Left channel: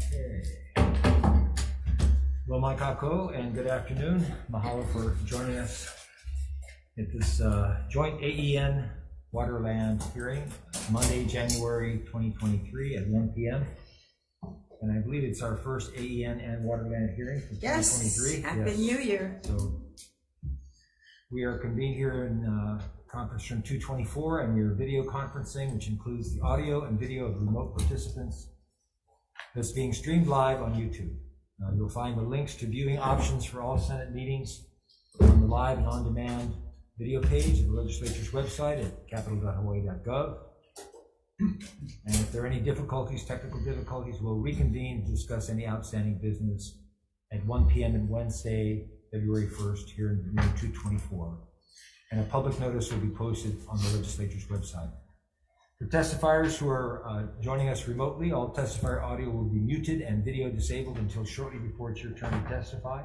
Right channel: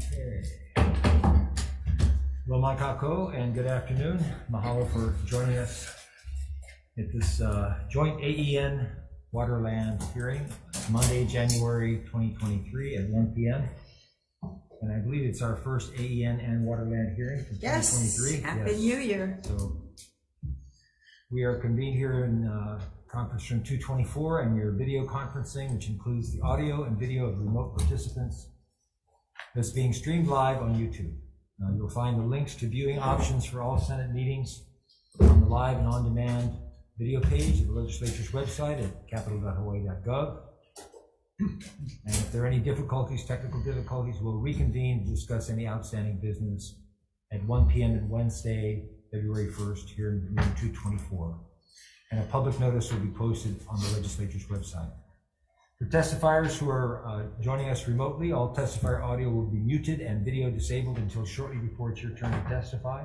Okay. Well, Makako, and good afternoon. Mahalo for joining us at this joint AEN Waterland hearing, Monday, January 2023 at 1 p.m. And I believe it's our first AEN and Waterland hearing for 2023. Yes, Happy New Year. So we are convened here in conference room 224, and we are video conferencing, which includes the audio and video of remote participants that's being streamed live on YouTube. You'll find the links to viewing options for all Senate meetings on the live and on-demand video page of the legislature's website at capitol.hawaii.gov. And if there are any difficulties, technical difficulties, we'll reconvene to discuss any outstanding business at 1 p.m. on Wednesday, February 1st, here in room 224. And a public notice will be posted on the legislature's website. For testifiers who are joining us remotely, all testifier audio will be muted and video disabled until shortly before it's your turn to testify.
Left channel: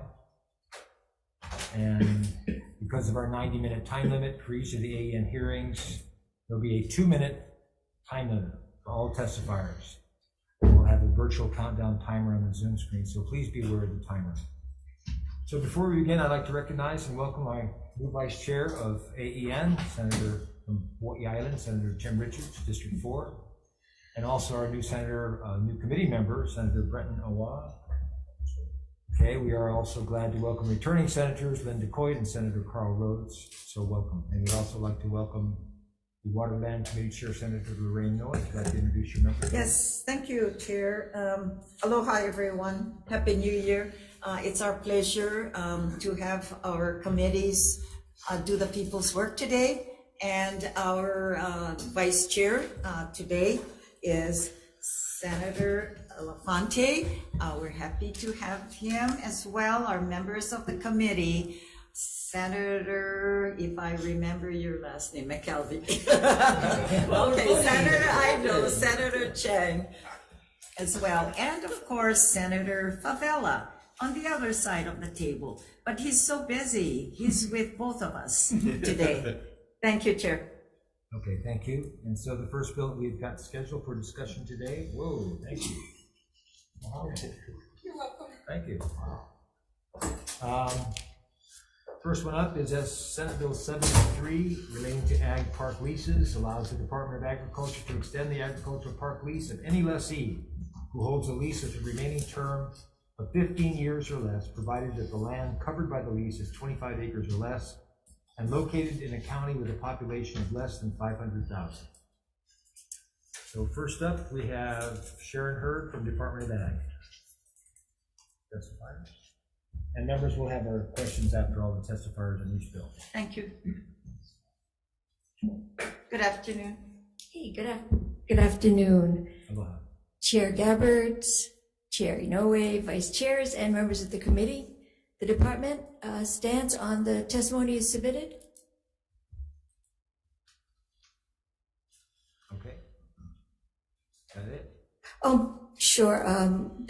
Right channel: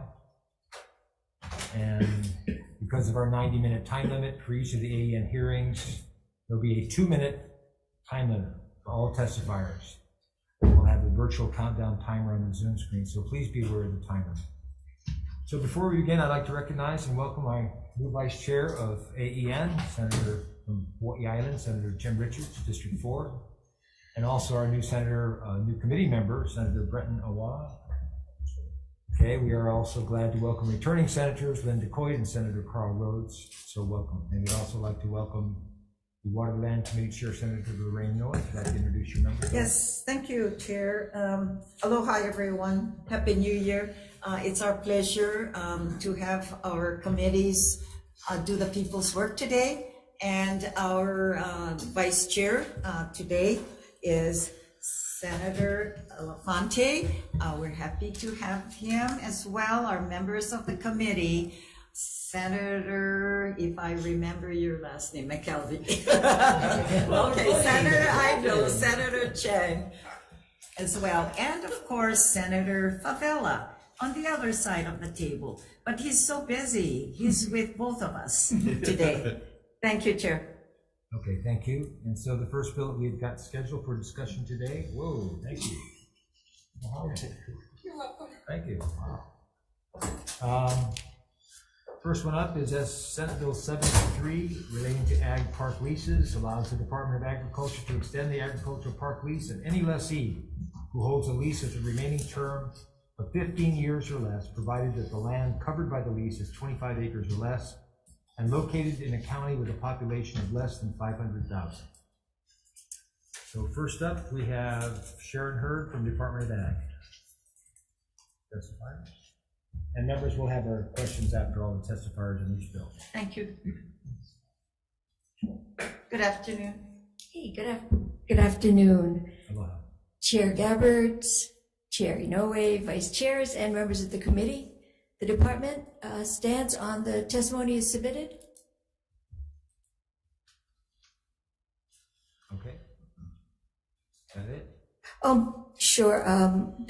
And because of our 90-minute time limit for each of the AEN hearings, there'll be a 2-minute time limit for all testifiers. We'll have a virtual countdown timer on the Zoom screen, so please be aware of the timer. So before we begin, I'd like to recognize and welcome my new Vice Chair of AEN, Senator from Hawai'i Island, Senator Jim Richards, District 4, and also our new Senator, new committee member, Senator Brenton Awa. Okay, we are also glad to welcome returning Senators Linda Coit and Senator Carl Rhodes, so welcome. And we'd also like to welcome the Waterland Committee Chair, Senator Lorraine North. Would you like to introduce your members? Yes, thank you, Chair. Aloha, everyone. Happy New Year. It's our pleasure to have our committees do the people's work today. And our Vice Chair today is Senator Elefante. We're happy to have him as well. Our members of the committee, Senator, if I remember your last name, McKelvey. Okay, Senator Ido, Senator Chang as well. And of course, Senator Favela on the other side of the table. But he's so busy. He's with both of us today. Thank you, Chair. Okay, thank you. And so the first bill that we've got scheduled for discussion today, whoa, thank you. You're welcome. Thank you. First one up is Senate Bill 73 relating to ag park leases, allows the Department of Agriculture to extend the agricultural park lease of any lessee who holds a lease with a remaining term of 15 years or less, provided that the land covered by the lease is 25 acres or less and located in a county with a population of less than 500,000. So first up, we have Sharon Hurd from Department of Ag. Testifiers. And members will have our questions after all the testifiers in each bill. Thank you. Good afternoon. Hey, good afternoon. Aloha. Chair Gabbards, Chair Inoue, Vice Chairs, and members of the committee. The department stands on the testimony as submitted. Okay. Got it? Sure.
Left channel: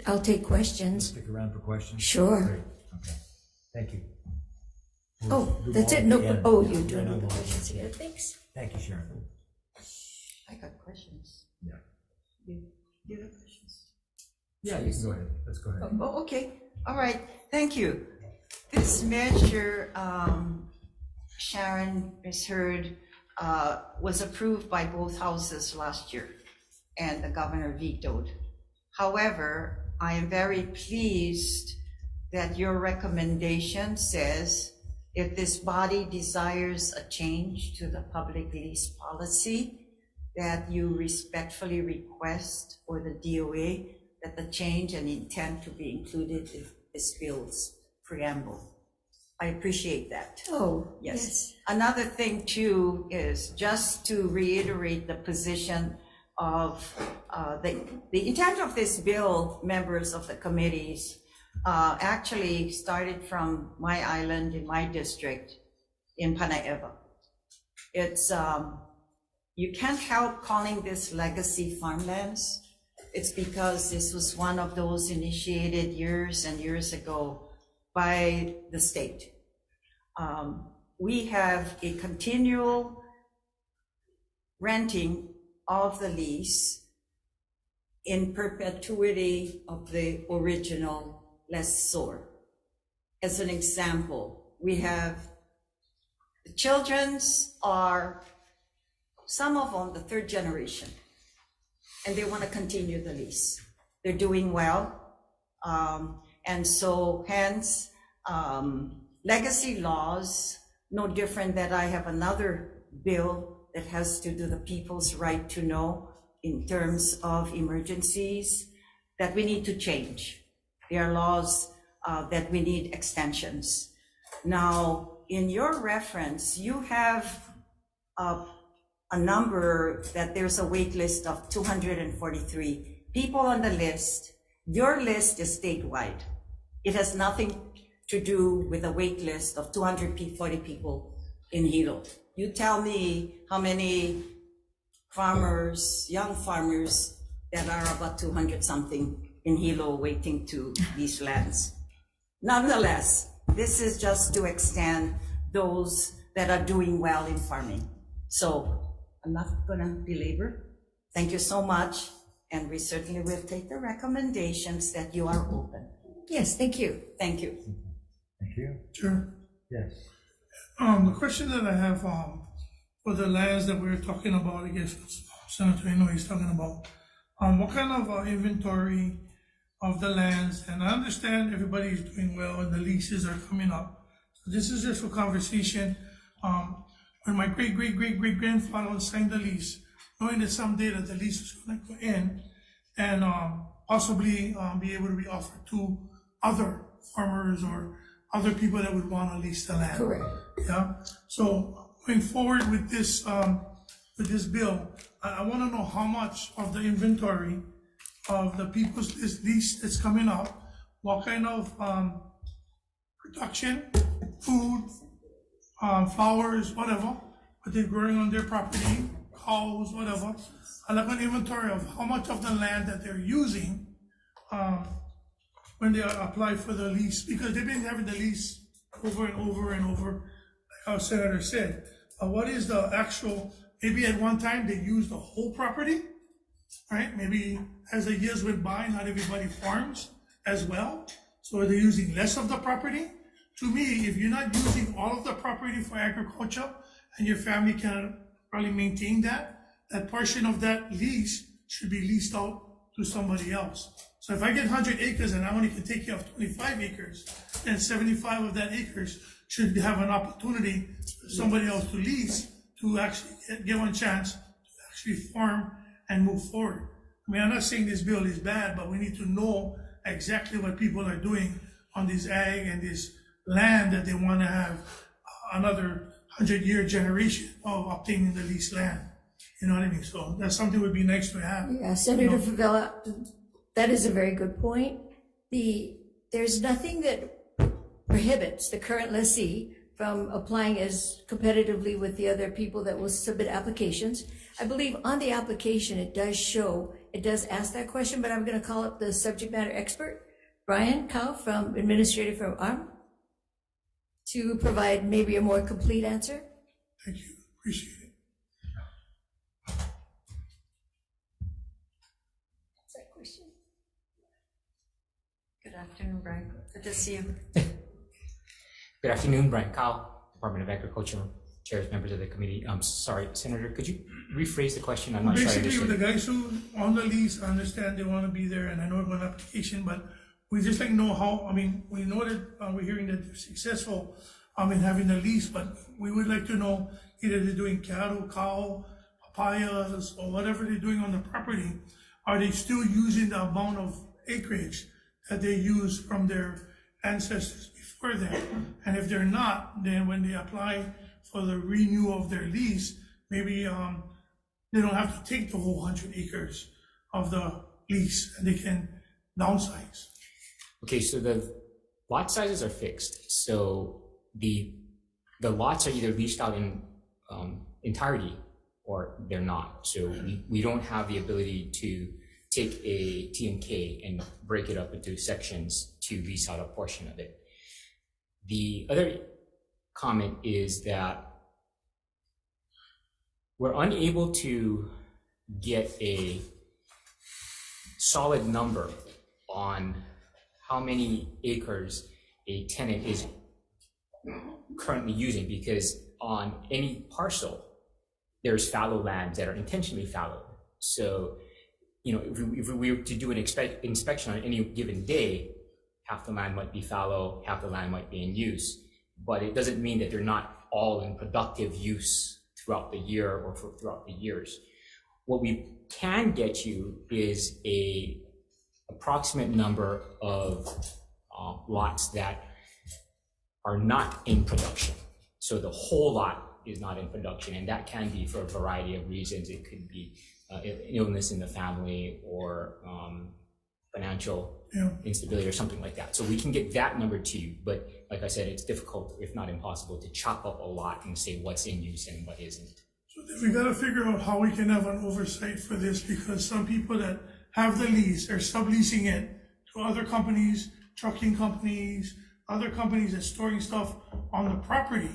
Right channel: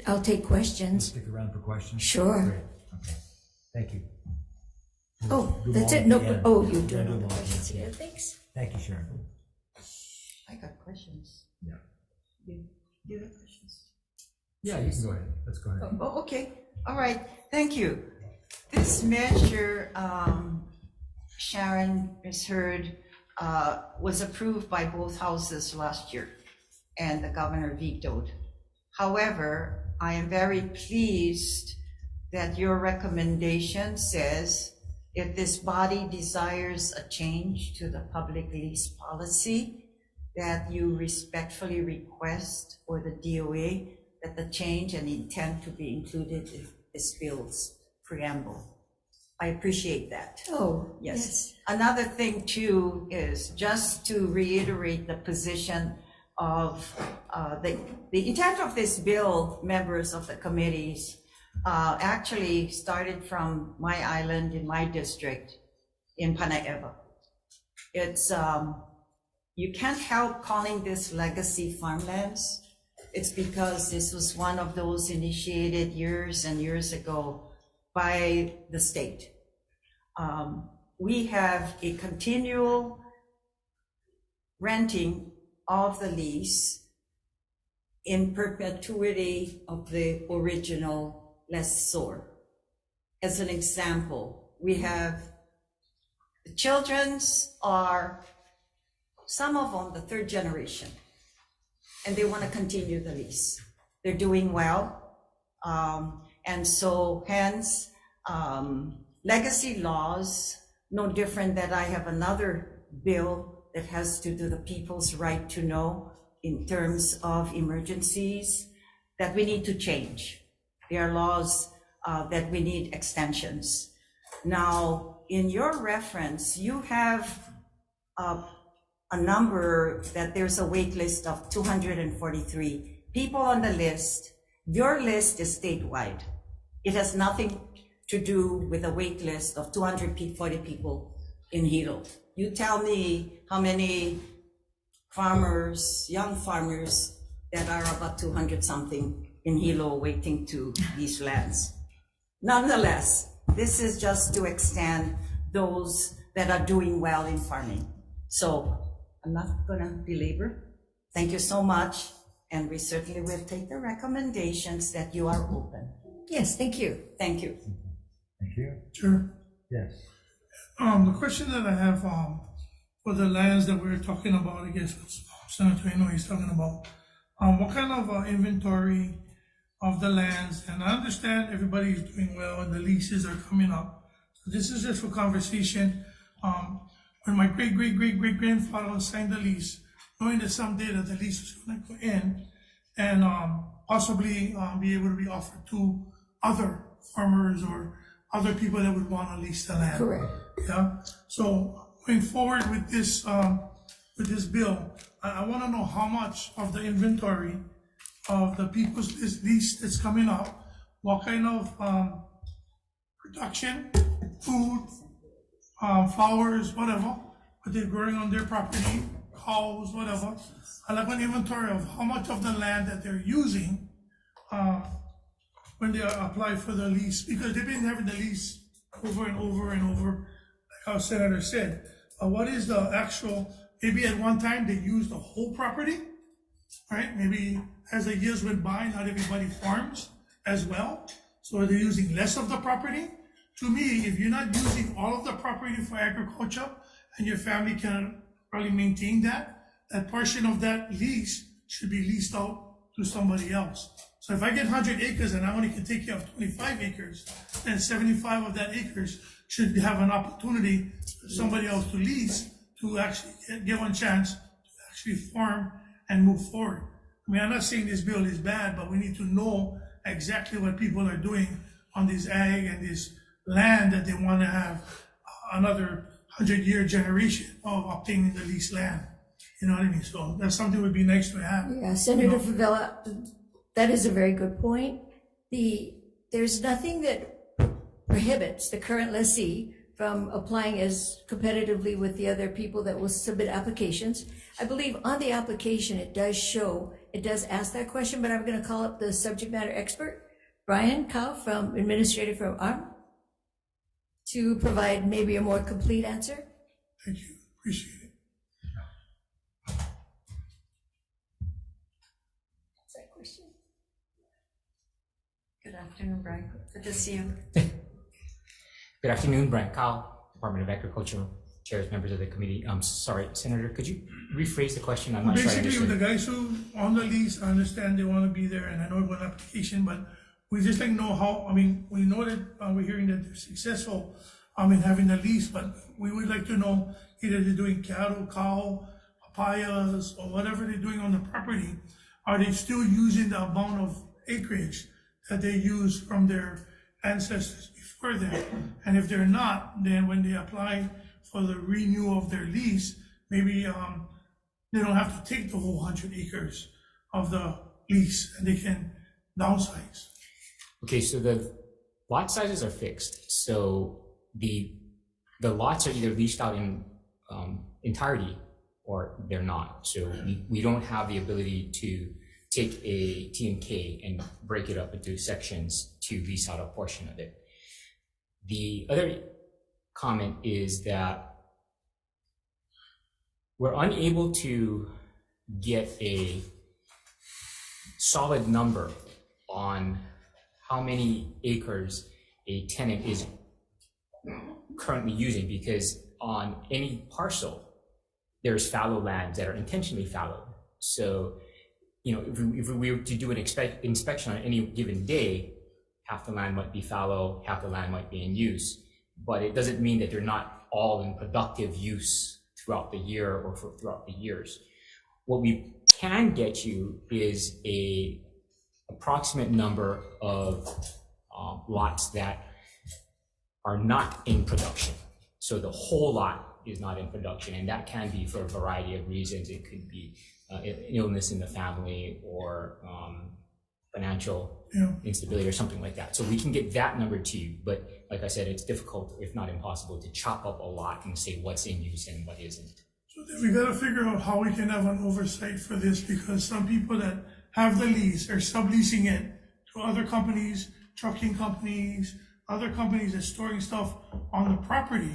I'll take questions. Stick around for questions. Sure. Great. Okay. Thank you. Oh, that's it. No. Oh, you're doing all the questions here. Thanks. Thank you, Sharon. I got questions. Yeah. You have questions? Yeah, you can go ahead. Let's go ahead. Oh, okay. All right. Thank you. This measure, Sharon has heard, was approved by both houses last year, and the governor vetoed. However, I am very pleased that your recommendation says if this body desires a change to the public lease policy, that you respectfully request for the DOA that the change and intent to be included in this bill's preamble. I appreciate that. Oh, yes. Another thing too is just to reiterate the position of the intent of this bill. Members of the committees actually started from my island in my district in Panaieva. It's you can't help calling this legacy farmlands. It's because this was one of those initiated years and years ago by the state. We have a continual renting of the lease in perpetuity of the original lessor. As an example, we have the children's are, some of them, the third generation, and they want to continue the lease. They're doing well. And so hence, legacy laws, no different that I have another bill that has to do the people's right to know in terms of emergencies that we need to change. There are laws that we need extensions. Now, in your reference, you have a number that there's a wait list of 243 people on the list. Your list is statewide. It has nothing to do with a wait list of 240 people in Hilo. You tell me how many farmers, young farmers, that are about 200 something in Hilo waiting to these lands. Nonetheless, this is just to extend those that are doing well in farming. So I'm not gonna belabor. Thank you so much. And we certainly will take the recommendations that you are open. Yes, thank you. Thank you. Thank you. Sure. Yes. The question that I have for the lands that we're talking about, I guess Senator Inoue is talking about, what kind of inventory of the lands? And I understand everybody's doing well and the leases are coming up. So this is just for conversation. When my great-great-great-great-grandfather signed the lease, knowing that someday that the lease was going to go in and possibly be able to be offered to other farmers or other people that would want to lease the land. Correct. Yeah. So going forward with this bill, I want to know how much of the inventory of the people's lease that's coming up, what kind of production, food, flowers, whatever, what they're growing on their property, cows, whatever. I like an inventory of how much of the land that they're using when they apply for the lease, because they've been having the lease over and over and over, like our senator said. What is the actual, maybe at one time they used the whole property, right? Maybe as the years went by, not everybody farms as well. So they're using less of the property. To me, if you're not using all of the property for agriculture and your family can probably maintain that, that portion of that lease should be leased out to somebody else. So if I get 100 acres and I only can take care of 25 acres, then 75 of that acres should have an opportunity for somebody else to lease to actually give one chance to actually farm and move forward. I mean, I'm not saying this bill is bad, but we need to know exactly what people are doing on this ag and this land that they want to have another 100-year generation of obtaining the leased land. You know what I mean? So that's something would be nice to have. Yeah, Senator Favela, that is a very good point. There's nothing that prohibits the current lessee from applying as competitively with the other people that will submit applications. I believe on the application it does ask that question, but I'm going to call up the subject matter expert, Brian Cow from Administrator from ARM, to provide maybe a more complete answer. Thank you. Appreciate it. Good afternoon, Brian. Good to see you. Good afternoon, Brian Cowell, Department of Agriculture, chairs, members of the committee. I'm sorry, Senator, could you rephrase the question? I'm not sure I Basically, with understood. the guys who on the lease, I understand they want to be there, and I know it's an application, but we just like know how. I mean, we know that we're hearing that they're successful in having the lease, but we would like to know either they're doing cattle, cow, papayas, or whatever they're doing on the property. Are they still using the amount of acreage that they used from their ancestors before that? And if they're not, then when they apply for the renewal of their lease, maybe they don't have to take the whole 100 acres of the lease and they can downsize. Okay, so the lot sizes are fixed. So the lots are either leased out in entirety or they're not. So we don't have the ability to take a T&K and break it up into sections to lease out a portion of it. The other comment is that we're unable to get a solid number on how many acres a tenant is currently using, because on any parcel, there's fallow lands that are intentionally fallow. So, if we were to do an inspection on any given day, half the land might be fallow, half the land might be in use, but it doesn't mean that they're not all in productive use throughout the year or throughout the years. What we can get you is a approximate number of lots that are not in production. So the whole lot is not in production, and that can be for a variety of reasons. It could be illness in the family, or financial instability, or something like that. So we can get that number to you, but like I said, it's difficult, if not impossible, to chop up a lot and say what's in use and what isn't. So then we gotta figure out how we can have an oversight for this, because some people that have the lease are subleasing it to other companies, trucking companies, other companies that's storing stuff on the property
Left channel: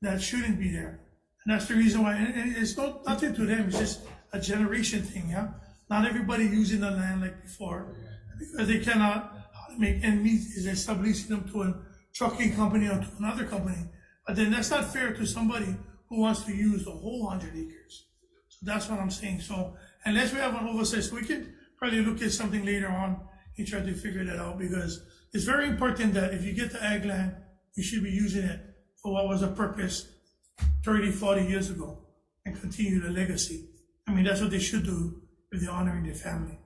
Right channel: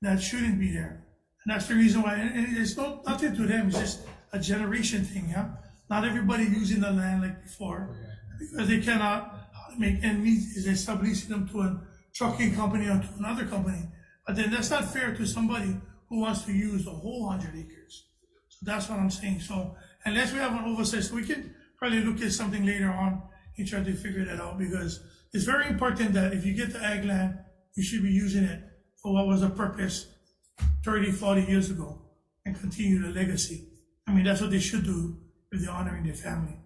that shouldn't be there. And that's the reason why, and it's nothing to them, it's just a generation thing, yeah? Not everybody using the land like before, because they cannot make ends meet, is they're subleasing them to a trucking company or to another company. But then that's not fair to somebody who wants to use the whole 100 acres. So that's what I'm saying. So unless we have an oversight, so we can probably look at something later on and try to figure that out, because it's very important that if you get the ag land, you should be using it for what was the purpose 30, 40 years ago, and continue the legacy. I mean, that's what they should do if they're honoring their family.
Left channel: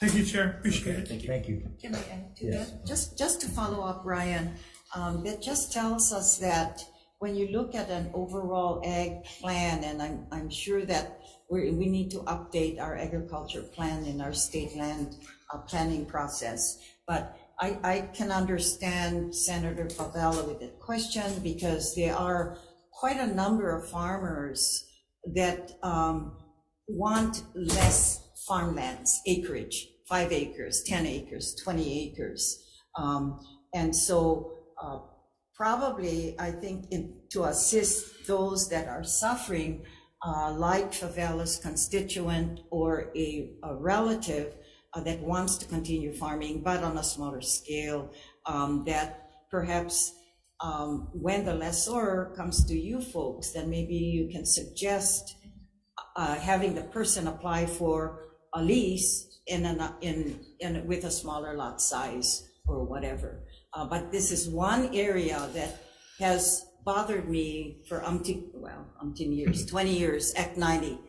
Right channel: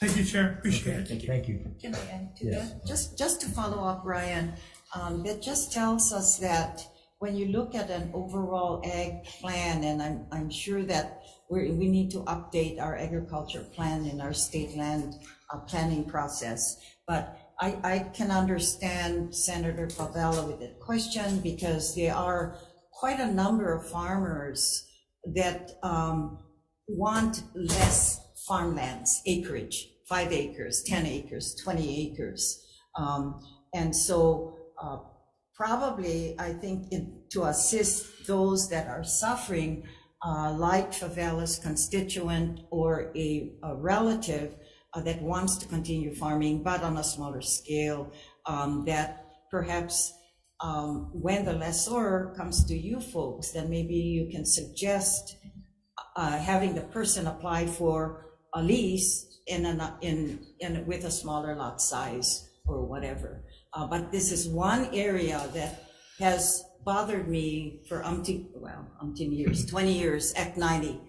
Thank you, Chair. Appreciate it. Thank you. Can I add to Yes. that? Just to follow up, Ryan, that just tells us that when you look at an overall ag plan, and I'm sure that we need to update our agriculture plan in our state land planning process. But I can understand Senator Favela with that question, because there are quite a number of farmers that want less farmlands, acreage, 5 acres, 10 acres, 20 acres. And so probably, I think, to assist those that are suffering, like Favela's constituent or a relative that wants to continue farming, but on a smaller scale, that perhaps when the lessor comes to you folks, then maybe you can suggest having the person apply for a lease with a smaller lot size or whatever. But this is one area that has bothered me for umpteen years, 20 years, Act 90.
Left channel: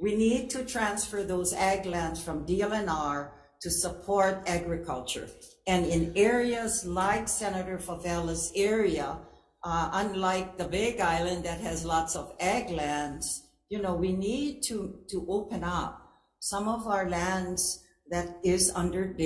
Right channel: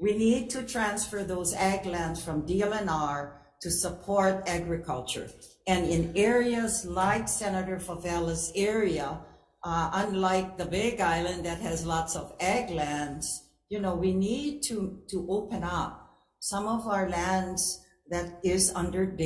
We need to transfer those ag lands from DLNR to support agriculture. And in areas like Senator Favela's area, unlike the Big Island that has lots of ag lands, we need to open up some of our lands that is under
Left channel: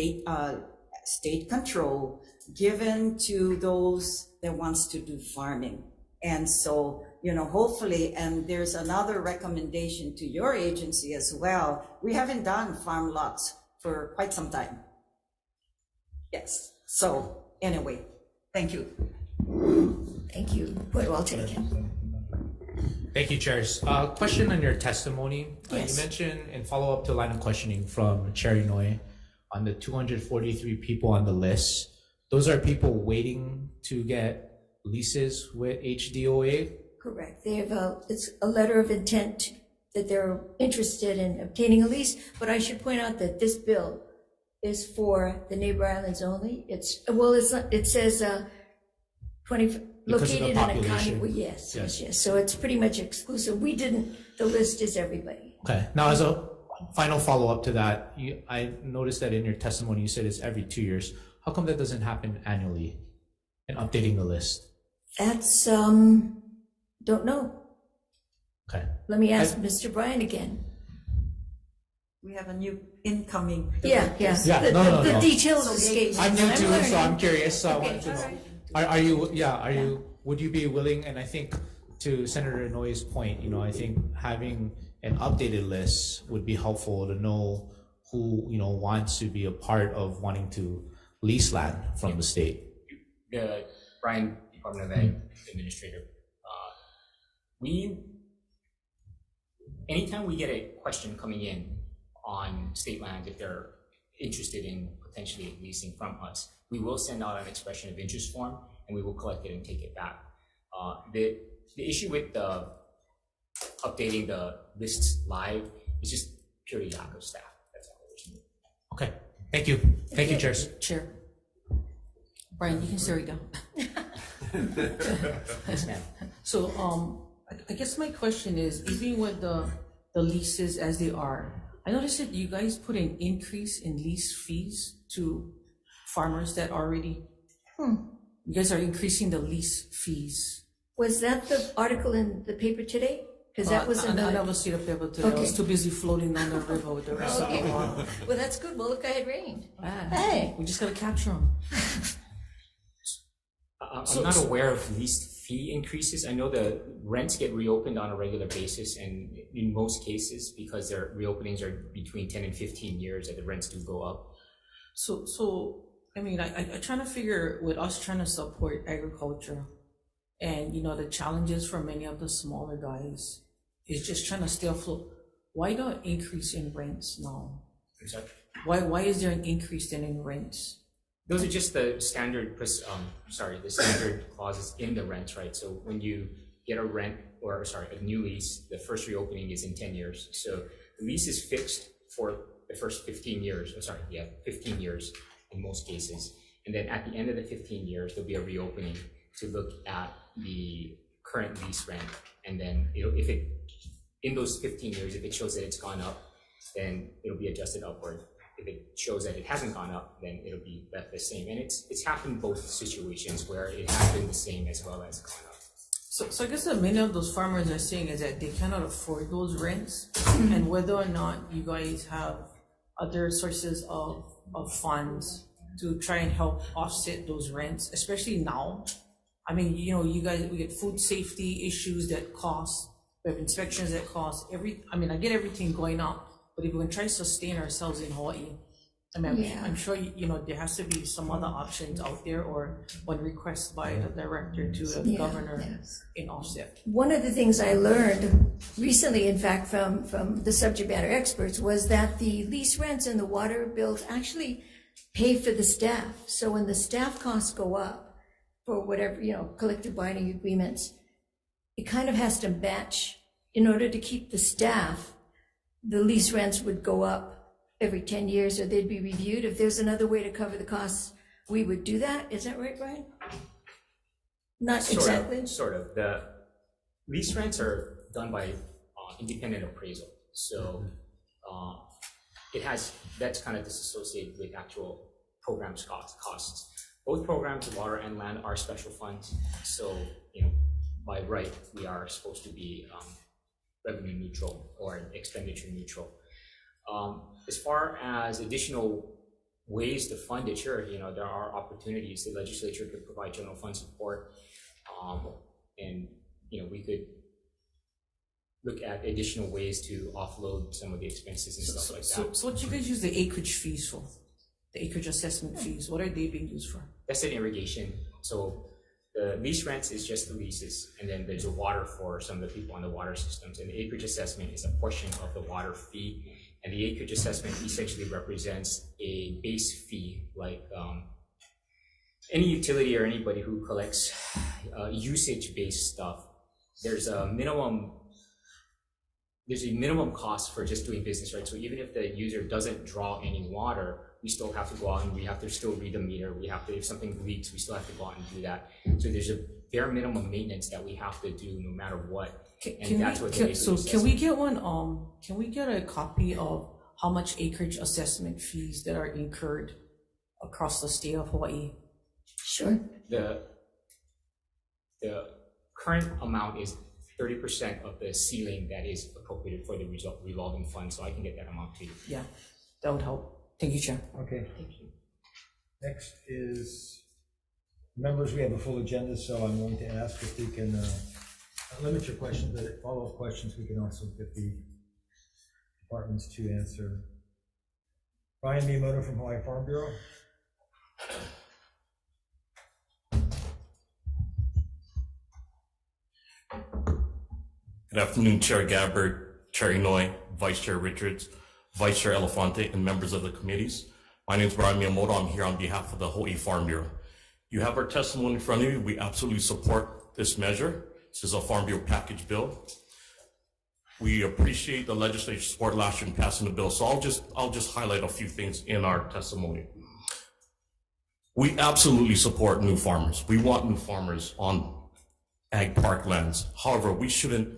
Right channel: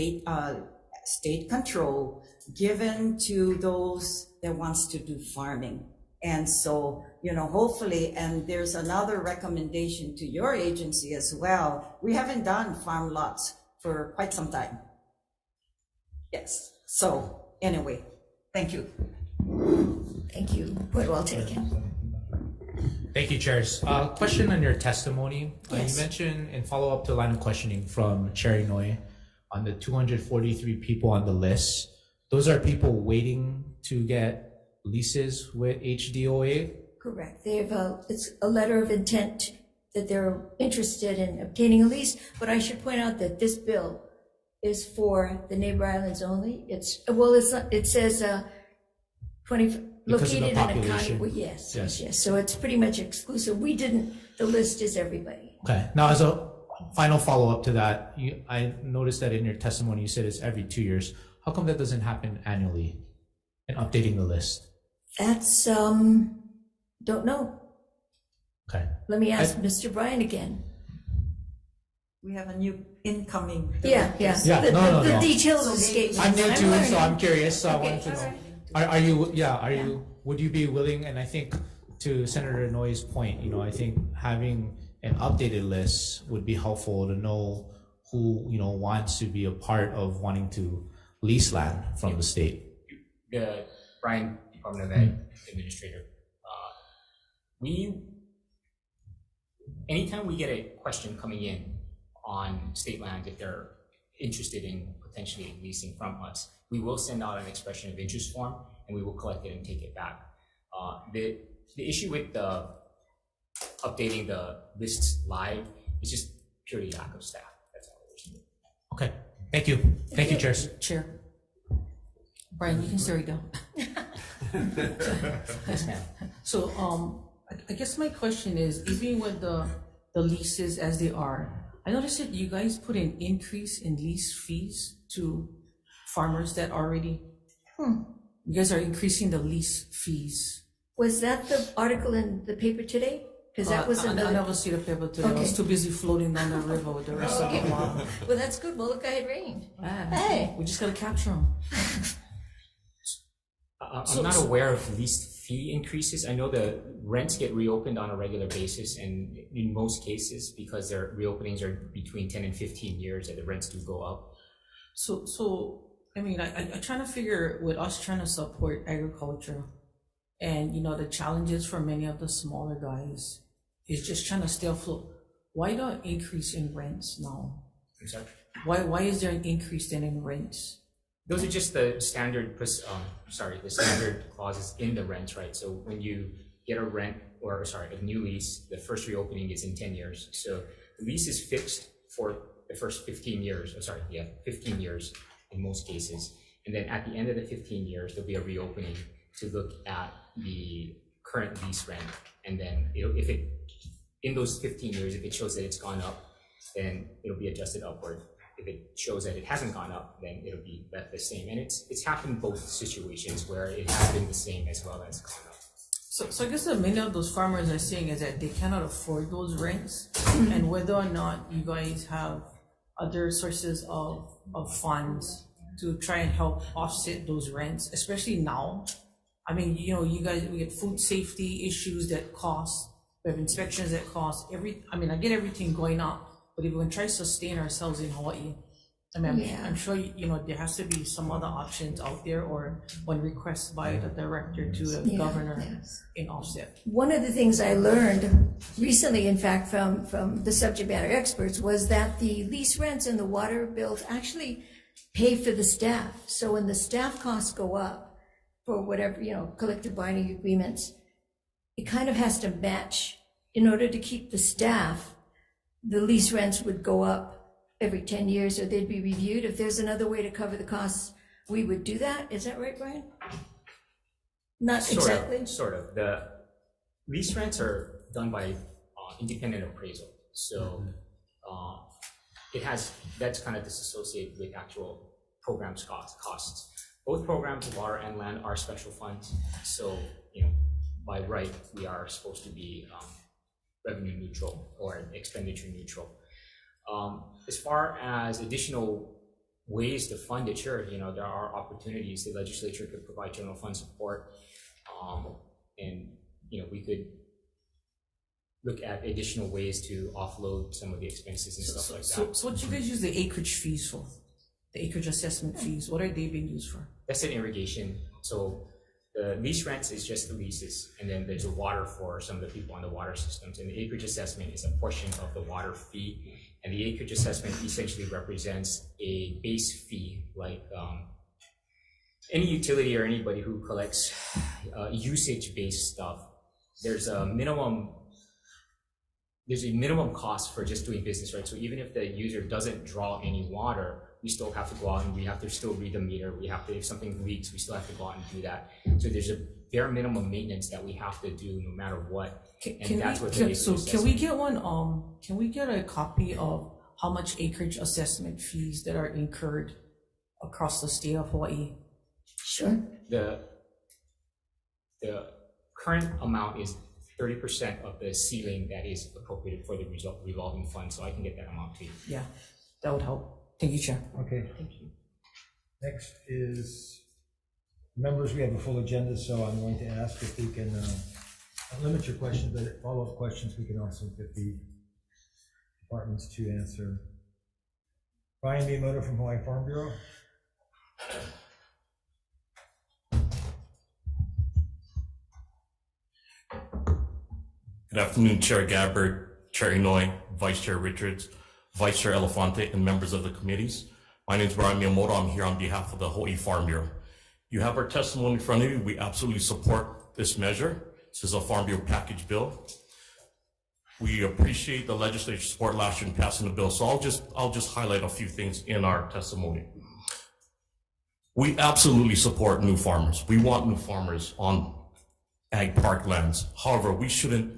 state control, given to those that wants to do farming. And so, hopefully, and there's another recommendation to your agency as well. We haven't done farm lots for quite some time. Yes. So anyway, thank you. Thank you. Point well taken. Thank you, Chairs. Question on your testimony. Yes. You mentioned, in follow-up to a line of questioning from Chair Inouye, on the 243 people on the list, those are people waiting to get leases with HDOA? Correct. They have it's a letter of intent that they're interested in obtaining a lease, but I should point out that this bill is for the neighbor islands only. It says 20 located in a county. Well, yes. So it's pretty much exclusive. The list is everybody. Okay. Now, as a final follow-up to that, I noticed that in your testimony you said it's every 2 years. How come that doesn't happen annually in updating the list? That's don't know. Okay. Let me ask Mr. Bryan again. We have a new incoming. Yeah. The details escape me. I'm new too, learning. so I'm curious. So I wanted to all know. right. Would you be willing? And I think to Senator Inouye's point, I think having an updated list would be helpful to know who wants to be a part of wanting to lease land from the state. Brian, Department of Ag Administrator. Anytime we get a question coming in on state land, if they're interested in potentially leasing from us, we will send out an expression of interest form and we will collect it and take it back. The issue with the updating the lists live is just purely lack of staff. That's all there is to it. Okay, thank you. Thank you, chairs. Chair. Brian, you can stay right down. Yes, ma'am. So, I guess my question is, even with the leases as they are, I noticed that you guys put an increase in lease fees to farmers that already, you guys are increasing the lease fees. Was that the article in the paper today? Because that was I another. never see the paper today. I was Okay. too busy floating on the river with the rest of the water. Well, that's good. Well, look, I had rained. Ah, Hey. we just gotta capture them. I'm not aware of lease fee increases. I know the rents get reopened on a regular basis, and in most cases, because their reopenings are between 10 and 15 years, that the rents do go up. So I mean, I trying to figure, with us trying to support agriculture, and you know the challenges for many of the smaller guys is just trying to stay afloat. Why the increase in rents now? Exactly. Why is there an increase then in rents? Those are just the standard, the standard clauses in the rents, right? So when you get a a new lease, the first reopening is in 10 years. So the lease is fixed for the first 15 years, 15 years in most cases. And then at the end of the 15 years, there'll be a reopening to look at the current lease rent. And then in those 15 years, if it shows that it's gone up, then it'll be adjusted upward. If it shows that it hasn't gone up, then it'll be left the same. And it's happened both situations where it has been the same as well as gone up. So I guess that many of those farmers are saying is that they cannot afford those rents, and whether or not you guys have other sources of funds to try and help offset those rents, especially now. I mean, you know, we get food safety issues that cost, we have inspections that cost, I get everything going up, but if we can try to sustain ourselves in Hawaii, I mean, Yeah. I'm sure, you know, there has to be some other options out there, or one request by the director to the Yeah, governor yes. in offset. One of the things I learned recently, in fact, from the subject matter experts, was that the lease rents and the water bills actually pay for the staff. So when the staff costs go up for whatever, you know, collective bargaining agreements, it kind of has to match. In order to keep the staff, the lease rents would go up every 10 years, or they'd be reviewed. If there's another way to cover the costs, we would do that. Is that right, Brian? Not exactly. Sort of. The lease rents are done by independent appraisal. So that's kind of disassociated with actual programs costs. Both programs, water and land, are special funds. So, you know, by right, we are supposed to be revenue neutral or expenditure neutral. As far as additional ways to fund it, sure, you know, there are opportunities. The legislature could provide general fund support, and you know, we could look at additional ways to offload some of the expenses and stuff like that. So what you guys use the acreage fees for? The acreage assessment fees, what are they being used for? That's an irrigation. So the lease rents is just the leases, and then there's a water for some of the people on the water systems, and the acreage assessment is a portion of the water fee. And the acreage assessment essentially represents a base fee, like any utility or anybody who collects usage-based stuff. There's a minimum cost for just doing business, right? So even if the user doesn't draw any water, we still have to go out and we have to still read the meter. We have to, if something leaks, we still have to go out and do that. So there's a bare minimum maintenance that we have to do no matter what. Can we get one? Can we get a copy of how much acreage assessment fees that are incurred across the state of Hawaii? Sure. The current amount is 30% of the ceiling that is appropriated for the revolving fund. So I can get that amount to you. Yeah, that would help. Thank you, Chair. Okay. Thank you. Next is members. We have a full agenda, so I'm going to ask if we can limit your questions, but follow-up questions we can also get the departments to answer. Brian Miyamoto from Hawaii Farm Bureau. Good afternoon, Chair Gabbard, Chair Inouye, Vice Chair Richards, Vice Chair Elefante, and members of the committees. My name is Brian Miyamoto. I'm here on behalf of the Hawai'i Farm Bureau. You have our testimony in front of you. We absolutely support this measure. This is a Farm Bureau package bill. We appreciate the legislature's support last year in passing the bill. So I'll just highlight a few things in our testimony. We absolutely support new farmers. We want new farmers on ag park lands. However, we shouldn't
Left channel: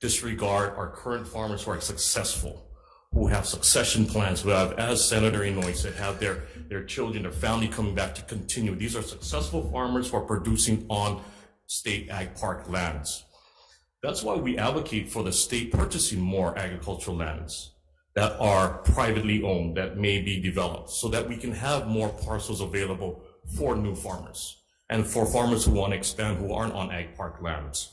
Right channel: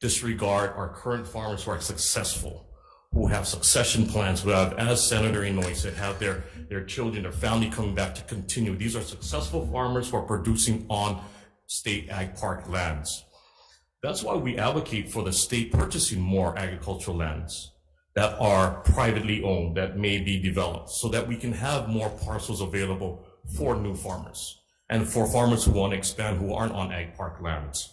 disregard our current farmers who are successful, who have succession plans, who have, as Senator Inouye said, have their children, their family coming back to continue. These are successful farmers who are producing on state ag park lands. That's why we advocate for the state purchasing more agricultural lands that are privately owned, that may be developed, so that we can have more parcels available for new farmers and for farmers who want to expand who aren't on ag park lands.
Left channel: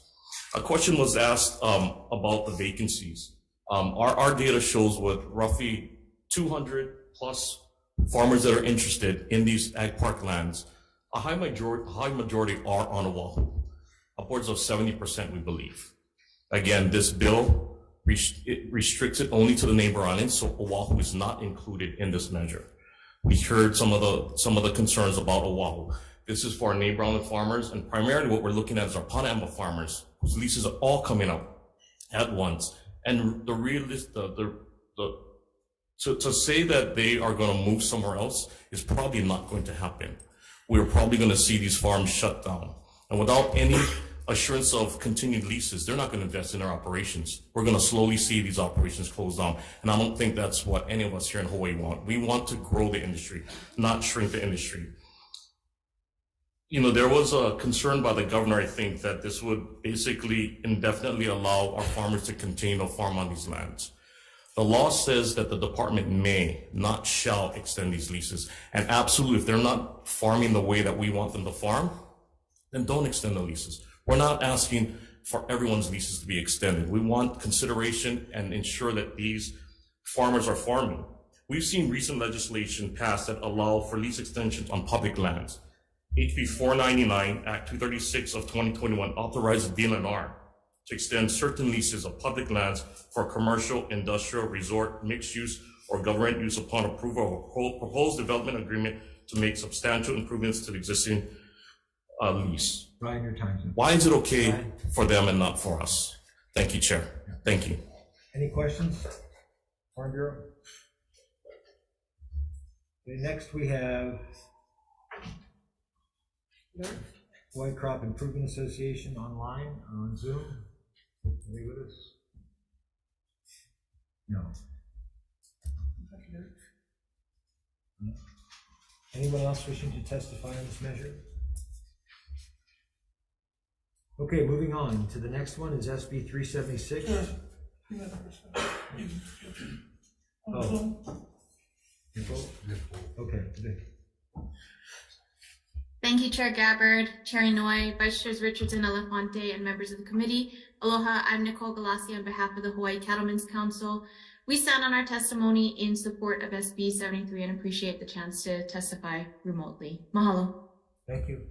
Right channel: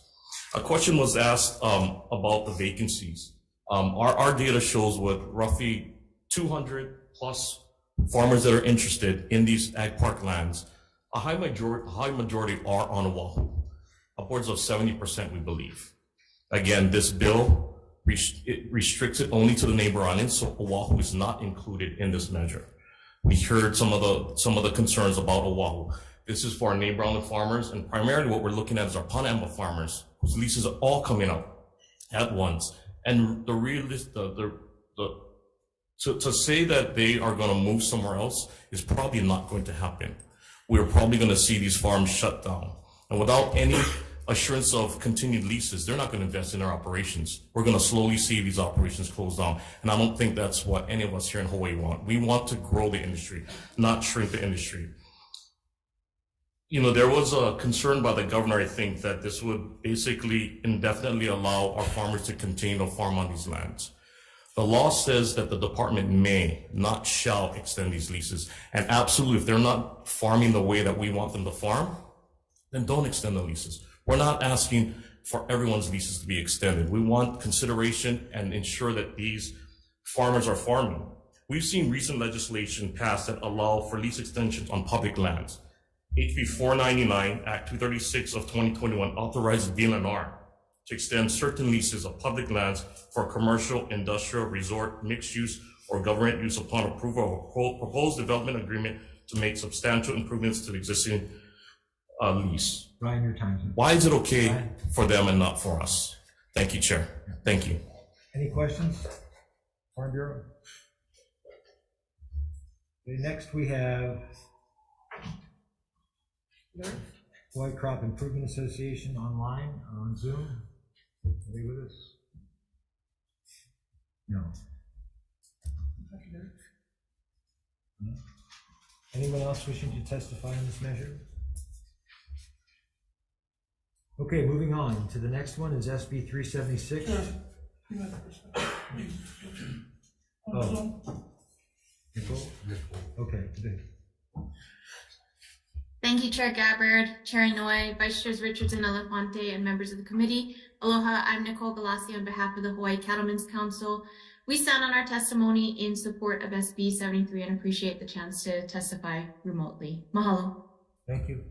A question was asked about the vacancies. Our data shows with roughly 200 plus farmers that are interested in these ag park lands, a high majority are on Oahu, upwards of 70%, we believe. Again, this bill restricts it only to the neighbor islands, so Oahu is not included in this measure. We heard some of the concerns about Oahu. This is for our neighbor island farmers, and primarily what we're looking at is our Panama farmers, whose leases are all coming up at once. And to say that they are going to move somewhere else is probably not going to happen. We're probably going to see these farms shut down. And without any assurance of continued leases, they're not going to invest in their operations. We're going to slowly see these operations close down. And I don't think that's what any of us here in Hawaii want. We want to grow the industry, not shrink the industry. You know, there was a concern by the governor, I think, that this would basically indefinitely allow our farmers to continue to farm on these lands. The law says that the department may, not shall, extend these leases. And absolutely, if they're not farming the way that we want them to farm, then don't extend the leases. We're not asking for everyone's leases to be extended. We want consideration and ensure that these farmers are farming. We've seen recent legislation passed that allow for lease extensions on public lands. HB 499, Act 236 of 2021 authorizes DNR to extend certain leases of public lands for commercial, industrial, resort, mixed use, or government use upon approval of a proposed development agreement to make substantial improvements to the existing lease. Brian, your time's up. Why is it okay for them and not for us? Thank you, Chair. Thank you. Any questions? Farm Bureau? Okay, next we have Hawaii Crop Improvement Association online on Zoom. Are they with us? No. No. Anyone else wishing to testify on this measure? Okay, moving on to the next one is SB 376. Oh. Nicole? Okay, good. Thank you, Chair Gabbard, Chair Inouye, Vice Chairs Richardson, Elefante, and members of the committee. Aloha, I'm Nicole Galassi on behalf of the Hawaii Cattlemen's Council. We stand on our testimony in support of SB 73 and appreciate the chance to testify remotely. Mahalo. Thank you.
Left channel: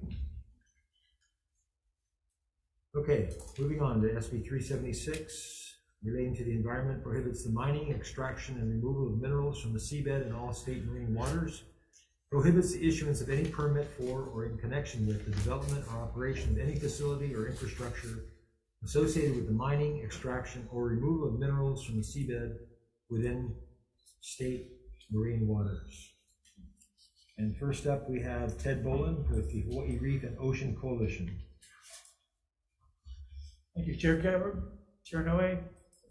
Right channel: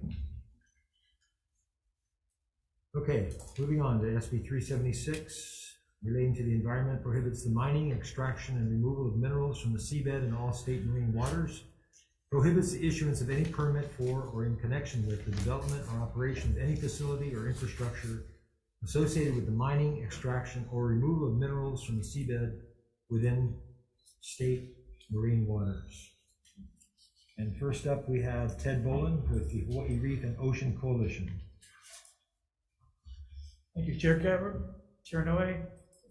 Okay, moving on to SB 376, relating to the environment, prohibits the mining, extraction, and removal of minerals from the seabed and all state marine waters, prohibits the issuance of any permit for or in connection with the development or operation of any facility or infrastructure associated with the mining, extraction, or removal of minerals from the seabed within state marine waters. And first up, we have Ted Boland with the Hawaii Reef and Ocean Coalition. Thank you, Chair Gabbard, Chair Inouye,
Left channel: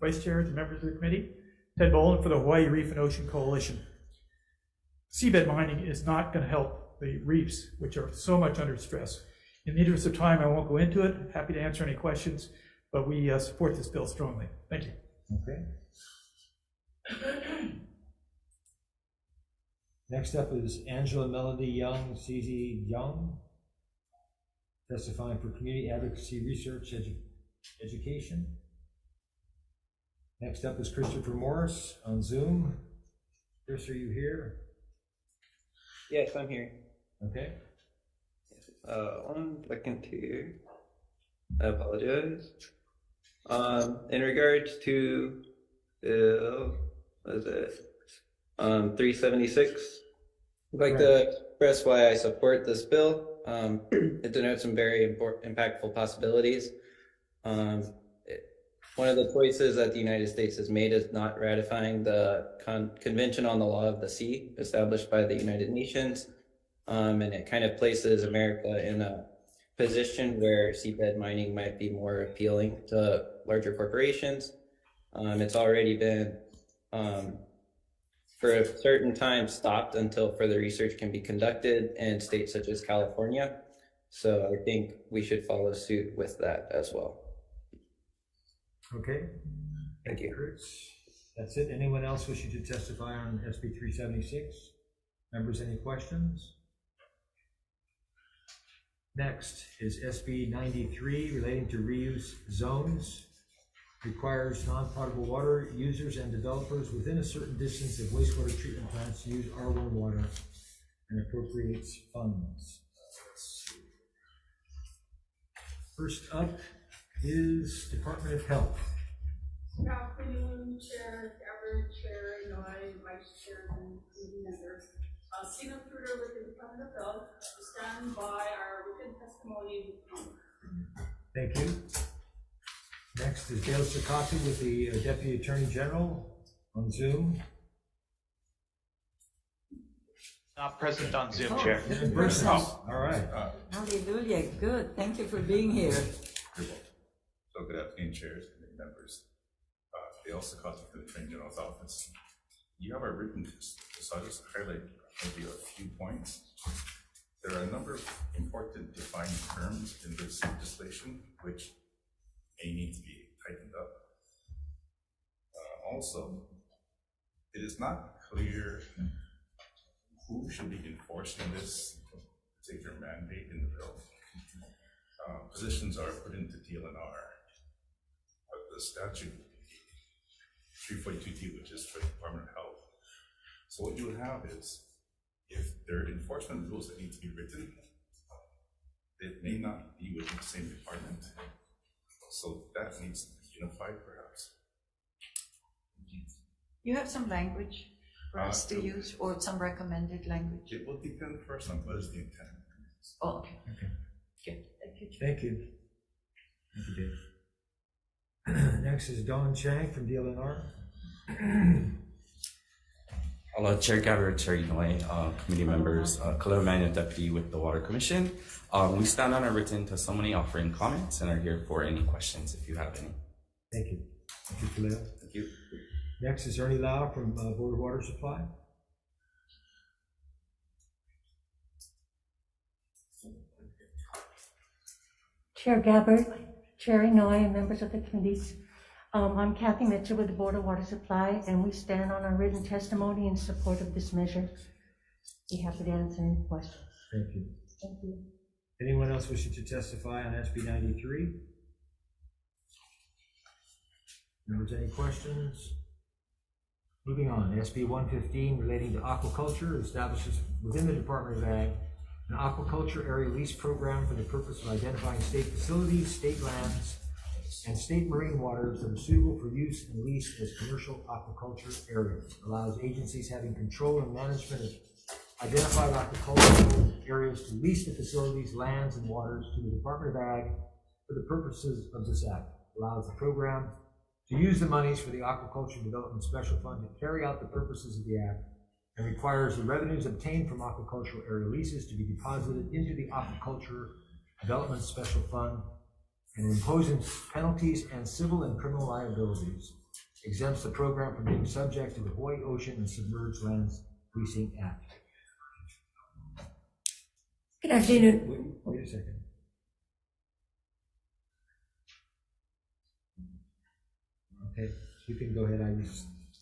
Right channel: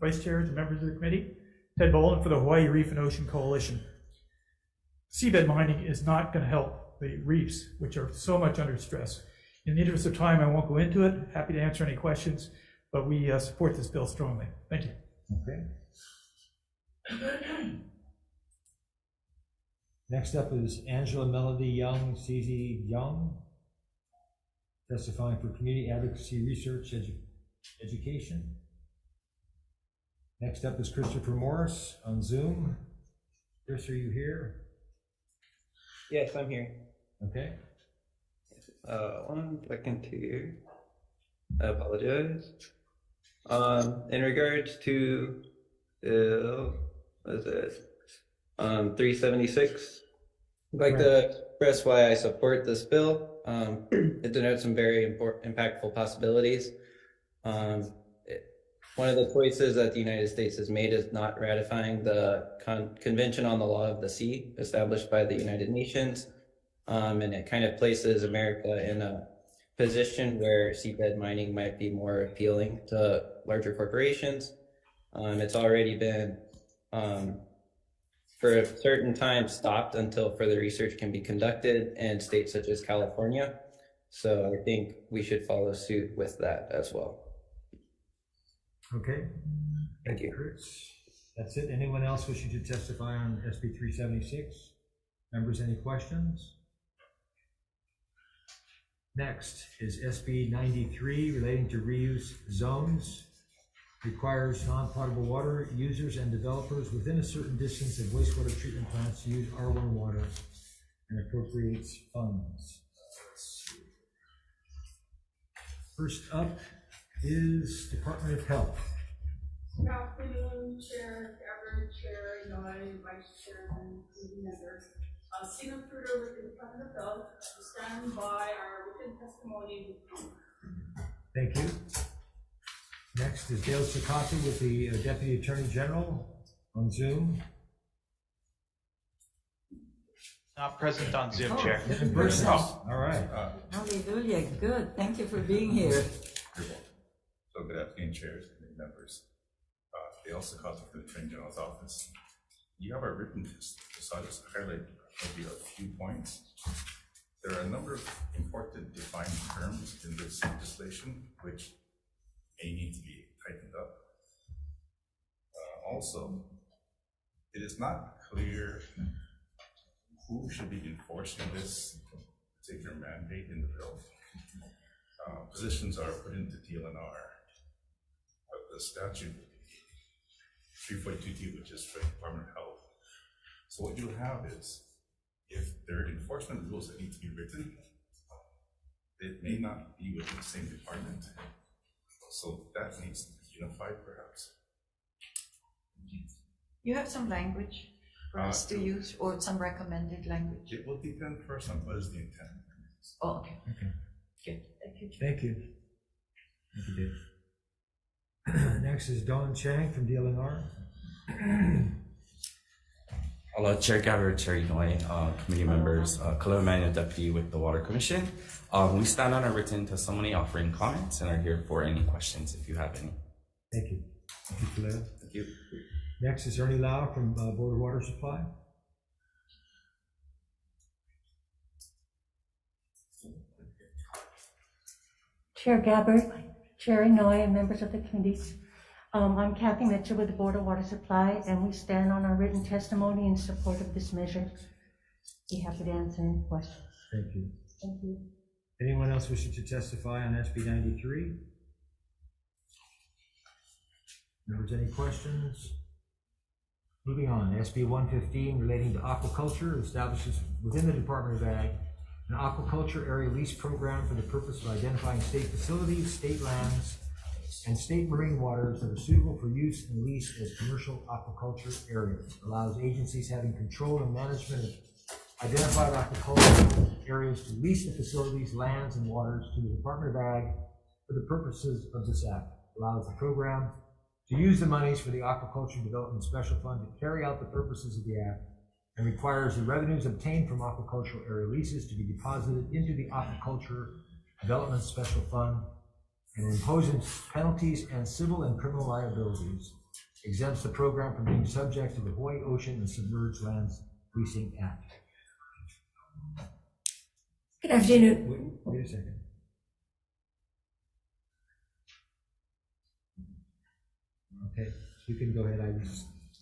Vice Chairs, and members of the committee. Ted Boland for the Hawaii Reef and Ocean Coalition. Seabed mining is not going to help the reefs, which are so much under stress. In the interest of time, I won't go into it. Happy to answer any questions, but we support this bill strongly. Thank you. Okay. Next up is Angela Melody Young, CZ Young, testifying for Community Advocacy Research Education. Next up is Christopher Morris on Zoom. Chris, are you here? Yes, I'm here. Okay. 1 second here. I apologize. In regards to 376, I'd like to express why I support this bill. It denotes some very impactful possibilities. One of the choices that the United States has made is not ratifying the Convention on the Law of the Sea established by the United Nations. And it kind of places America in a position where seabed mining might be more appealing to larger corporations. It's already been, for a certain time, stopped until further research can be conducted in states such as California. So I think we should follow suit with that as well. Okay. Thank you. Chris. That's it. Anyone else wishing to testify on SB 376? Members, any questions? Next is SB 93 relating to reuse zones. Requires non-potable water users and developers within a certain distance of wastewater treatment plants to use R1 water and appropriates funds. First up is Department of Health. Good afternoon, Chair, Gabbard, Chair, Noy, Vice Chair, and committee members. Sina Fruder with the Department of Health to stand by our written testimony. Thank you. Next is Dale Sakata with the Deputy Attorney General on Zoom. Not present on Zoom, Chair. In person. All right. Hallelujah, good. Thank you for being here. So good afternoon, chairs, committee members. Dale Sakata from the Attorney General's Office. You have our written test, so I'll just highlight maybe a few points. There are a number of important defined terms in this legislation which may need to be tightened up. Also, it is not clear who should be enforcing this particular mandate in the bill. Positions are put into DLNR, but the statute 342D, which is for the Department of Health. So what you would have is, if there are enforcement rules that need to be written, it may not be within the same department. So that needs to be unified, perhaps. You have some language for us to use, or some recommended language? It will depend first on what is the intent. Oh, okay. Okay. Good. Thank you. Thank you. Thank you, Dave. Next is Don Chang from DLNR. Hello, Chair Gabbard, Chair Noy, committee members, Khalil Emmanuel, Deputy with the Water Commission. We stand on our written testimony offering comments and are here for any questions if you have any. Thank you. Thank you, Khalil. Thank you. Next is Ernie Lau from Board of Water Supply. Chair Gabbard, Chair Noy, and members of the committees. I'm Kathy Mitchell with the Board of Water Supply, and we stand on our written testimony in support of this measure. Be happy to answer any questions. Thank you. Thank you. Anyone else wishing to testify on SB 93? Members, any questions? Moving on, SB 115 relating to aquaculture establishes within the Department of Ag an aquaculture area lease program for the purpose of identifying state facilities, state lands, and state marine waters that are suitable for use and lease as commercial aquaculture areas. Allows agencies having control and management of identified aquaculture areas to lease the facilities, lands, and waters to the Department of Ag for the purposes of this act. Allows the program to use the monies for the Aquaculture Development Special Fund to carry out the purposes of the act, and requires the revenues obtained from aquacultural area leases to be deposited into the Aquaculture Development Special Fund, and imposes penalties and civil and criminal liabilities. Exempts the program from being subject to the Hawaii Ocean and Submerged Lands Leasing Act. Good afternoon. Wait a second. Okay, you can go ahead.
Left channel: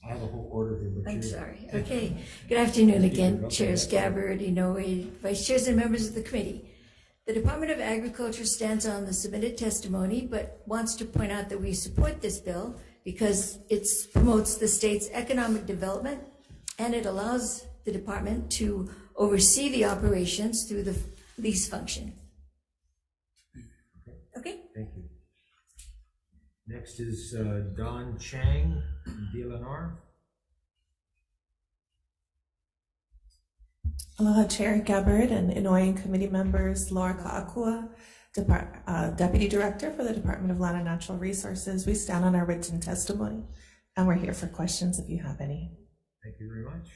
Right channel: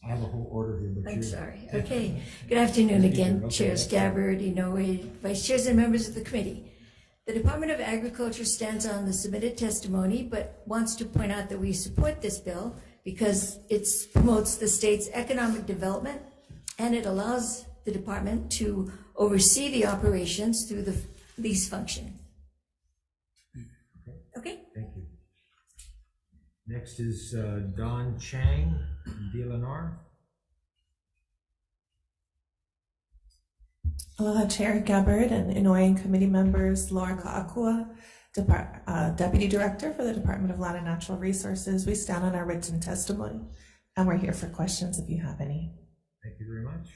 I have a whole order here, but I'm sorry. Okay. Good afternoon again, Okay. Chairs Gabbard, Inoue, Vice Chairs, and members of the committee. The Department of Agriculture stands on the submitted testimony, but wants to point out that we support this bill because it promotes the state's economic development, and it allows the department to oversee the operations through the lease function. Okay? Thank you. Next is Don Chang, DLNR. Aloha Chair Gabbard and Inouye Committee members Laura Ka'akua, Deputy Director for the Department of Land and Natural Resources. We stand on our written testimony and we're here for questions if you have any. Thank you very much.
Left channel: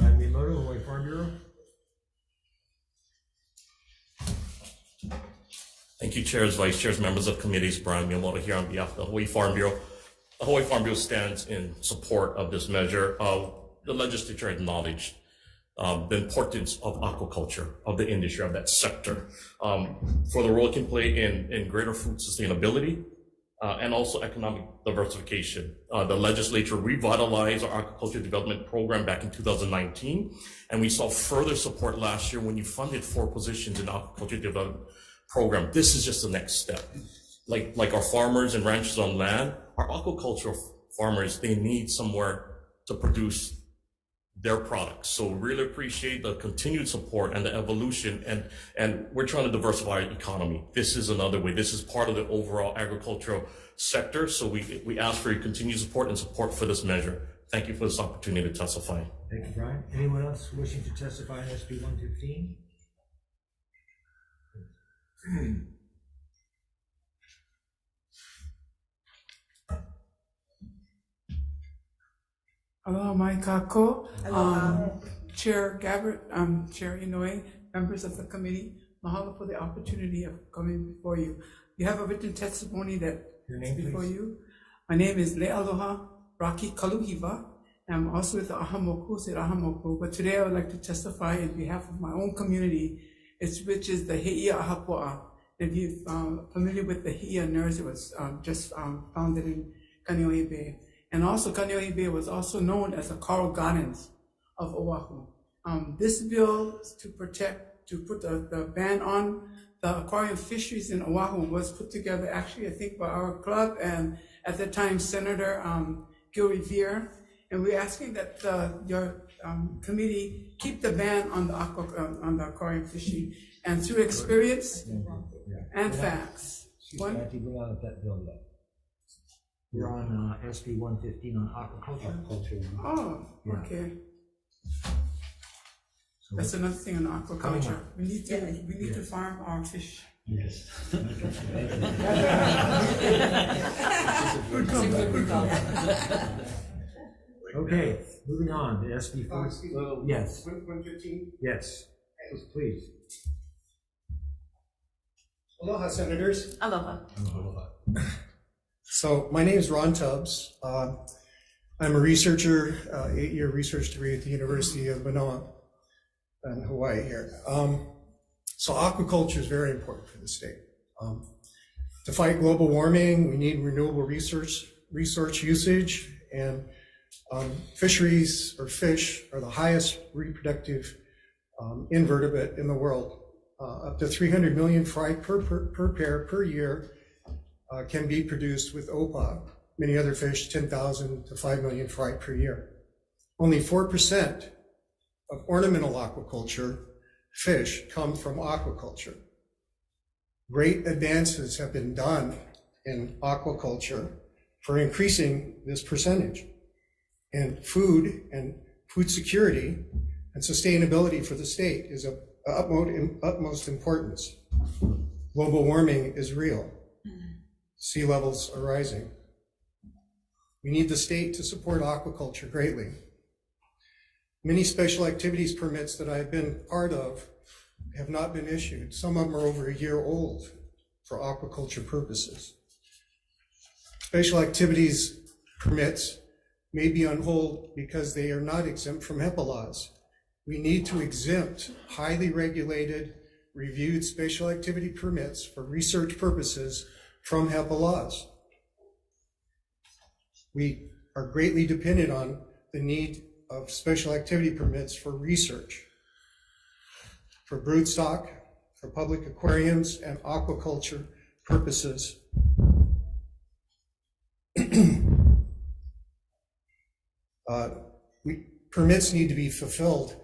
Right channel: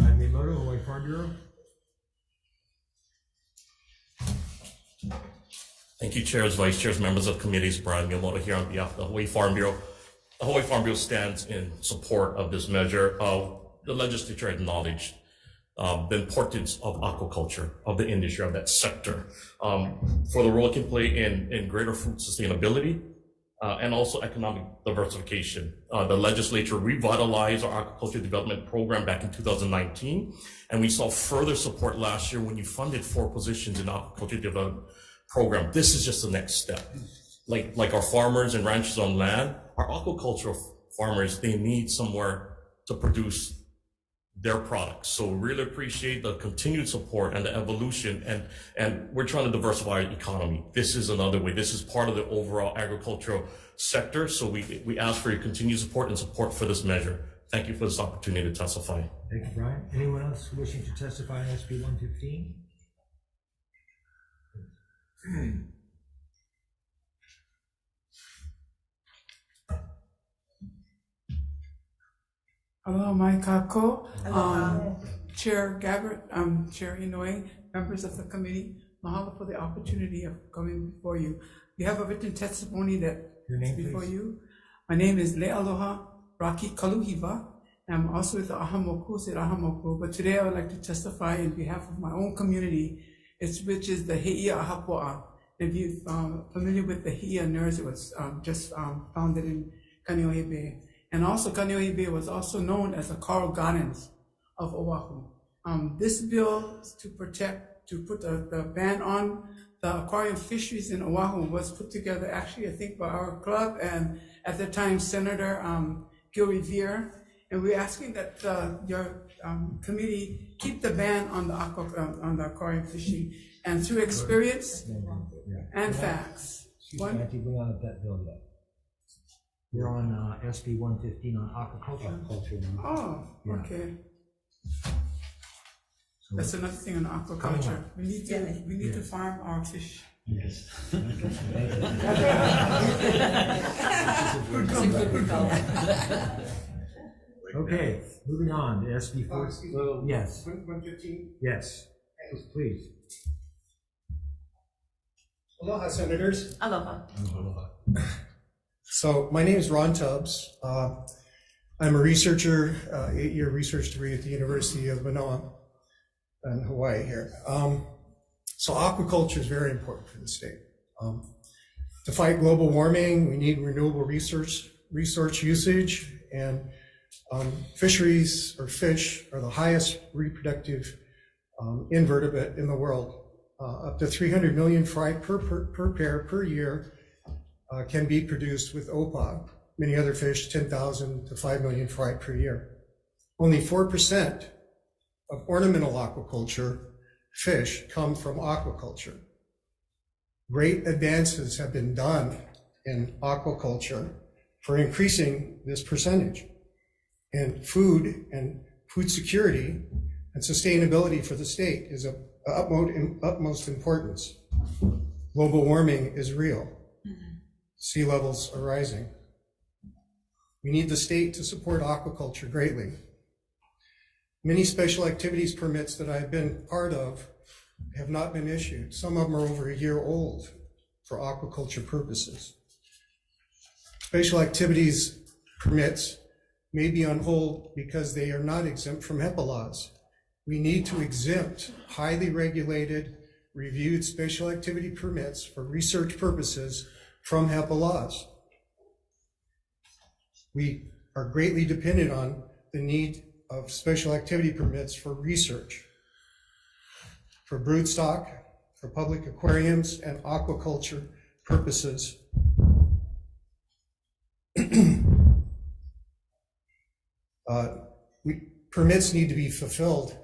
Ryan Miyamoto, Hawaii Farm Bureau. Thank you, chairs, vice chairs, members of committees. Brian Miyamoto here on behalf of the Hawaii Farm Bureau. The Hawaii Farm Bureau stands in support of this measure. The legislature acknowledged the importance of aquaculture, of the industry, of that sector, for the role it can play in greater food sustainability and also economic diversification. The legislature revitalized our aquaculture development program back in 2019, and we saw further support last year when you funded 4 positions in the aquaculture development program. This is just the next step. Like our farmers and ranchers on land, our aquacultural farmers, they need somewhere to produce their products. So really appreciate the continued support and the evolution, and we're trying to diversify our economy. This is another way. This is part of the overall agricultural sector. So we ask for your continued support and support for this measure. Thank you for this opportunity to testify. Thank you, Brian. Anyone else wishing to testify on SB 115? Aloha mai kako, Chair Gabbard, Chair Inouye, members of the committee, mahalo for the opportunity of coming before you. You have a written testimony that is before you. My name is Le'aloha Raki Kaluhiva, and I'm also with the Ahamoku, Ahamoku, but today I would like to testify in behalf of my own community, which is the Heia Ahapo'a. If you're familiar with the Heia nurse, it was just founded in Kaneohe Bay. And also Kaneohe Bay was also known as the Coral Gardens of Oahu. This bill to put the ban on the aquarium fisheries in Oahu was put together actually, I think, by our club and at the time Senator Gil Revere. And we're asking that your committee keep the ban on the aquarium fishing. And through experience and facts. We're not at that bill yet. We're on SB 115 on aquaculture. Oh, Yeah. okay. So That's another thing on aquaculture. We need to farm our fish. Yes. Okay, moving on to SB 4. Yes. 115? Yes. Please. Aloha, Senators. Aloha. So my name is Ron Tubbs. I'm a researcher, 8-year research degree at the University of Manoa in Hawaii here. So aquaculture is very important for the state. To fight global warming, we need renewable resource usage, and fisheries or fish are the highest reproductive invertebrate in the world. Up to 300 million fry per pair per year can be produced with OPA. Many other fish, 10,000 to 5 million fry per year. Only 4% of ornamental aquaculture fish come from aquaculture. Great advances have been done in aquaculture for increasing this percentage. And food security and sustainability for the state is of utmost importance. Global warming is real. Sea levels are rising. We need the state to support aquaculture greatly. Many special activities permits that I've been part of have not been issued. Some of them are over a year old for aquaculture purposes. Special activities permits may be on hold because they are not exempt from HEPA laws. We need to exempt highly regulated, reviewed special activity permits for research purposes from HEPA laws. We are greatly dependent on the need of special activity permits for research, for broodstock, for public aquariums and aquaculture purposes. Permits need to be fulfilled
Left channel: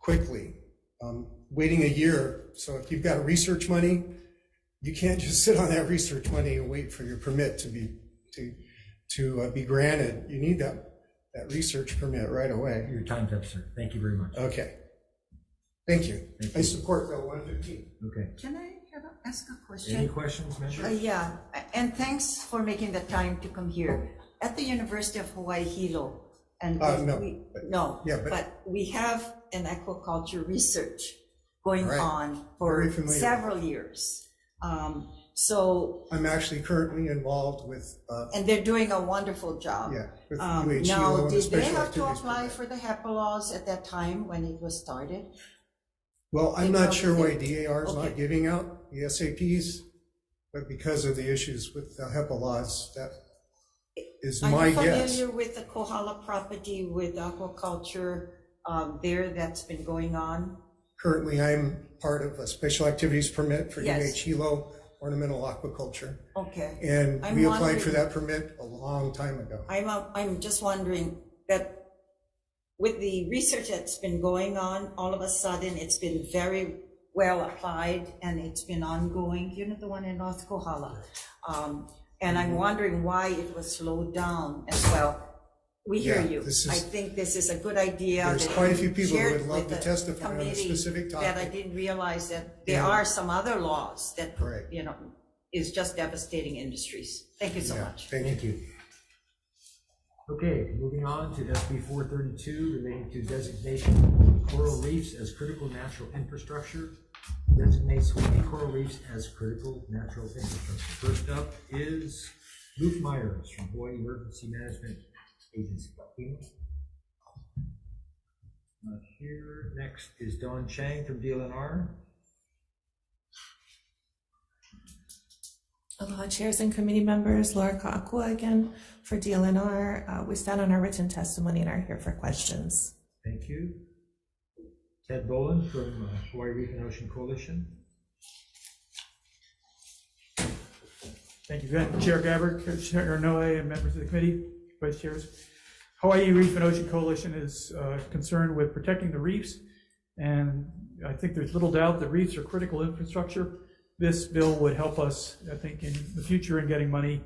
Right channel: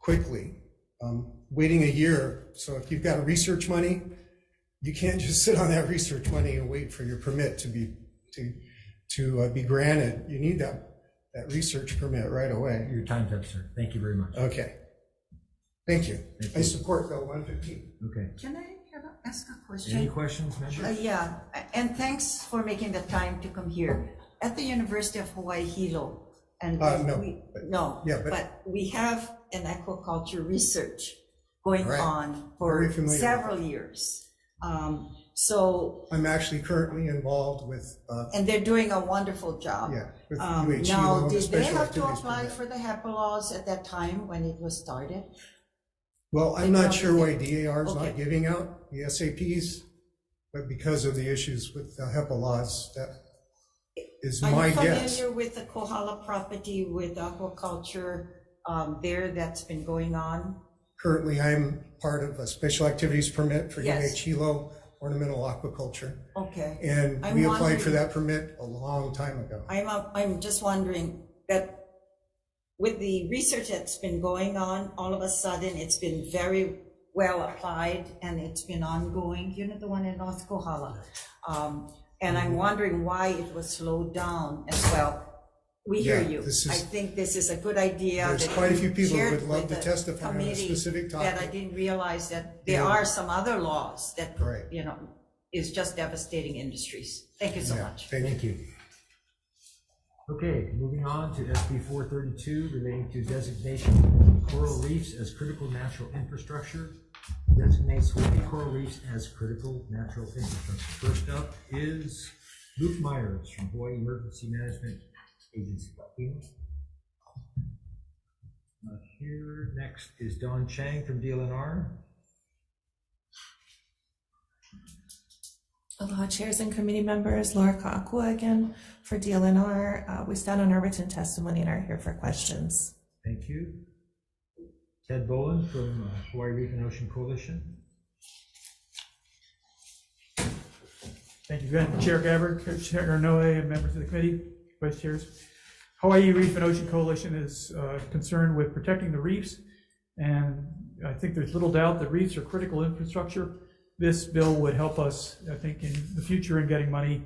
quickly. Waiting a year, so if you've got research money, you can't just sit on that research money and wait for your permit to be granted. You need that research permit right away. Your time's up, sir. Thank you very much. Okay. Thank you. I support Bill 115. Okay. Can I ask a question? Any questions, members? Yeah, and thanks for making the time to come here. At the University of Hawaii Hilo, and but we have an aquaculture research going on for several years. So I'm actually currently involved with and they're doing a wonderful job. Yeah, with UH now, Hilo, did they special have to activities apply permit. for the HEPA laws at that time when it was started? Well, I'm not sure why DAR is Okay. not giving out the SAPs, but because of the issues with the HEPA laws, that is my guess. Are you familiar with the Kohala property with aquaculture there that's been going on? Currently, I'm part of a special activities permit for Yes. UH Hilo ornamental aquaculture. Okay. And I'm we applied wondering- for that permit a long time ago. I'm just wondering that with the research that's been going on, all of a sudden it's been very well applied and it's been ongoing. You know, the one in North Kohala. And I'm wondering why it was slowed down as well. We hear Yeah, you. this is- I think this is a good idea. There's that quite a you few people who shared would love with to the testify on a committee specific that I topic. didn't realize that there Yeah. are some other laws that, Right. you know, is just devastating industries. Thank you so Yeah, much. Thank you. Okay, moving on to SB 432 relating to designation of coral reefs as critical natural infrastructure. Designates Hawaii coral reefs as critical natural infrastructure. First up is Luke Myers from Hawaii Emergency Management Agency. Here, next is Don Chang from DLNR. Aloha chairs and committee members, Laura Ka'akua again for DLNR. We stand on our written testimony and are here for questions. Thank you. Ted Boland from Hawaii Reef and Ocean Coalition. Thank you again, Chair Gabbard, Chair Noe, and members of the committee, vice chairs. Hawaii Reef and Ocean Coalition is concerned with protecting the reefs, and I think there's little doubt that reefs are critical infrastructure. This bill would help us, I think, in the future in getting money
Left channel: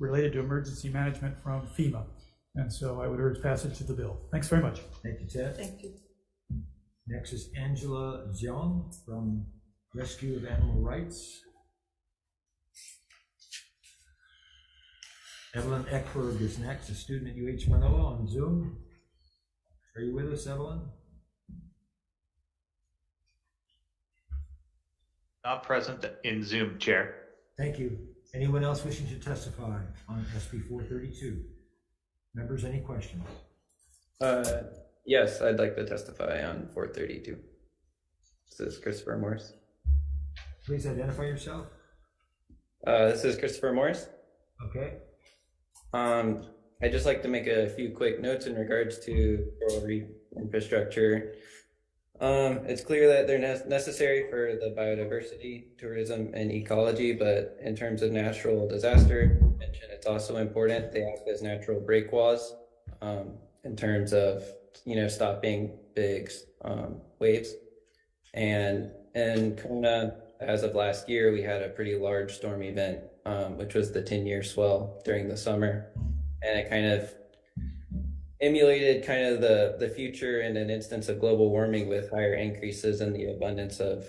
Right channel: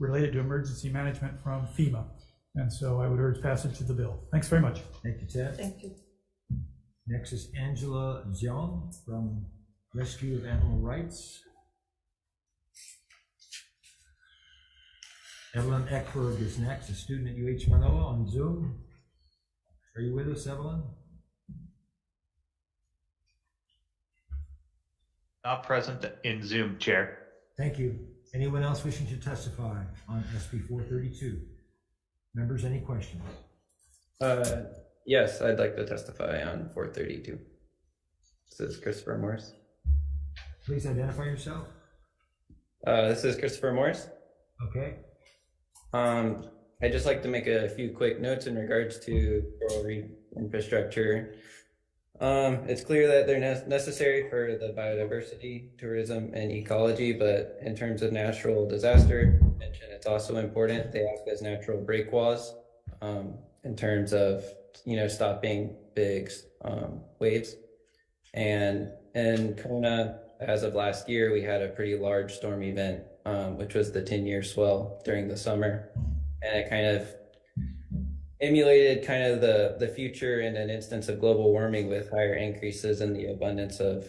related to emergency management from FEMA. And so I would urge passage of the bill. Thanks very much. Thank you, Ted. Thank you. Next is Angela Zion from Rescue of Animal Rights. Evelyn Eckberg is next, a student at UH Manoa on Zoom. Are you with us, Evelyn? Not present in Zoom, Chair. Thank you. Anyone else wishing to testify on SB 432? Members, any questions? Yes, I'd like to testify on 432. This is Christopher Morris. Please identify yourself. This is Christopher Morris. Okay. I'd just like to make a few quick notes in regards to coral reef infrastructure. It's clear that they're necessary for the biodiversity, tourism, and ecology, but in terms of natural disaster prevention, it's also important. They act as natural breakwalls in terms of, stopping big waves. And in Kona, as of last year, we had a pretty large storm event, which was the 10-year swell during the summer. And it kind of emulated kind of the future in an instance of global warming with higher increases in the abundance of,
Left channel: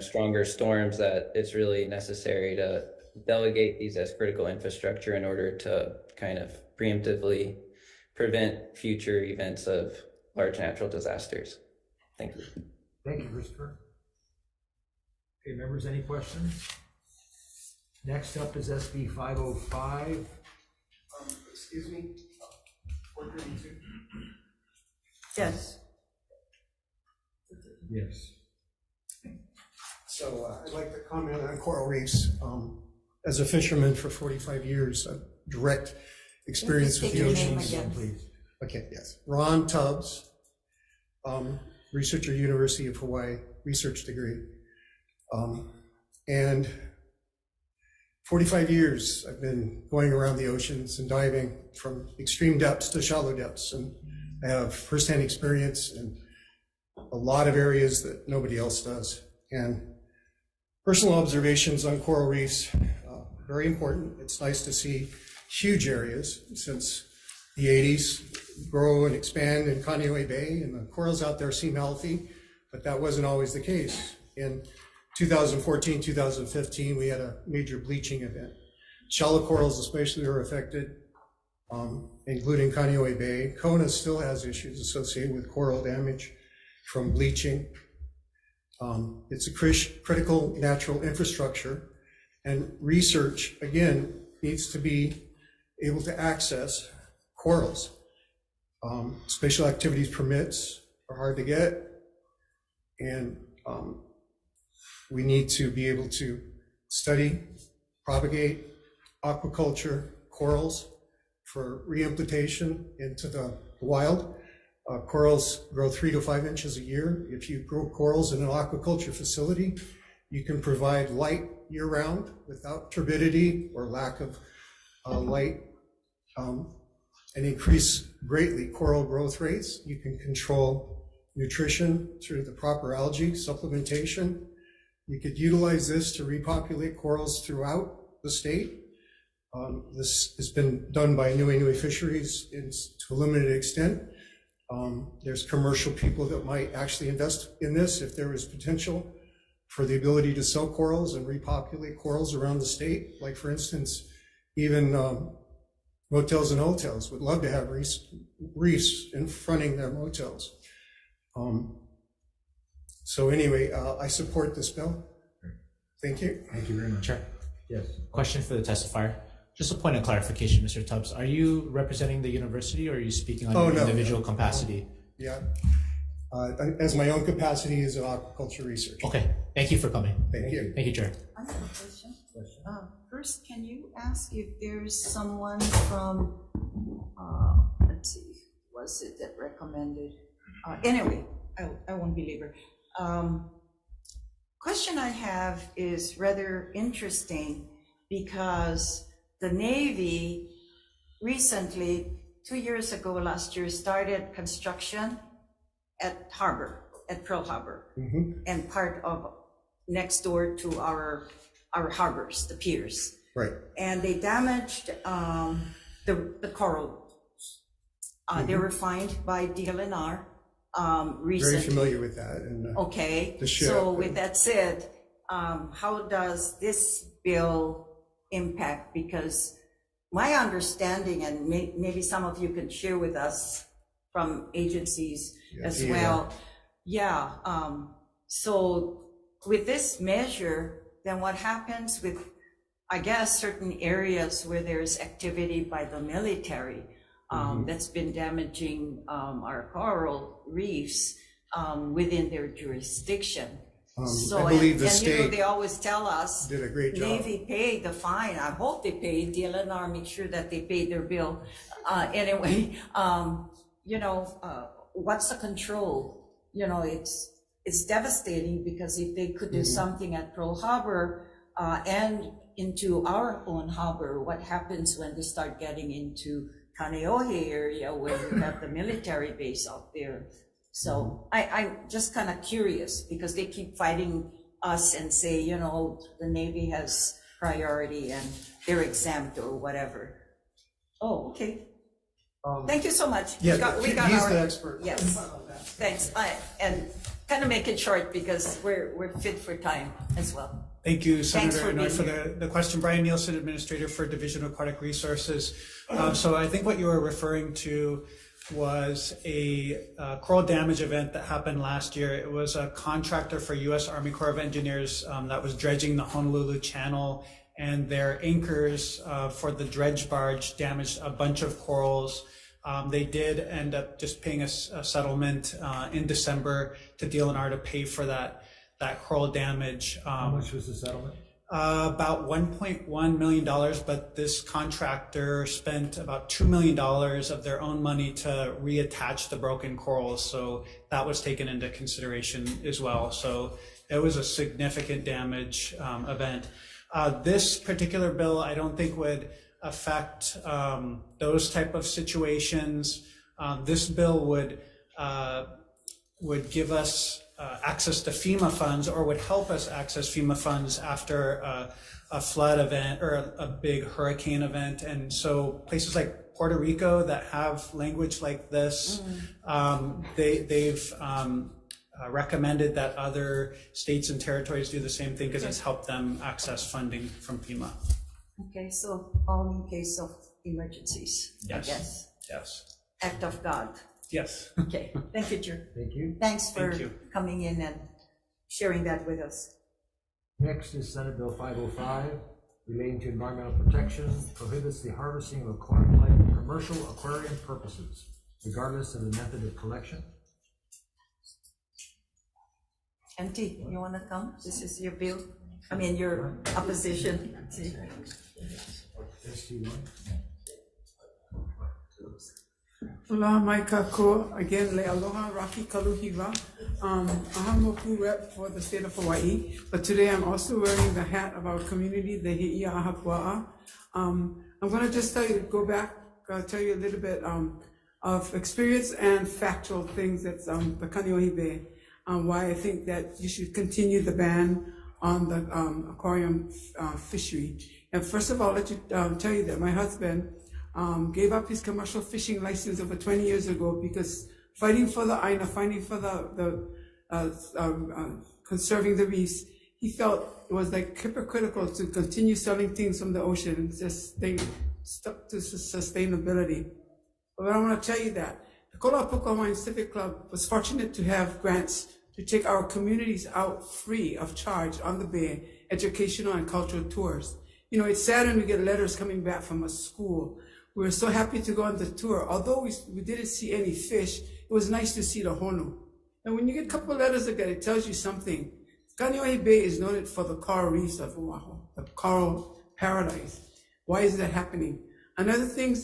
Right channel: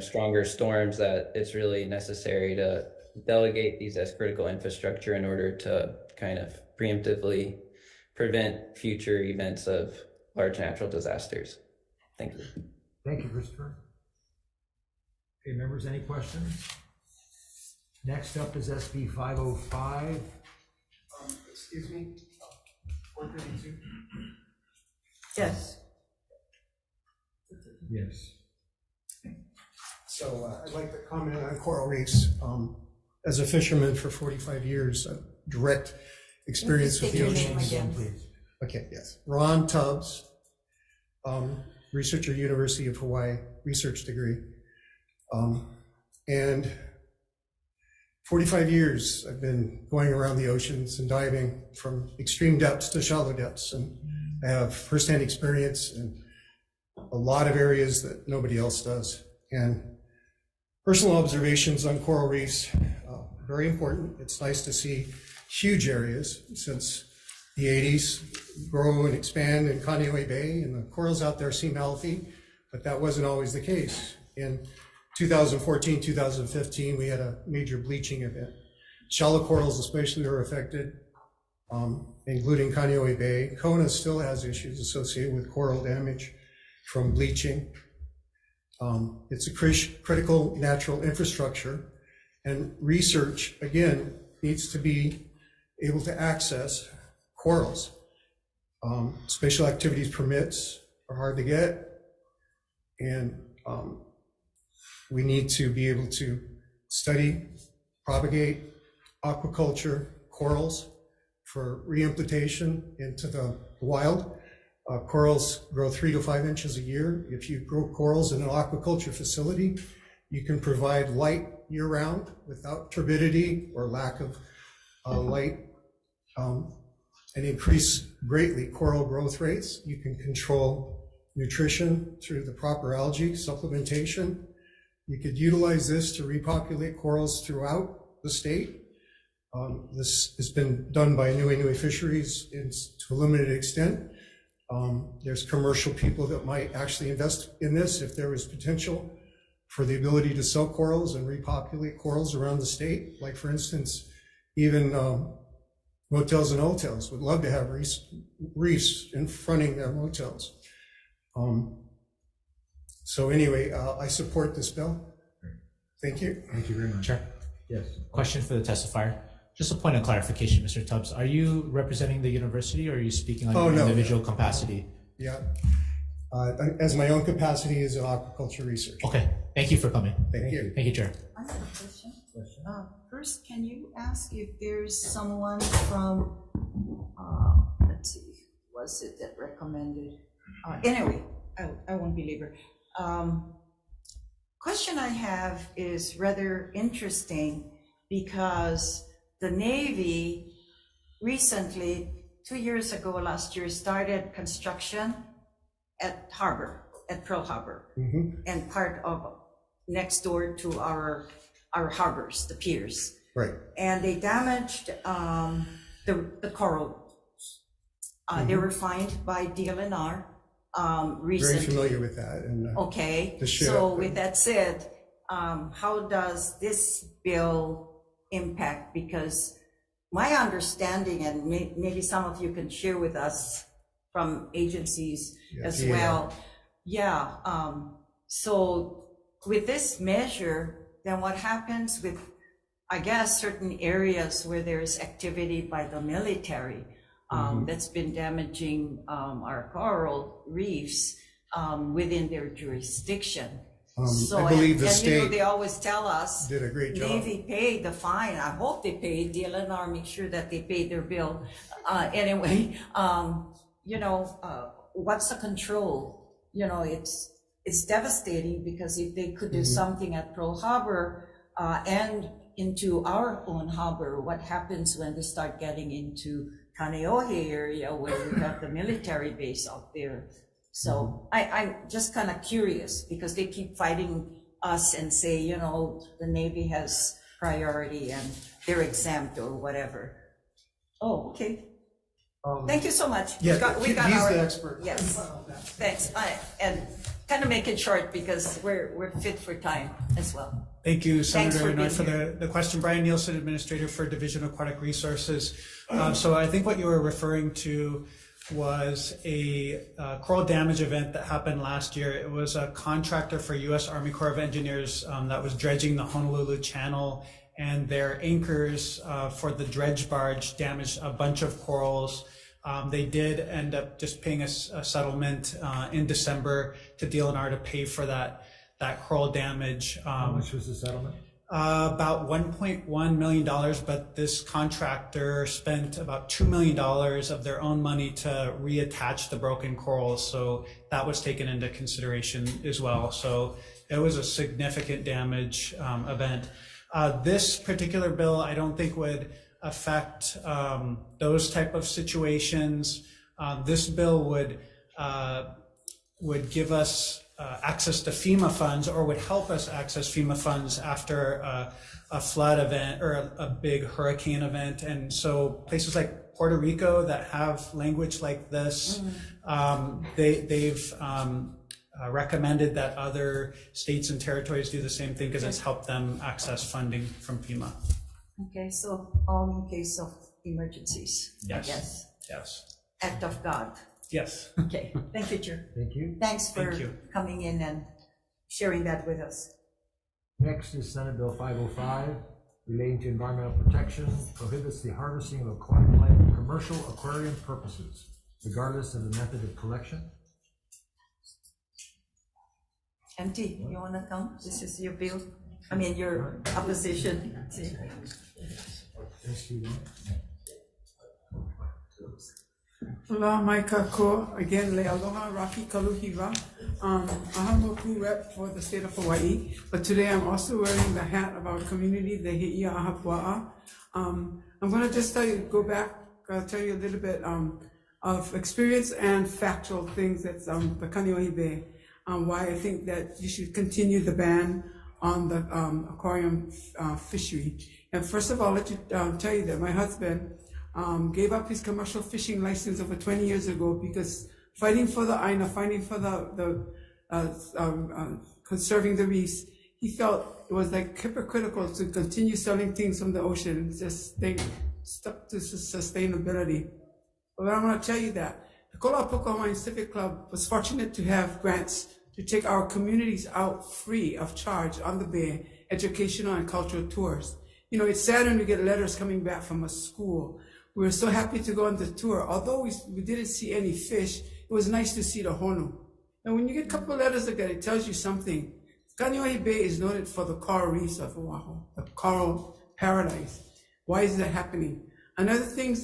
stronger storms, that it's really necessary to delegate these as critical infrastructure in order to kind of preemptively prevent future events of large natural disasters. Thank you. Thank you, Christopher. Okay, members, any questions? Next up is SB 505. Excuse me. 432. Yes. Yes. So I'd like to comment on coral reefs. As a fisherman for 45 years, a direct experience with the oceans. Please. Okay, yes. Ron Tubbs, researcher, University of Hawaii, research degree. And 45 years I've been going around the oceans and diving from extreme depths to shallow depths, and I have firsthand experience in a lot of areas that nobody else does. And personal observations on coral reefs, very important. It's nice to see huge areas since the 80s grow and expand in Kaneohe Bay, and the corals out there seem healthy. but that wasn't always the case. In 2014, 2015, we had a major bleaching event. Shallow corals especially were affected, including Kaneohe Bay. Kona still has issues associated with coral damage from bleaching. It's a critical natural infrastructure, and research, again, needs to be able to access corals. Special activities permits are hard to get, and we need to be able to study, propagate aquaculture corals for reimplantation into the wild. Corals grow 3 to 5 inches a year. If you grow corals in an aquaculture facility, you can provide light year-round without turbidity or lack of light, and increase greatly coral growth rates. You can control nutrition through the proper algae supplementation. You could utilize this to repopulate corals throughout the state. This has been done by Nui Fisheries to a limited extent. There's commercial people that might actually invest in this if there is potential for the ability to sell corals and repopulate corals around the state. Like, for instance, even motels and hotels would love to have reefs in fronting their motels. So anyway, I support this bill. Thank you. Thank you very much. Chair. Yes. Question for the testifier. Just a point of clarification, Mr. Tubbs. Are you representing the university, or are you speaking on your individual capacity? Yeah. As my own capacity as an aquaculture researcher. Okay. Thank you for coming. Thank you. Thank you, Chair. I have a question. First, can you ask if there's someone from, let's see, was it that recommended? Anyway, I won't belabor. Question I have is rather interesting because the Navy recently, 2 years ago, last year, started construction at Pearl Harbor, and part of next door to our harbors, the piers. Right. And they damaged the coral. They were fined by DLNR recently. Very familiar with that. And, okay. The ship. So with that said, how does this bill impact? Because my understanding, and maybe some of you can share with us from agencies as well. Yeah. So with this measure, then what happens with, I guess, certain areas where there's activity by the military that's been damaging our coral reefs within their jurisdiction? So, I believe the state, you know, they always tell us did a great job. Navy paid the fine. I hope they paid. DLNR make sure that they paid their bill. Anyway, you know, what's the control? You know, it's devastating, because if they could do something at Pearl Harbor and into our own harbor, what happens when they start getting into Kaneohe area where you have the military base out there? So I'm just kind of curious, because they keep fighting us and say, you know, the Navy has priority and they're exempt or whatever. Oh, okay. Thank you so much. Yeah, we got he's our, the expert. Yes, thanks. And kind of make it short because we're fit for time as well. Thank you, Senator Noy, for being the question. Brian Nielsen, Administrator for Division of Aquatic Resources. So I think what you were referring to was a coral damage event that happened last year. It was a contractor for U.S. Army Corps of Engineers that was dredging the Honolulu Channel, and their anchors for the dredge barge damaged a bunch of corals. They did end up just paying a settlement in December to DLNR to pay for that coral damage. How much was the settlement? About $1.1 million, but this contractor spent about $2 million of their own money to reattach the broken corals. So that was taken into consideration as well. So it was a significant damage event. This particular bill, I don't think would affect those type of situations. This bill would give us access to FEMA funds, or would help us access FEMA funds after a flood event or a big hurricane event. And so places like Puerto Rico that have language like this, they've recommended that other states and territories do the same thing because it's helped them access funding from FEMA. Okay, so all in case of emergencies, I Yes. guess. Yes. Act of God. Yes. Okay, thank you, Chair. Thank you. Thanks for Thank you. coming in and sharing that with us. Next is Senate Bill 505, relating to environmental protection, prohibits the harvesting of aquatic life for commercial aquarium purposes, regardless of the method of collection. Auntie, you wanna come? This is your bill, I mean, your opposition. See? Aloha mai kako, again, le aloha Rocky Kaluhiwa. I'm a rep for the state of Hawaii, but today I'm also wearing the hat of our community, the He'i'a Ahapua'a. I'm gonna just tell you, tell you a little bit of experience and factual things that's the Kaneohe Bay, why I think that you should continue the ban on the aquarium fishery. And first of all, let you tell you that my husband gave up his commercial fishing license over 20 years ago because fighting for the AEN, fighting for the conserving the reefs, he felt it was like hypocritical to continue selling things from the ocean, just stay stuck to sustainability. But I want to tell you that the Kolapuka Hawaiian Civic Club was fortunate to have grants to take our communities out free of charge on the bay, educational and cultural tours. You know, it's sad when we get letters coming back from a school. We were so happy to go on the tour. Although we didn't see any fish, it was nice to see the honu. And when you get a couple of letters like that, it tells you something. Kaneohe Bay is noted for the coral reefs of Oahu, the coral paradise. Why is that happening? Another thing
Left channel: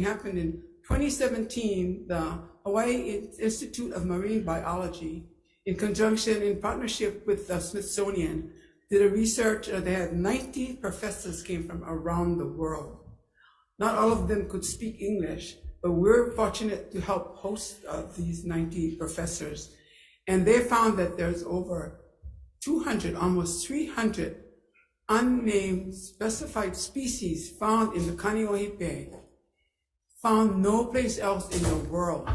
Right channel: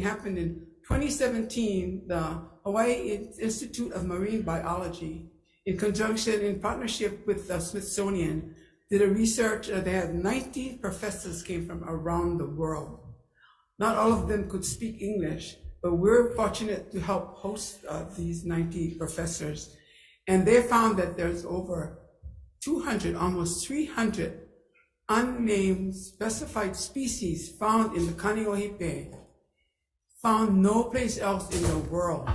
happened in 2017. The Hawaii Institute of Marine Biology, in partnership with the Smithsonian, did a research. They had 90 professors came from around the world. Not all of them could speak English, but we're fortunate to help host these 90 professors. And they found that there's over 200, almost 300 unnamed specified species found in the Kaneohe Bay, found no place else in the world.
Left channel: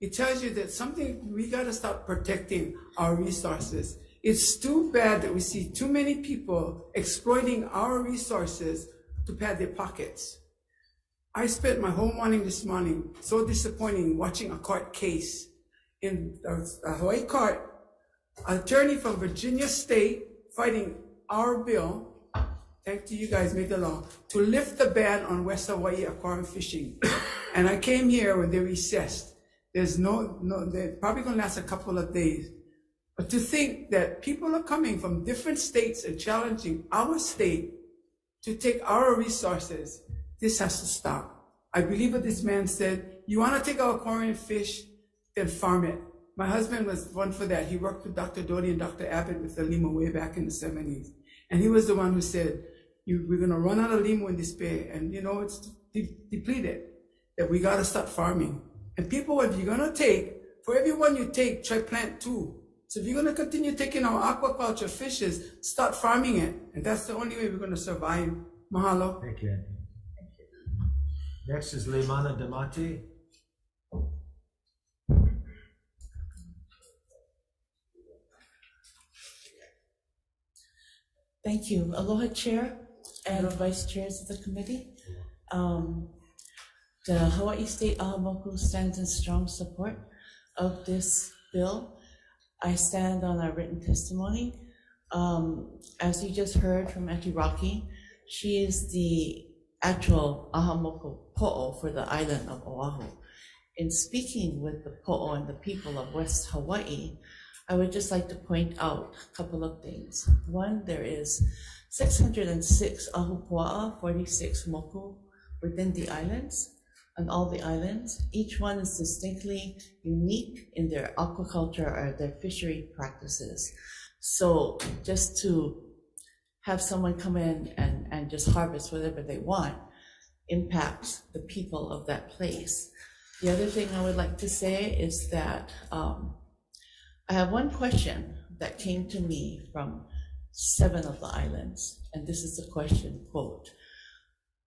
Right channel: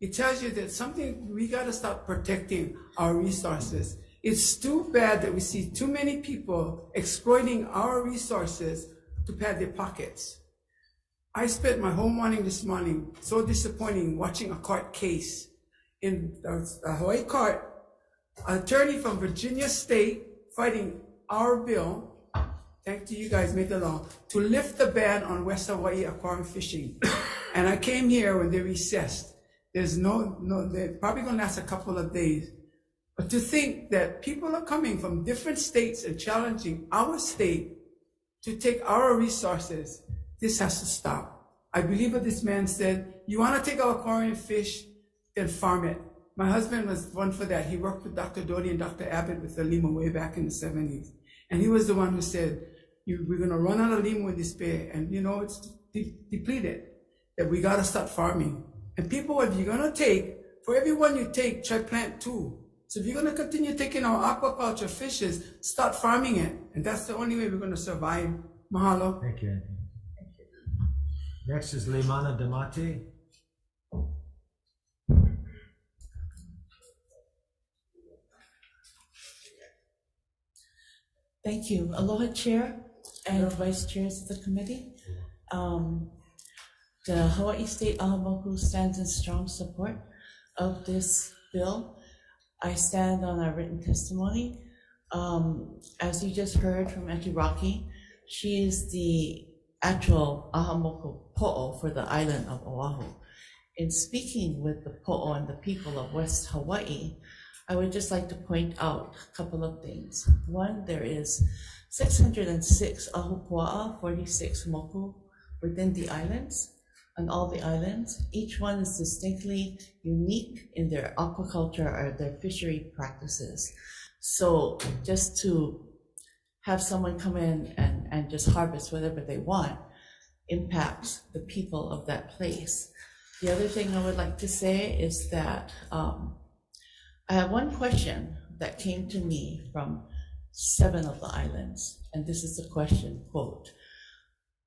It tells you that we gotta start protecting our resources. It's too bad that we see too many people exploiting our resources to pad their pockets. I spent my whole morning this morning, so disappointing, watching a court case. In the Hawaii court, an attorney from Virginia State fighting our bill, thanks to you guys made the law, to lift the ban on West Hawaii aquarium fishing. And I came here when they recessed. There's they're probably gonna last a couple of days. But to think that people are coming from different states and challenging our state to take our resources, this has to stop. I believe what this man said. You want to take our aquarium fish, then farm it. My husband was one for that. He worked with Dr. Doty and Dr. Abbott with the lima way back in the 70s. And he was the one who said, we're going to run out of lima in this bay. And it's depleted, that we got to start farming. And people, what you're going to take, for every one you take, try plant 2. So if you're going to continue taking our aquaculture fishes, start farming it. And that's the only way we're going to survive. Mahalo. Thank you, Anthony. Next is Leimana Damate. Thank you. Aloha Chair and Vice Chairs of the committee. The Hawaii State Ahamoku stands in strong support of this bill. I stand on our written testimony. As you just heard from Auntie Rocky, she is the actual Ahamoku po'o for the island of Oahu. In speaking with the po'o and the people of West Hawaii, I would just like to point out a couple of things. One, there is 606 ahupua'a, 46 moku within the islands, on all the islands. Each one is distinctly unique in their aquaculture or their fishery practices. So just to have someone come in and just harvest whatever they want impacts the people of that place. The other thing I would like to say is that I have one question that came to me from 7 of the islands, and this is the question, quote,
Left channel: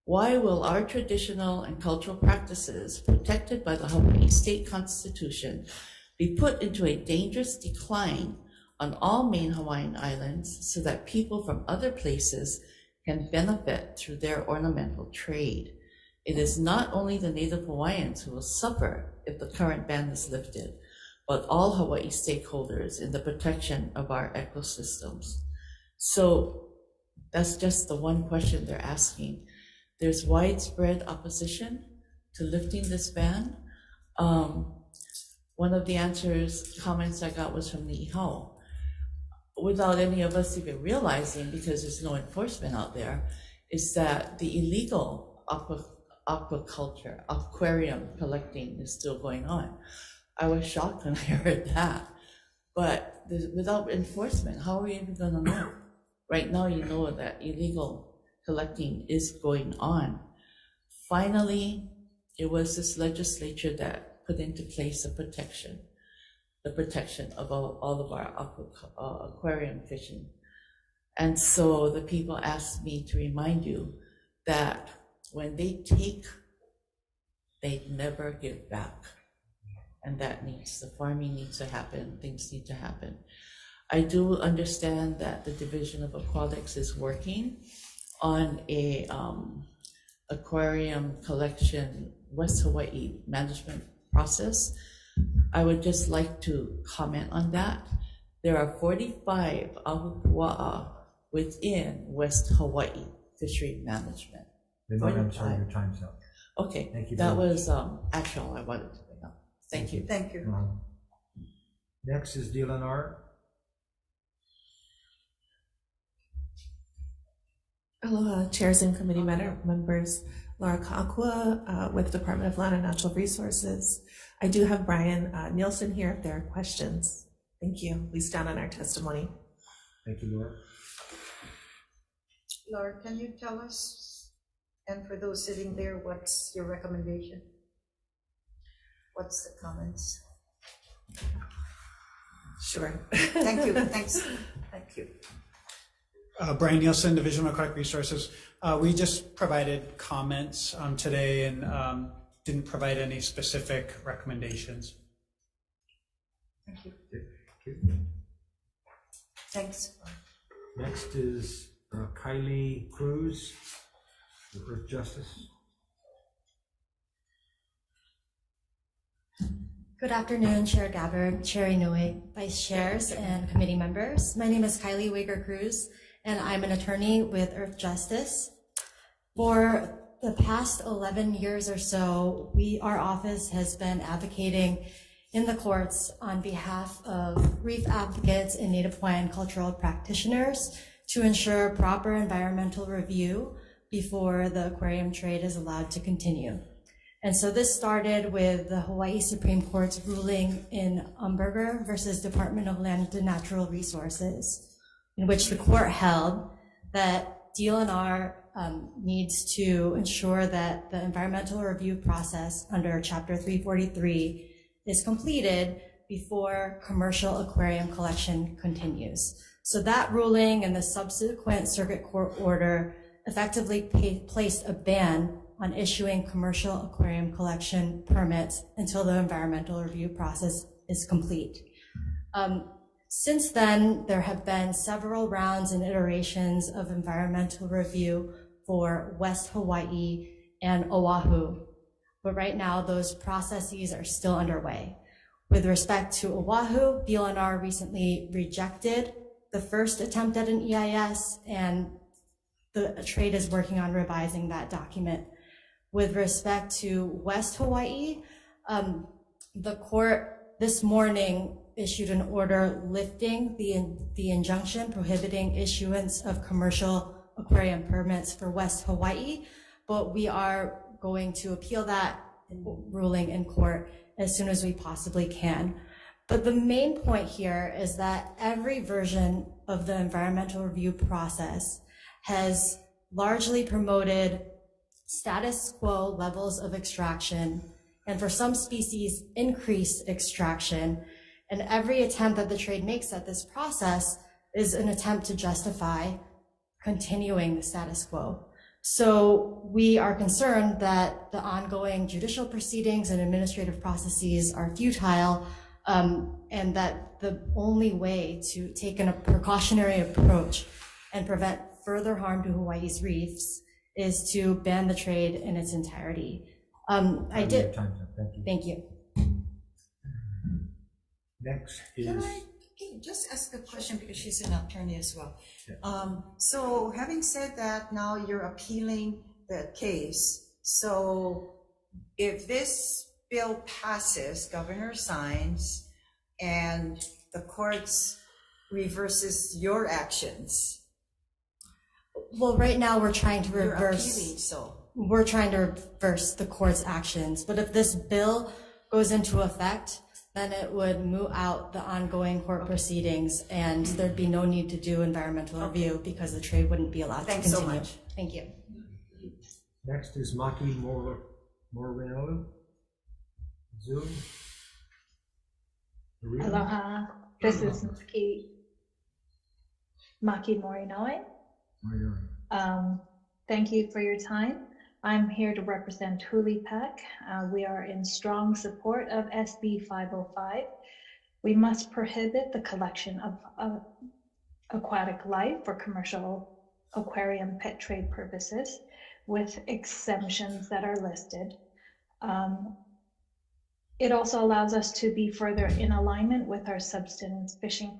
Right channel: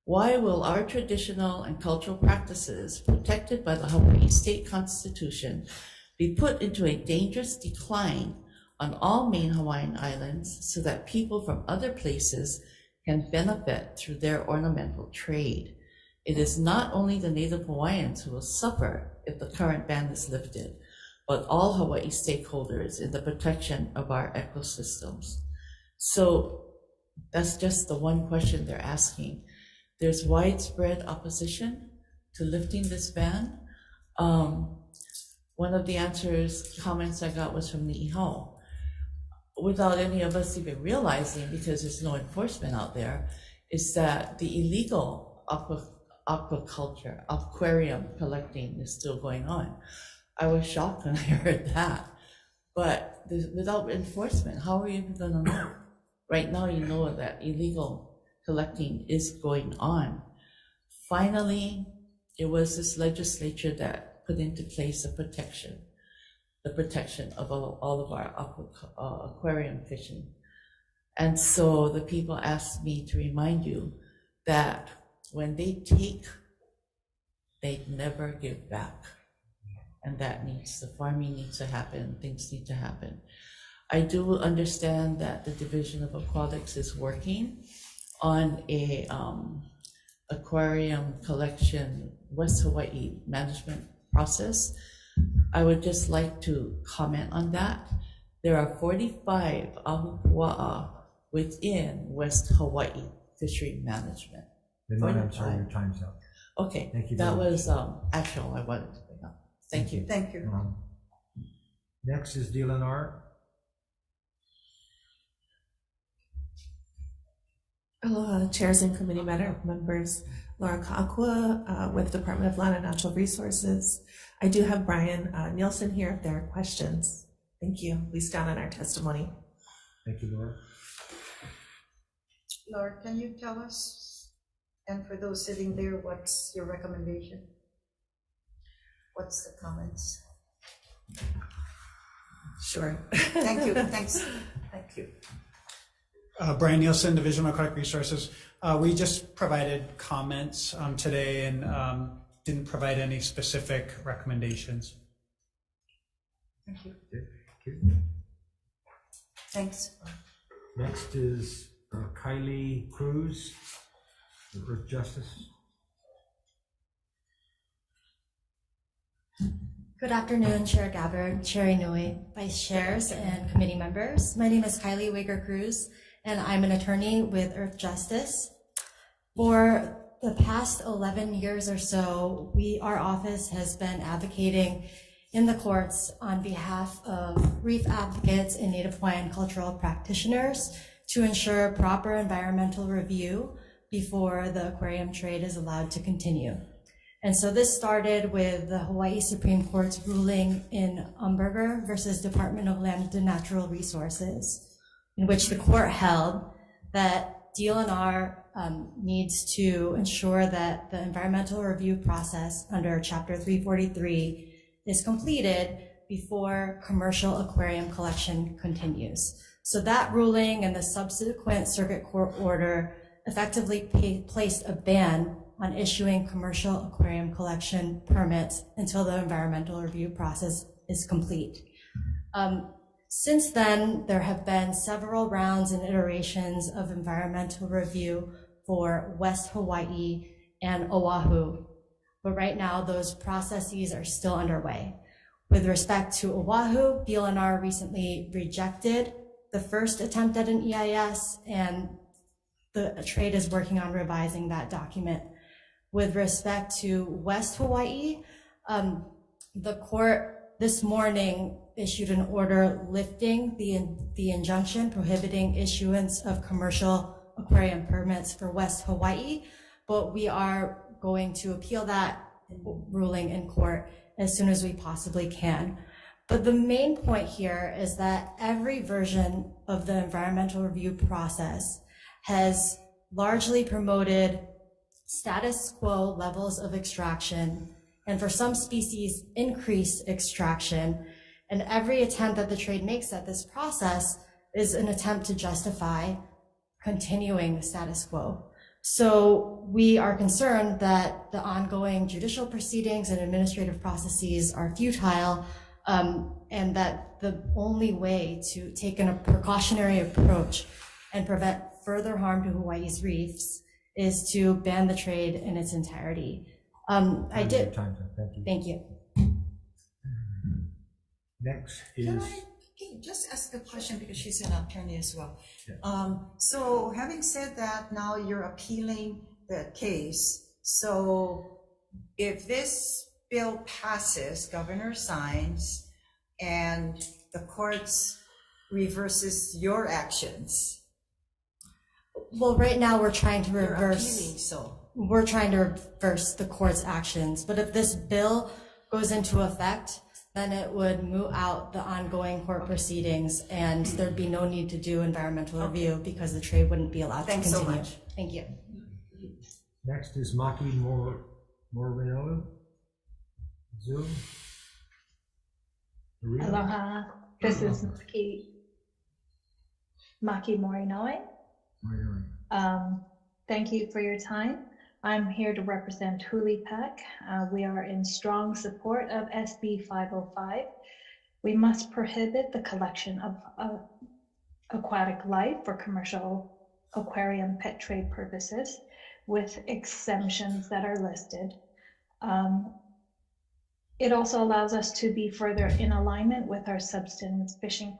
why will our traditional and cultural practices protected by the Hawaii State Constitution be put into a dangerous decline on all main Hawaiian islands so that people from other places can benefit through their ornamental trade. It is not only the Native Hawaiians who will suffer if the current ban is lifted, but all Hawaii stakeholders in the protection of our ecosystems. So that's just the one question they're asking. There's widespread opposition to lifting this ban. One of the comments I got was from Ni'ihau, without any of us even realizing, because there's no enforcement out there, is that the illegal aquaculture, aquarium collecting is still going on. I was shocked when I heard that. But without enforcement, how are you even gonna know? Right now, you know that illegal collecting is going on. Finally, it was this legislature that put into place the protection of all of our aquarium fishing. And so the people asked me to remind you that when they take, they never give back. And the farming needs to happen, things need to happen. I do understand that the Division of Aquatics is working on a aquarium collection West Hawaii management process. I would just like to comment on that. There are 45 ahupua'a within West Hawaii fishery management. I'm sorry, your time's up. Okay, Thank you. that was actual I wanted to bring up. Thank you. Thank you. Next is DLNR. Aloha, chairs and committee members. Laura Ka'akua with Department of Land and Natural Resources. I do have Brian Nielsen here if there are questions. Thank you. We stand on our testimony. Thank you, Laura. Laura, can you tell us, and for those sitting there, what's your recommendation? What's the comments? Sure. Thank you. Thanks. Thank you. Brian Nielsen, Division of Aquatic Resources. We just provided comments today and didn't provide any specific recommendations. Thank you. Thanks. Next is Kylie Cruz, the Earth Justice. Good afternoon, Chair Gabbard, Chair Inouye, Vice Chairs, and committee members. My name is Kylie Wager Cruz, and I'm an attorney with Earth Justice. For the past 11 years or so, our office has been advocating in the courts on behalf of reef advocates and Native Hawaiian cultural practitioners to ensure proper environmental review before the aquarium trade is allowed to continue. And so this started with the Hawaii Supreme Court's ruling in Umberger versus Department of Land and Natural Resources, in which the court held that DLNR needs to ensure that the environmental review process under Chapter 343 is completed before commercial aquarium collection continues. So that ruling and the subsequent circuit court order effectively placed a ban on issuing commercial aquarium collection permits until the environmental review process is complete. Since then, there have been several rounds and iterations of environmental review for West Hawaii and Oahu, but right now those processes are still underway. With respect to Oahu, DLNR recently rejected the first attempt at an EIS, and the trade is working on revising that document. With respect to West Hawaii, the court this morning issued an order lifting the injunction prohibiting issuance of commercial aquarium permits for West Hawaii, but we are going to appeal that ruling in court as soon as we possibly can. But the main point here is that every version of the environmental review process has largely promoted status quo levels of extraction, and for some species, increased extraction. And every attempt that the trade makes at this process is an attempt to justify continuing the status quo. So we are concerned that the ongoing judicial proceedings and administrative processes are futile and that the only way to take a precautionary approach and prevent further harm to Hawaii's reefs is to ban the trade in its entirety. I did. Thank you. Next Can is. I just ask a question because she's an attorney as well? So having said that, now you're appealing the case. So if this bill passes, governor signs, and the courts reverses your actions. Well, right now we're trying to You're reverse. appealing, so. We're trying to reverse the court's actions. But if this bill goes into effect, then it would moot out the ongoing court proceedings, and there'd be no need to do environmental review because the trade wouldn't be allowed Thanks to continue. so much. Thank you. Next is Maki Morinoa. Zoom. Maria? Aloha, this is Maki Morinoe. Thank you for your time. I'm here to represent Hulipac. We are in strong support of SB 505. We must prohibit the collection of aquatic life for commercial aquarium pet trade purposes with exemptions that are listed. It also allows us to be further in alignment with our subsistence fishing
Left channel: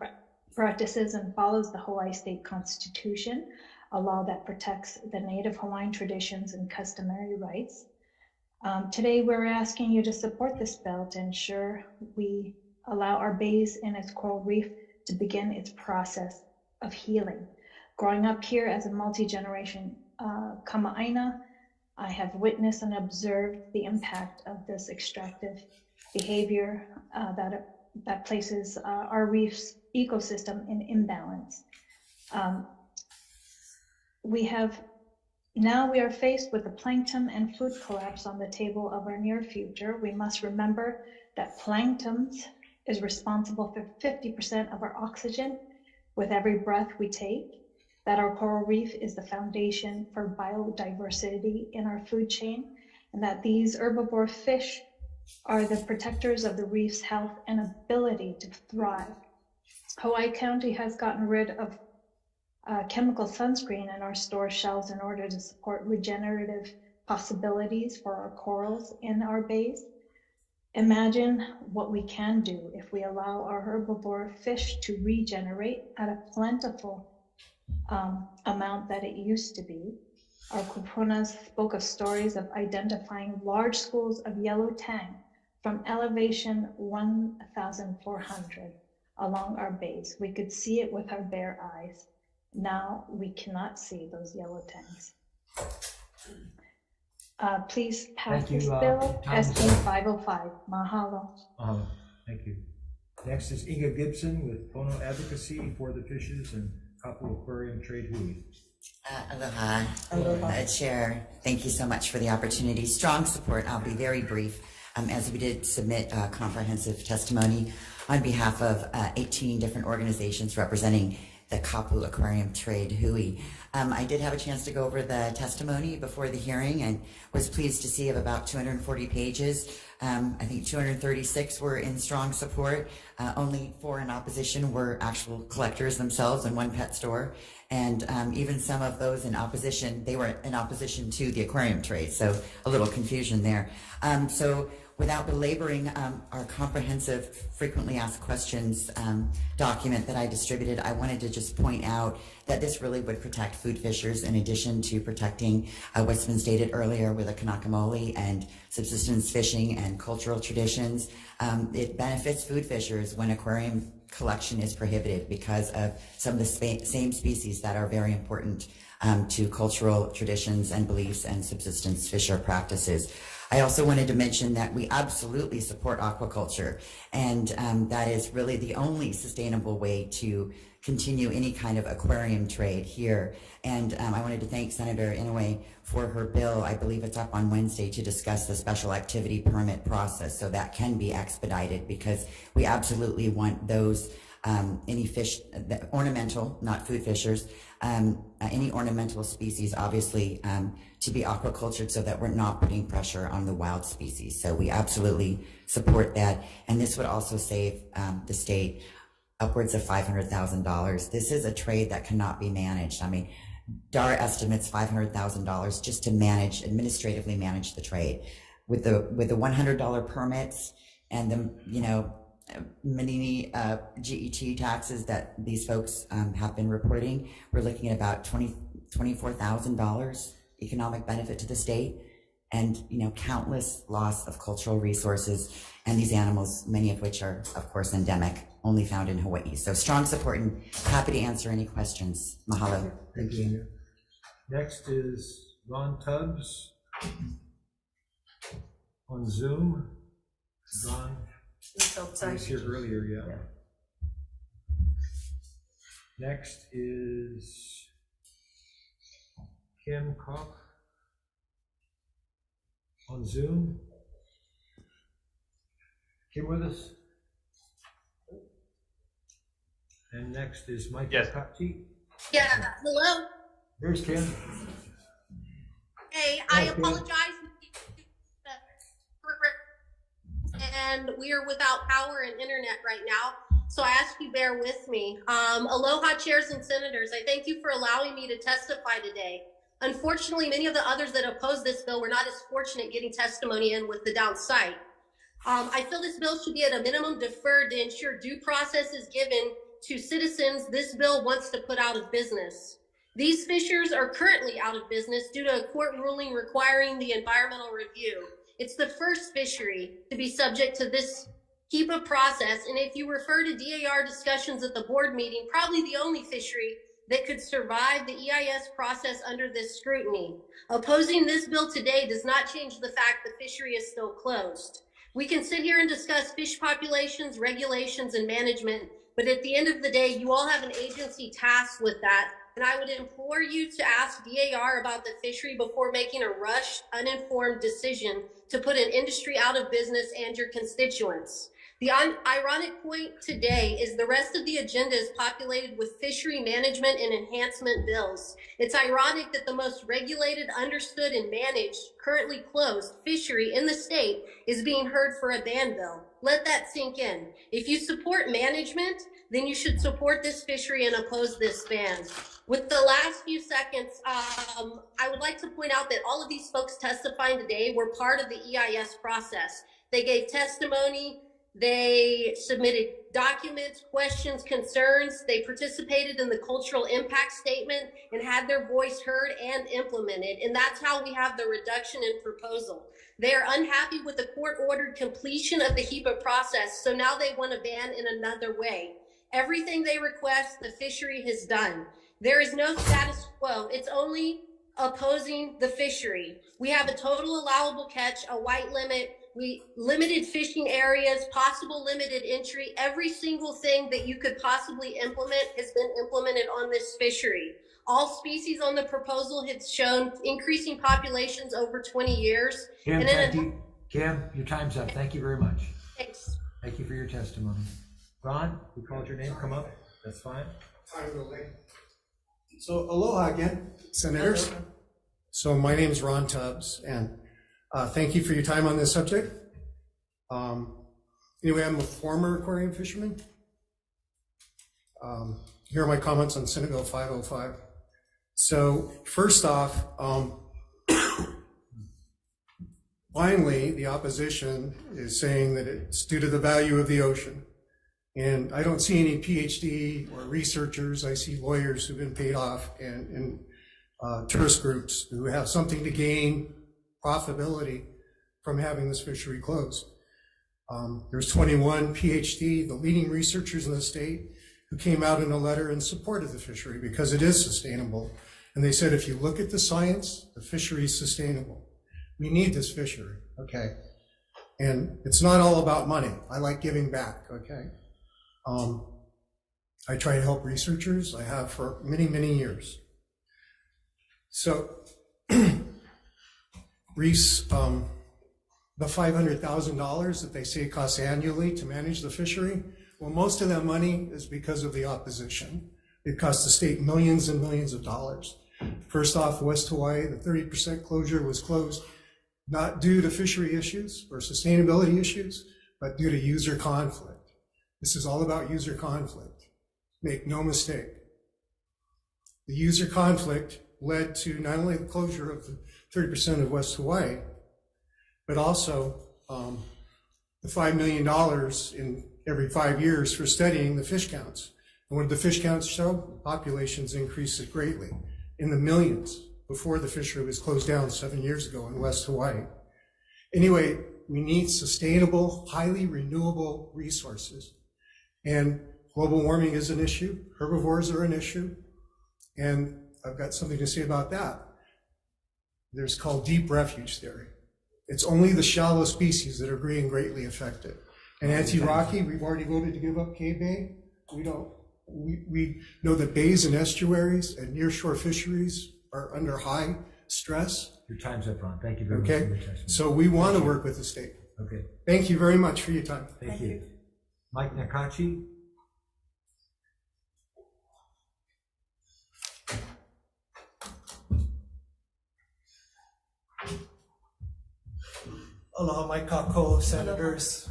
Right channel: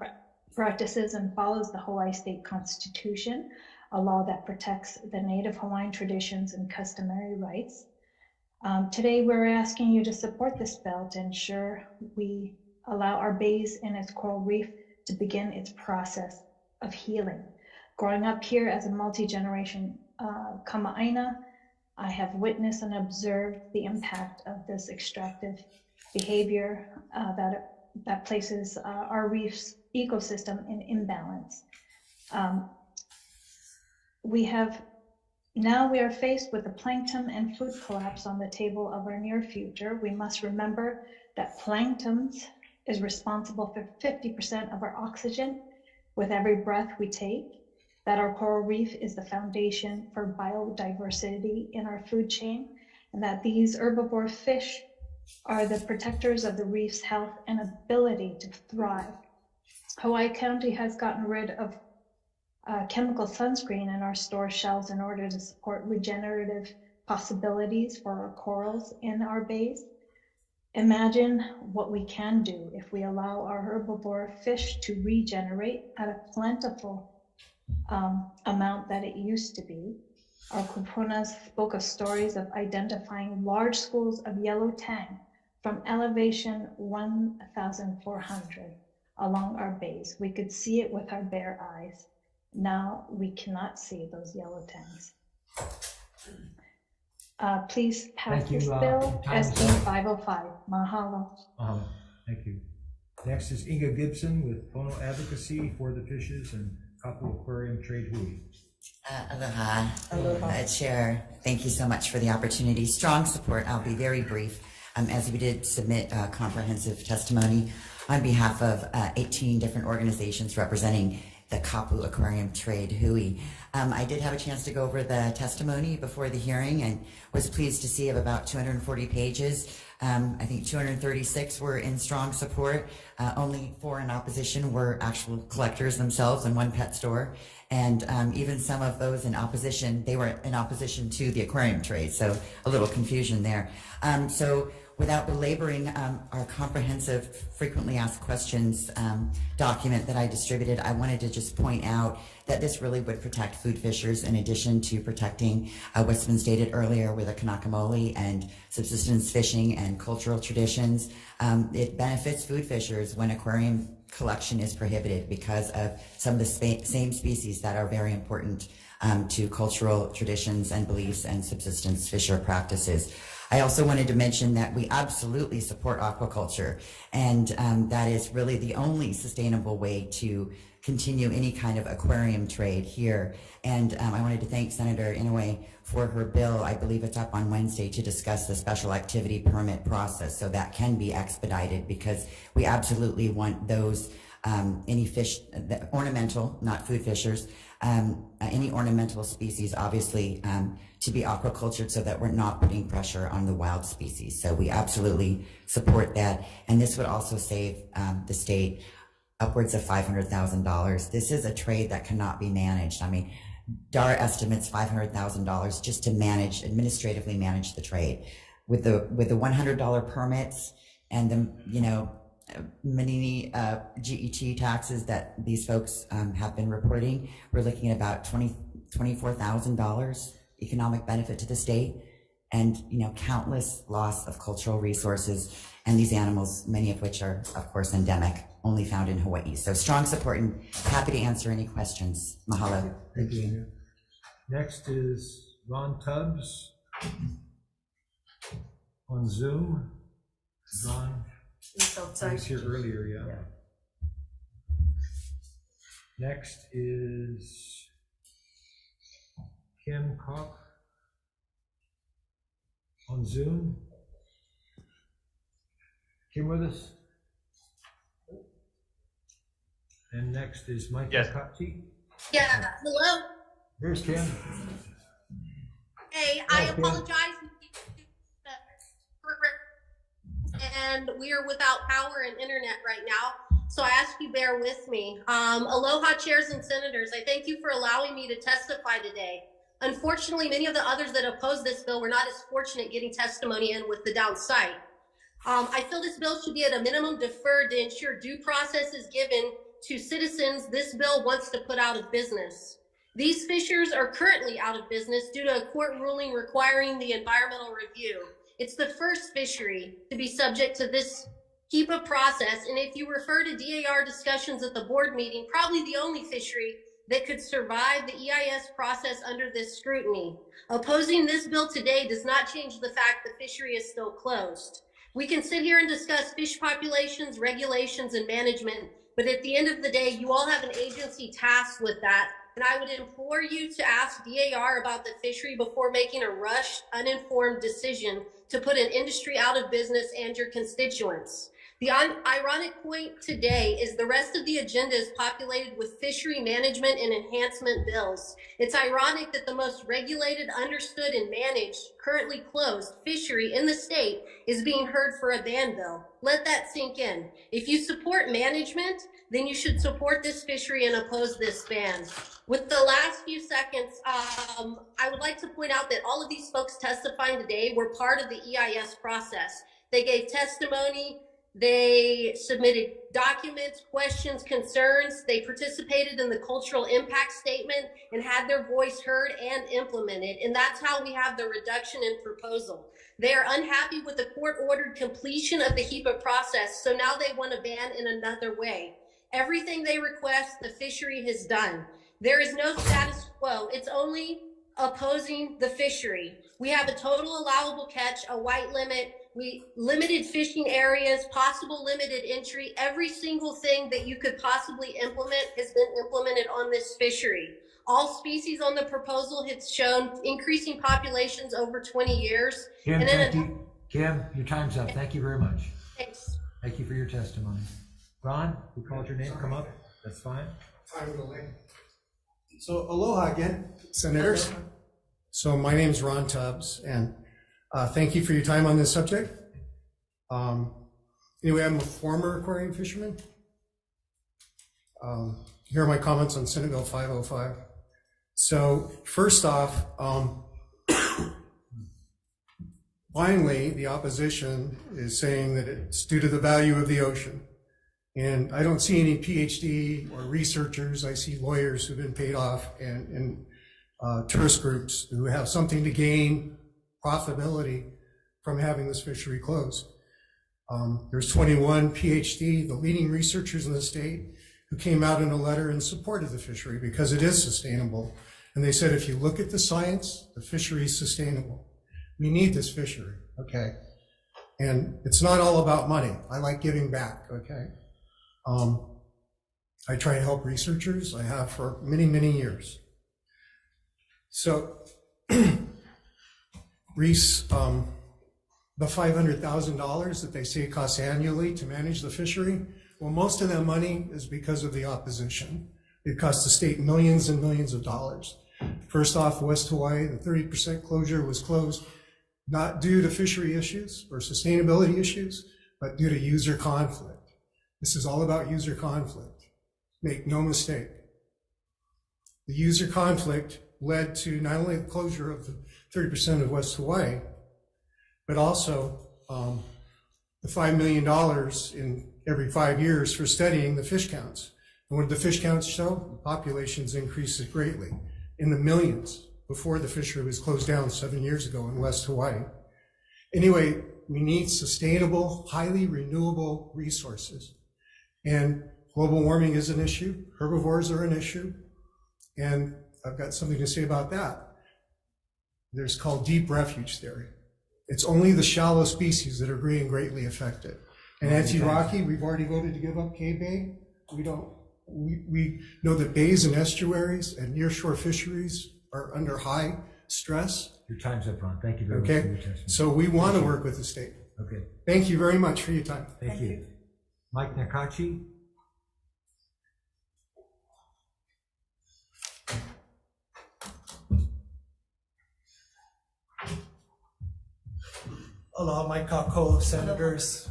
practices and follows the Hawaii State Constitution, a law that protects the Native Hawaiian traditions and customary rights. Today, we're asking you to support this bill to ensure we allow our bays and its coral reef to begin its process of healing. Growing up here as a multi-generation kama'aina, I have witnessed and observed the impact of this extractive behavior that places our reef's ecosystem in imbalance. We are faced with the plankton and food collapse on the table of our near future. We must remember that plankton is responsible for 50% of our oxygen with every breath we take, that our coral reef is the foundation for biodiversity in our food chain, and that these herbivore fish are the protectors of the reef's health and ability to thrive. Hawaii County has gotten rid of chemical sunscreen in our store shelves in order to support regenerative possibilities for our corals in our bays. Imagine what we can do if we allow our herbivore fish to regenerate at a plentiful amount that it used to be. Our kupunas spoke of stories of identifying large schools of yellow tang from elevation 1,400 along our bays. We could see it with our bare eyes. Now we cannot see those yellow tangs. Please pass Thank you, this bill, time is SB up. 505. Mahalo. Thank you. Next is Inga Gibson with Pono Advocacy for the Fishes and Kapu Aquarium Trade Hui. Aloha. Aloha. Chair, thank you so much for the opportunity. Strong support. I'll be very brief, as we did submit comprehensive testimony on behalf of 18 different organizations representing the Kapu Aquarium Trade Hui. I did have a chance to go over the testimony before the hearing and was pleased to see of about 240 pages. I think 236 were in strong support. Only 4 in opposition were actual collectors themselves and 1 pet store. And even some of those in opposition, they were in opposition to the aquarium trade. So a little confusion there. So without belaboring our comprehensive frequently asked questions document that I distributed, I wanted to just point out that this really would protect food fishers in addition to protecting what's been stated earlier with the kanakamoli and subsistence fishing and cultural traditions. It benefits food fishers when aquarium collection is prohibited because of some of the same species that are very important to cultural traditions and beliefs and subsistence fisher practices. I also wanted to mention that we absolutely support aquaculture, and that is really the only sustainable way to continue any kind of aquarium trade here. And I wanted to thank Senator Inouye for her bill. I believe it's up on Wednesday to discuss the special activity permit process, so that can be expedited because we absolutely want those any fish, ornamental, not food fishers, any ornamental species, obviously, to be aquacultured so that we're not putting pressure on the wild species. So we absolutely support that. And this would also save the state upwards of $500,000. This is a trade that cannot be managed. I mean, DAR estimates $500,000 just to administratively manage the trade. With the $100 permits and the, many GET taxes that these folks have been reporting, we're looking at about $24,000 economic benefit to the state, and countless loss of cultural resources, and these animals, many of which are of course endemic, only found in Hawaii. So strong support and happy to answer any questions. Mahalo. Thank you. Next is Ron Tubbs on Zoom. Ron, he was here earlier, yeah. Next is Kim Koch on Zoom. Kim with us? And next is Mike Kati. Yeah, hello. Here's Kim. Hey, I apologize. And we are without power and internet right now, so I ask you bear with me. Aloha, chairs and senators. I thank you for allowing me to testify today. Unfortunately, many of the others that opposed this bill were not as fortunate getting testimony in with the downside. I feel this bill should be at a minimum deferred to ensure due process is given to citizens this bill wants to put out of business. These fishers are currently out of business due to a court ruling requiring the environmental review. It's the first fishery to be subject to this HEPA process, and if you refer to DAR discussions at the board meeting, probably the only fishery that could survive the EIS process under this scrutiny. Opposing this bill today does not change the fact the fishery is still closed. We can sit here and discuss fish populations, regulations, and management, but at the end of the day, you all have an agency tasked with that, and I would implore you to ask DAR about the fishery before making a rushed, uninformed decision to put an industry out of business and your constituents. The ironic point today is the rest of the agenda is populated with fishery management and enhancement bills. It's ironic that the most regulated, understood, and managed, currently closed fishery in the state is being heard for a ban bill. Let that sink in. If you support management, then you should support this fishery and oppose this ban. With the last few seconds, I would like to point out that all of these folks testifying today were part of the EIS process. They gave testimony, they submitted documents, questions, concerns, they participated in the cultural impact statement and had their voice heard and implemented. And that's how we have the reduction in proposal. They are unhappy with the court-ordered completion of the HEPA process, so now they want to ban in another way. Everything they request, the fishery has done. There is no status quo. It's only opposing the fishery. We have a total allowable catch, a white limit, limited fishing areas, possible limited entry. Every single thing that you could possibly implement has been implemented on this fishery. All species on the proposal have shown increasing populations over 20 years. Kim, Kim, your time's up. Thank you very much. Thanks. Thank you for your testimony. Ron, we called your name. Come up. That's fine. Time to wait. So aloha again, senators. So my name is Ron Tubbs, and thank you for your time on this subject. Anyway, I'm a former aquarium fisherman. Here are my comments on Senate Bill 505. So first off, finally, the opposition is saying that it's due to the value of the ocean. And I don't see any PhD or researchers. I see lawyers who've been paid off and tourist groups who have something to gain profitability from having this fishery closed. There's 21 PhD, the leading researchers in the state, who came out in a letter in support of the fishery because it is sustainable. And they said, if you look at the science, the fishery is sustainable. We need this fishery, okay? And it's not all about money. I like giving back, okay? I try to help researchers. I have for many, many years. So, Reese, the $500,000 that they say costs annually to manage the fishery, well, most of that money is because of the opposition. It cost the state millions and millions of dollars. First off, West Hawaii, the 30% closure was closed not due to fishery issues or sustainability issues, but due to user conflict. This is all about user conflict. Make no mistake. The user conflict led to not only the closure of the 30% of West Hawaii, but also the $5 million in every 5 years for studying the fish counts. And what did the fish counts show? Populations increased greatly in the millions before the fishery was closed down 7 years ago in West Hawaii. Anyway, we need sustainable, highly renewable resources. And global warming is an issue. Herbivores are an issue. And I've got something to say about that. There's called deep refuge theory. It's only the shallow species that are being greatly affected. And anti-Rocky, we've already voted to give up Cave Bay. We know that bays and estuaries and nearshore fisheries are under high stress. Your time's up, Ron. Thank you very much for your testimony. So we want to work with the state. Okay. Thank you very much for your time. Thank you. Mike Nakachi. Aloha, Mike Kako, senators.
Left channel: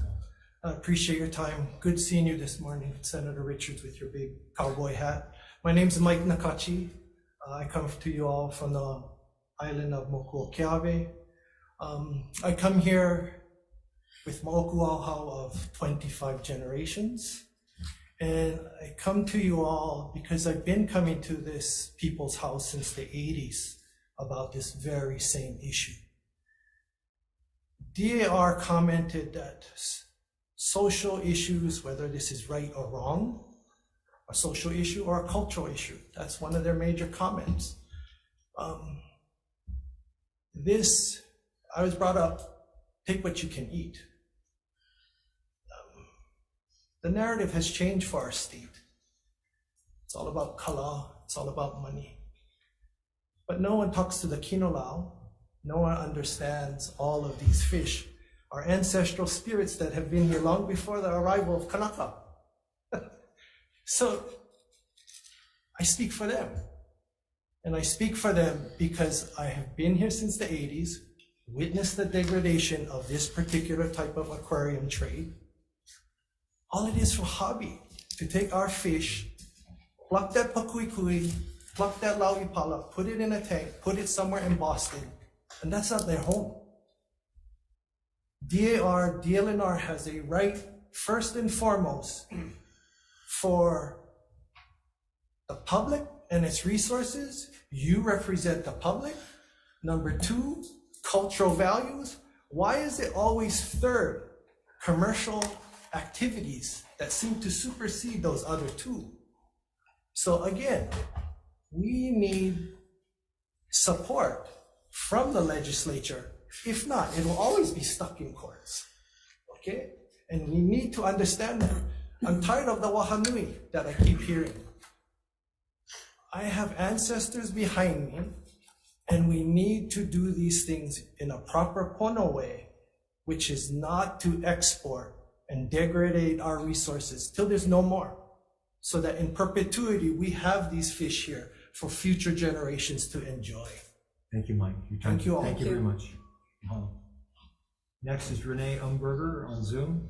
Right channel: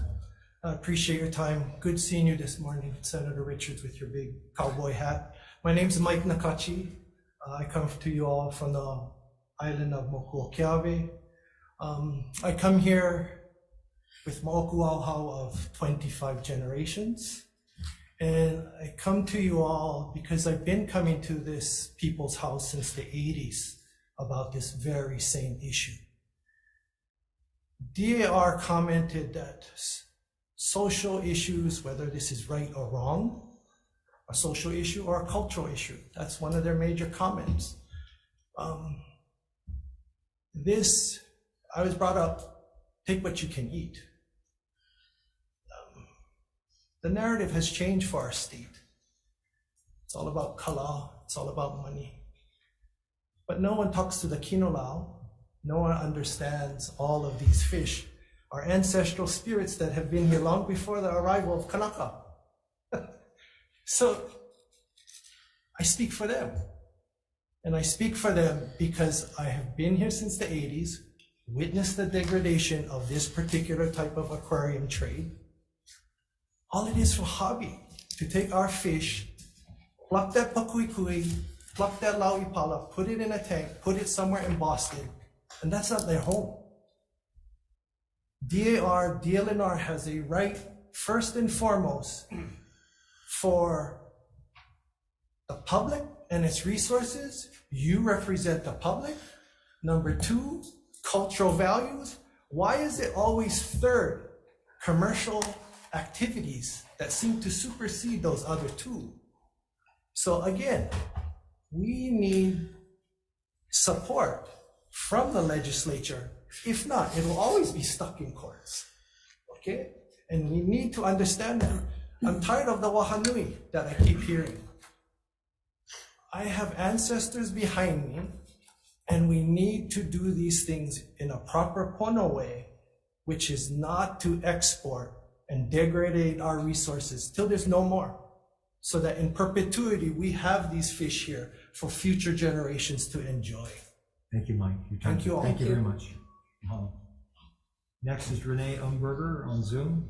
I appreciate your time. Good seeing you this morning, Senator Richards, with your big cowboy hat. My name's Mike Nakachi. I come to you all from the island of Mokuokeawe. I come here with Mokuauhau of 25 generations. And I come to you all because I've been coming to this people's house since the 80s about this very same issue. DAR commented that social issues, whether this is right or wrong, a social issue or a cultural issue, that's one of their major comments. I was brought up, take what you can eat. The narrative has changed for our state. It's all about kala, it's all about money. But no one talks to the kinolau. No one understands all of these fish, our ancestral spirits that have been here long before the arrival of Kanaka. So I speak for them. And I speak for them because I have been here since the 80s, witnessed the degradation of this particular type of aquarium trade. All it is for hobby, to take our fish, pluck that pakuikui, pluck that lauipala, put it in a tank, put it somewhere in Boston, and that's not their home. DLNR has a right, first and foremost, for the public and its resources. You represent the public. Number two, cultural values. Why is it always third, commercial activities that seem to supersede those other two? So again, we need support from the legislature. If not, it will always be stuck in courts, okay? And we need to understand that. I'm tired of the wahanui that I keep hearing. I have ancestors behind me, and we need to do these things in a proper pono way, which is not to export and degrade our resources till there's no more, so that in perpetuity, we have these fish here for future generations to enjoy. Thank you, Mike. Thank you all. Thank you very much. Next is Renee Umberger on Zoom.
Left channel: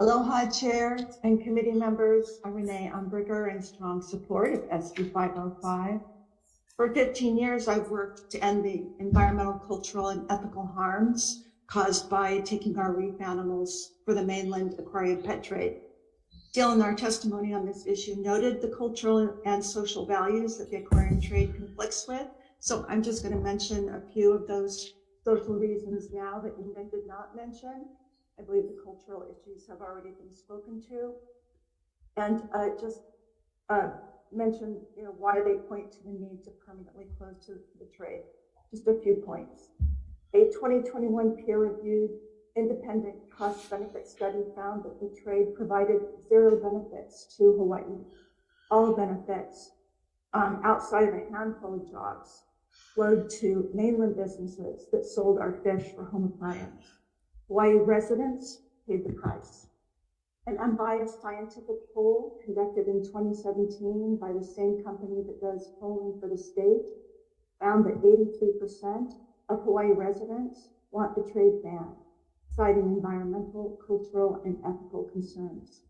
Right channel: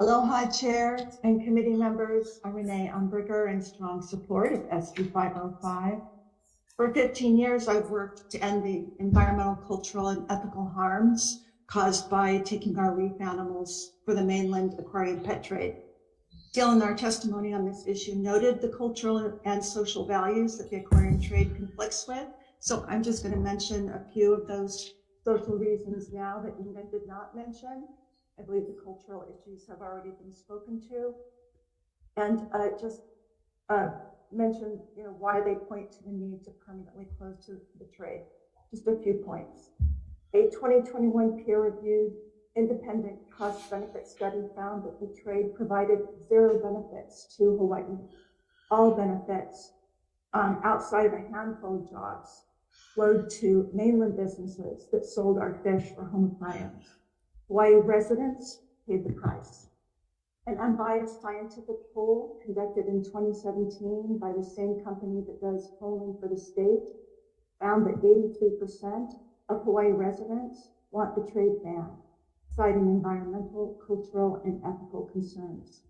Aloha, Chair and committee members. I'm Renee Umberger in strong support of SB 505. For 15 years, I've worked to end the environmental, cultural, and ethical harms caused by taking our reef animals for the mainland aquarium pet trade. Dale, in our testimony on this issue, noted the cultural and social values that the aquarium trade conflicts with. So I'm just going to mention a few of those social reasons now that Ingrid did not mention. I believe the cultural issues have already been spoken to. And just mention why they point to the need to permanently close to the trade. Just a few points. A 2021 peer-reviewed independent cost-benefit study found that the trade provided zero benefits to Hawaii. All benefits outside of a handful of jobs flowed to mainland businesses that sold our fish for home aquariums. Hawaii residents paid the price. An unbiased scientific poll conducted in 2017 by the same company that does polling for the state found that 83% of Hawaii residents want the trade ban, citing environmental, cultural, and ethical concerns.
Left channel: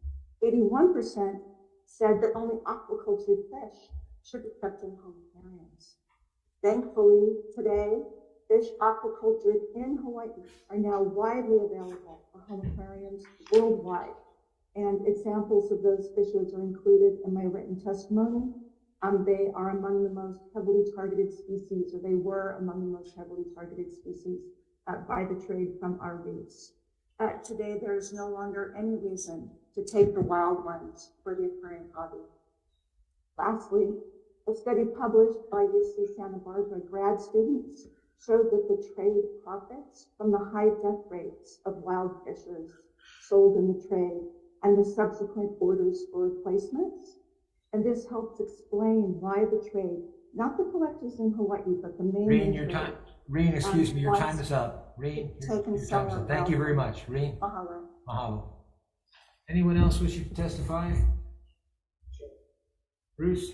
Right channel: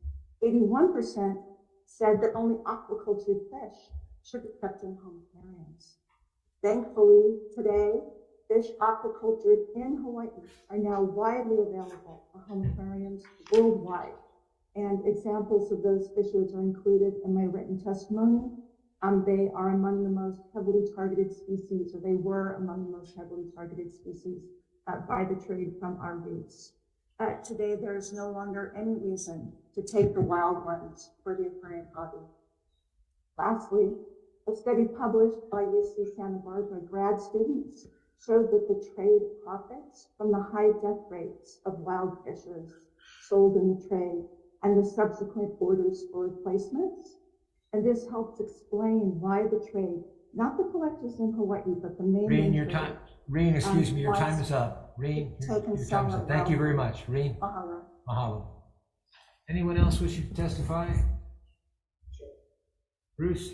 81% said that only aquaculture fish should be kept in home aquariums. Thankfully, today, fish aquacultured in Hawaii are now widely available for home aquariums worldwide. And examples of those fishes are included in my written testimony. They are among the most heavily targeted species, or they were among the most heavily targeted species by the trade from our reefs. Today, there is no longer any reason to take the wild ones for the aquarium hobby. Lastly, a study published by UC Santa Barbara grad students showed that the trade profits from the high death rates of wild fishes sold in the trade and the subsequent orders for replacements. And this helps explain why the trade, not the collectors in Hawaii, but the main Reen, your time. Reen, excuse me, your time is up. Reen, your time is up. Thank you very much, Reen. Mahalo. Mahalo. Anyone else wishing to testify? Bruce?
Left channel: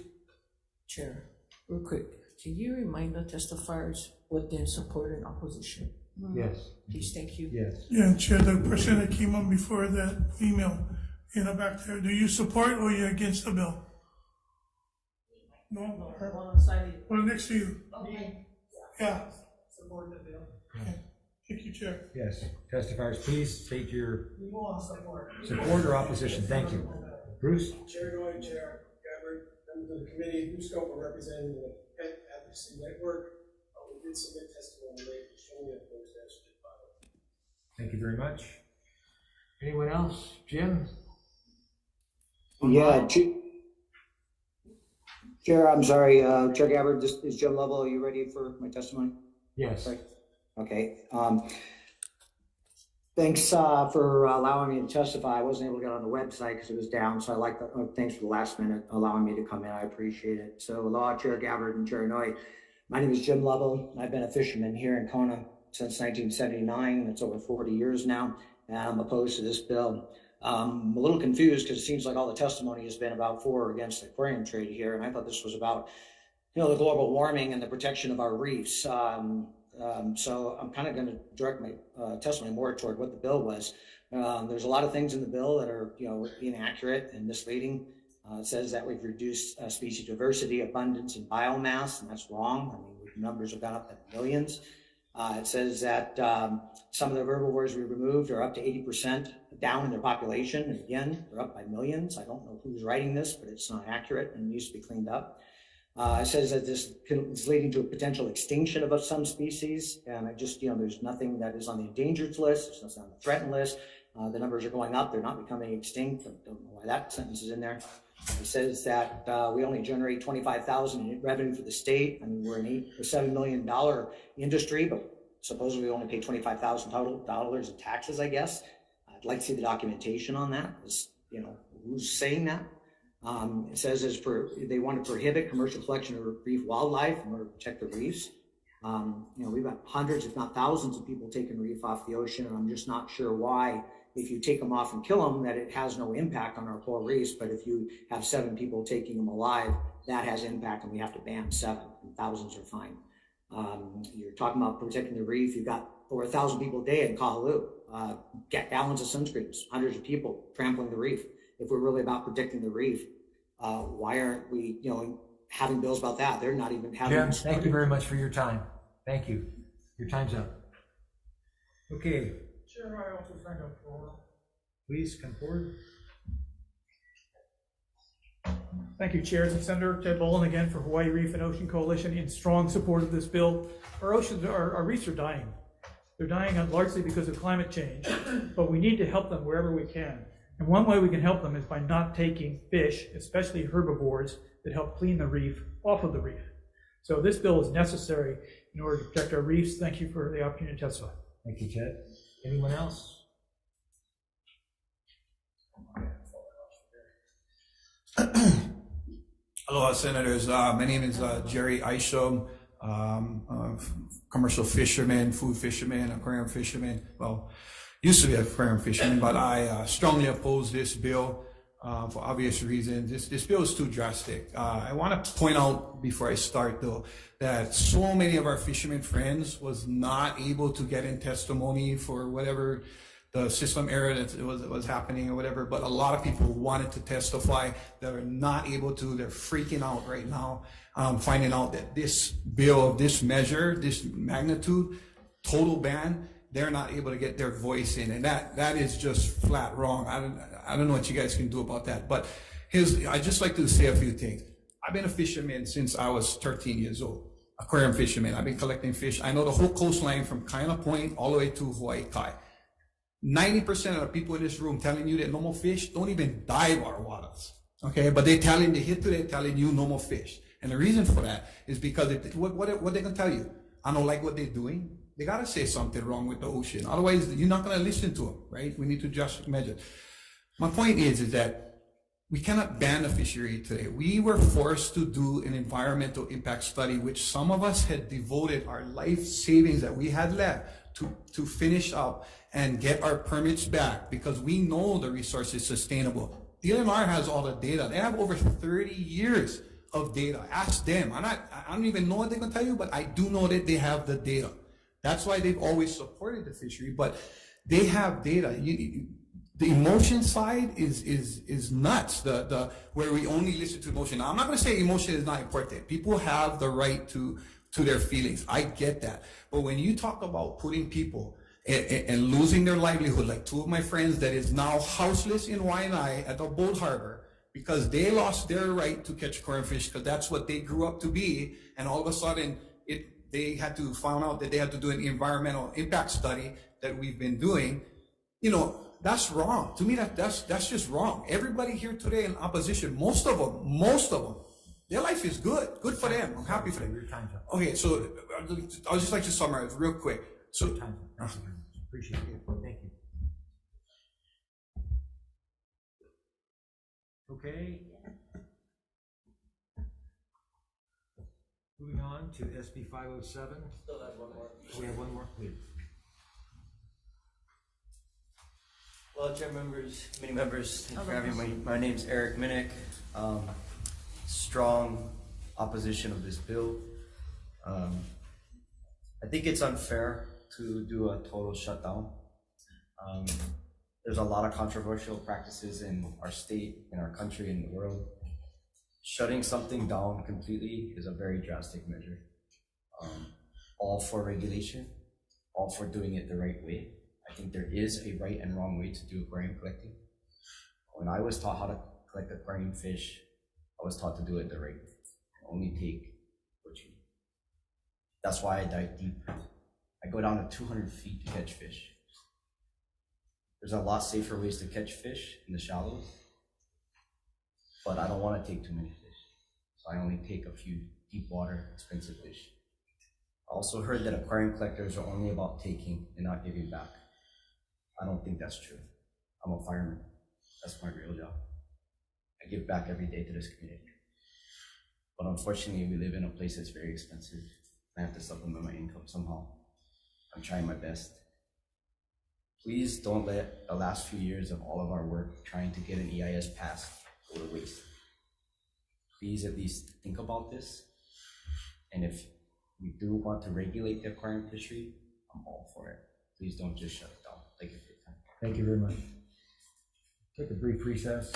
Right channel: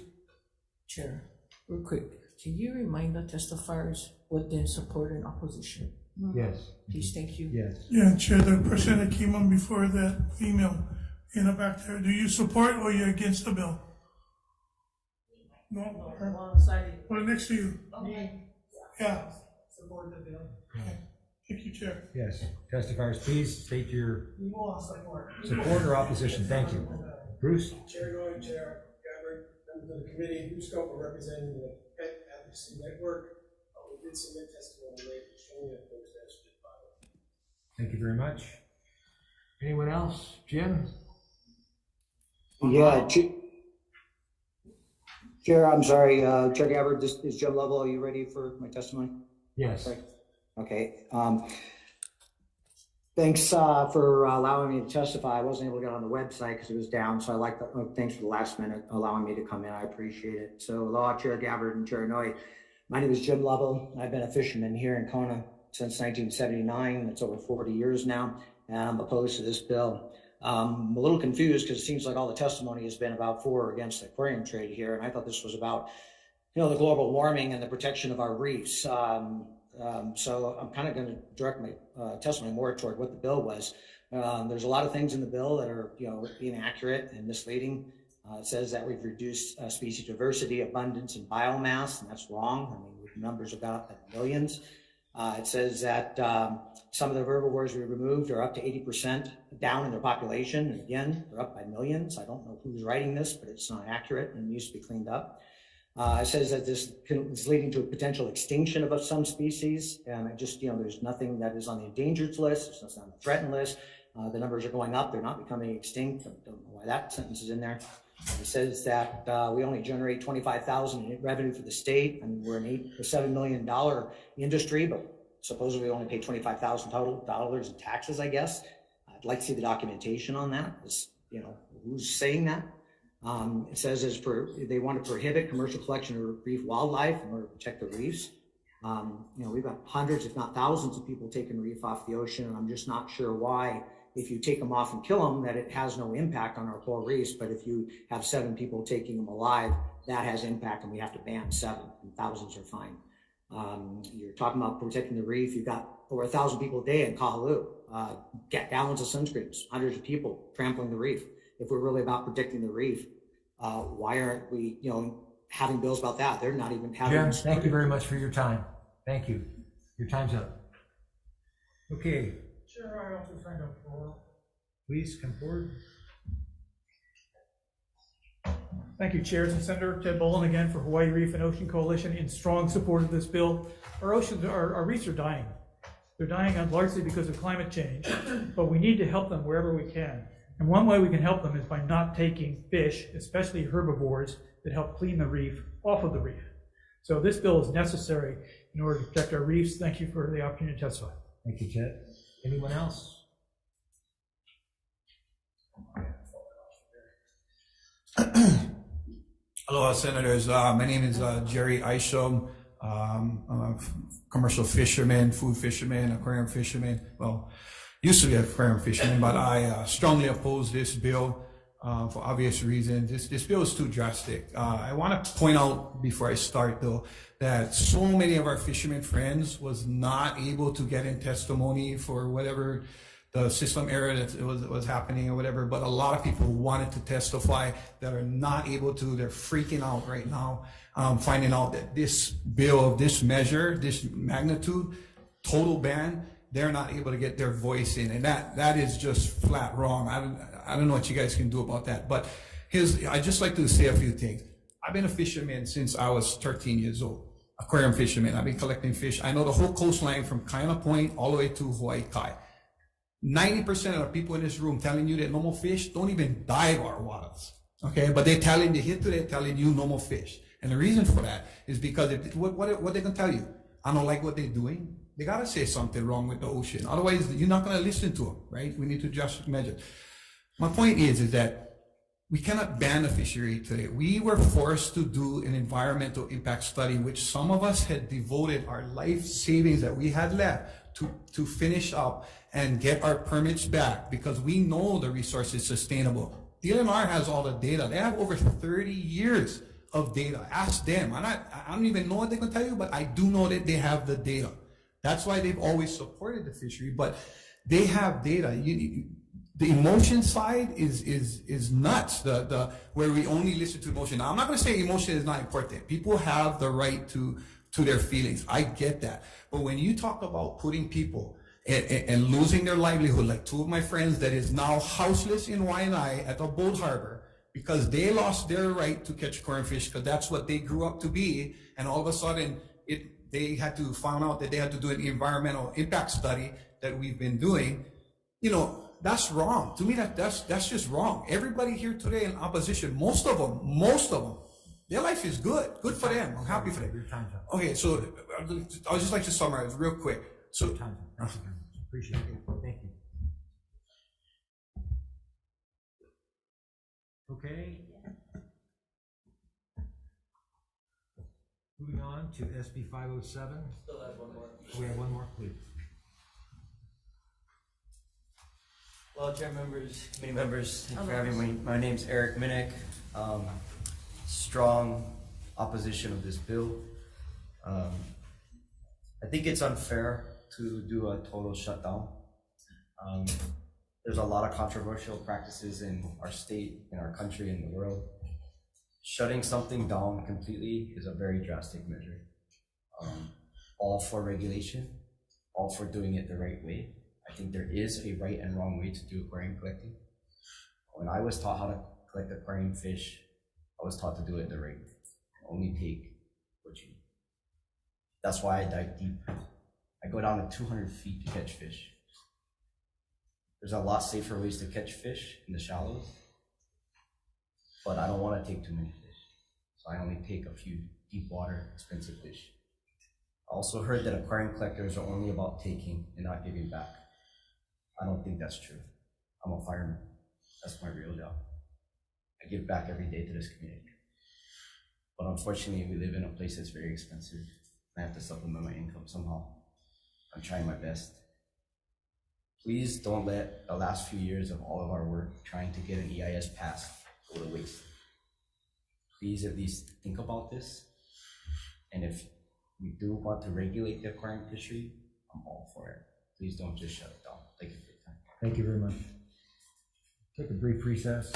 Chair, real quick, can you remind the testifiers what their support and opposition? Yes. Please, thank you. Yes. Yeah, Chair, the person that came on before, that female in the back there, do you support or you're against the bill? No? Well, next to you. Okay. Yeah. Support the bill. Okay. Thank you, Chair. Yes. Testifiers, please state your support or opposition. Thank you. Bruce? Chair Noy, Chair Gabbard, members of the committee, Bruce Scope, representing the Pet Advocacy Network. We did submit testimony late, showing that folks actually did file it. Thank you very much. Anyone else? Jim? Yeah, Chair, I'm sorry, Chair Gabbard, this is Jim Lovell. Are you ready for my testimony? Yes. Okay. Thanks for allowing me to testify. I wasn't able to get on the website because it was down, so I like the thanks for the last minute allowing me to come in. I appreciate it. So, Aloha, Chair Gabbard and Chair Noy. My name is Jim Lovell. I've been a fisherman here in Kona since 1979. It's over 40 years now, and I'm opposed to this bill. I'm a little confused because it seems like all the testimony has been about for or against the aquarium trade here, and I thought this was about, the global warming and the protection of our reefs. So I'm kind of going to direct my testimony more toward what the bill was. There's a lot of things in the bill that are, inaccurate and misleading. It says that we've reduced species diversity, abundance, and biomass, and that's wrong. I mean, the numbers are about millions. It says that some of the herbivores we removed are up to 80% down in their population. And again, they're up by millions. I don't know who's writing this, but it's not accurate and needs to be cleaned up. It says that this is leading to a potential extinction of some species. And I just, there's nothing that is on the endangered list. There's nothing on the threatened list. The numbers are going up. They're not becoming extinct. I don't know why that sentence is in there. It says that we only generate $25,000 in revenue for the state. I mean, we're an $8 or $7 million industry, but supposedly we only pay $25,000 in taxes, I guess. I'd like to see the documentation on that. Who's saying that? It says they want to prohibit commercial collection of reef wildlife in order to protect the reefs. We've got hundreds, if not thousands, of people taking reef off the ocean, and I'm just not sure why, if you take them off and kill them, that it has no impact on our coral reefs. But if you have 7 people taking them alive, that has impact, and we have to ban 7, and thousands are fine. You're talking about protecting the reef. You've got over 1,000 people a day in Kahaluu, gallons of sunscreens, hundreds of people trampling the reef. If we're really about protecting the reef, why aren't we, having bills about that? They're not even having. Jim, thank you very much for your time. Thank you. Your time's up. Okay. Chair, I also signed up for. Please come forward. Thank you, Chair. And Senator Ted Boland again for Hawaii Reef and Ocean Coalition in strong support of this bill. Our reefs are dying. They're dying largely because of climate change, but we need to help them wherever we can. And one way we can help them is by not taking fish, especially herbivores, that help clean the reef off of the reef. So this bill is necessary in order to protect our reefs. Thank you for the opportunity to testify. Thank you, Ted. Anyone else? Aloha, Senators. My name is Jerry Isham, commercial fisherman, food fisherman, aquarium fisherman. Well, used to be an aquarium fisherman, but I strongly oppose this bill for obvious reasons. This bill is too drastic. I want to point out before I start, though, that so many of our fishermen friends was not able to get in testimony for whatever the system error that was happening or whatever, but a lot of people wanted to testify that are not able to. They're freaking out right now, finding out that this bill of this measure, this magnitude, total ban, they're not able to get their voice in, and that is just flat wrong. I don't know what you guys can do about that, but I just like to say a few things. I've been a fisherman since I was 13 years old, aquarium fisherman. I've been collecting fish. I know the whole coastline from Kaina Point all the way to Hawaii Kai. 90% of the people in this room telling you that normal fish don't even dive our waters, okay? But they're telling you normal fish. And the reason for that is because what they gonna tell you? I don't like what they're doing. They gotta say something wrong with the ocean. Otherwise, you're not gonna listen to them, right? We need to just measure. My point is that we cannot ban the fishery today. We were forced to do an environmental impact study, which some of us had devoted our life savings that we had left to finish up and get our permits back, because we know the resource is sustainable. The DLNR has all the data. They have over 30 years of data. Ask them. I don't even know what they can tell you, but I do know that they have the data. That's why they've always supported the fishery, but they have data. The emotion side is nuts. Where we only listen to emotion. Now, I'm not going to say emotion is not important. People have the right to their feelings. I get that. But when you talk about putting people and losing their livelihood, like two of my friends that is now houseless in Waianae at the boat harbor because they lost their right to catch aquarium fish because that's what they grew up to be, and all of a sudden they had to find out that they had to do an environmental impact study that we've been doing. That's wrong. To me, that's just wrong. Everybody here today in opposition, most of them, their life is good. Good for them. I'm happy for them. Okay, so I'll just like to summarize real quick. So, Appreciate it. Thank you. Okay. Moving on to SB 507. Still have one more. We have one more, please. Well, chair members, committee members, thank you for having me. My name's Eric Minnick. Strong opposition of this bill. I think it's unfair to do a total shutdown. There's a lot of controversial practices in our state, in our country, in the world. Shutting something down completely is a very drastic measure. All for regulation, all for doing it the right way. I think there is a right and wrong way to do aquarium collecting. When I was taught how to collect aquarium fish, I was taught to do it the right way. Only take what you need. That's why I dive deep. I go down to 200 feet to catch fish. There's a lot safer ways to catch fish in the shallows, but I don't want to take too many fish. So I only take a few deep water, expensive fish. I also heard that aquarium collectors are only about taking and not giving back. I don't think that's true. I'm a fireman. That's my real job. I give back every day to this community. But unfortunately, we live in a place that's very expensive. I have to supplement my income somehow. I'm trying my best. Please don't let the last few years of all of our work trying to get an EIS passed go to waste. Please at least think about this. And if we do want to regulate the aquarium fishery, I'm all for it. Please don't just shut it down. Thank you for your time. Thank you very much. Take a brief recess.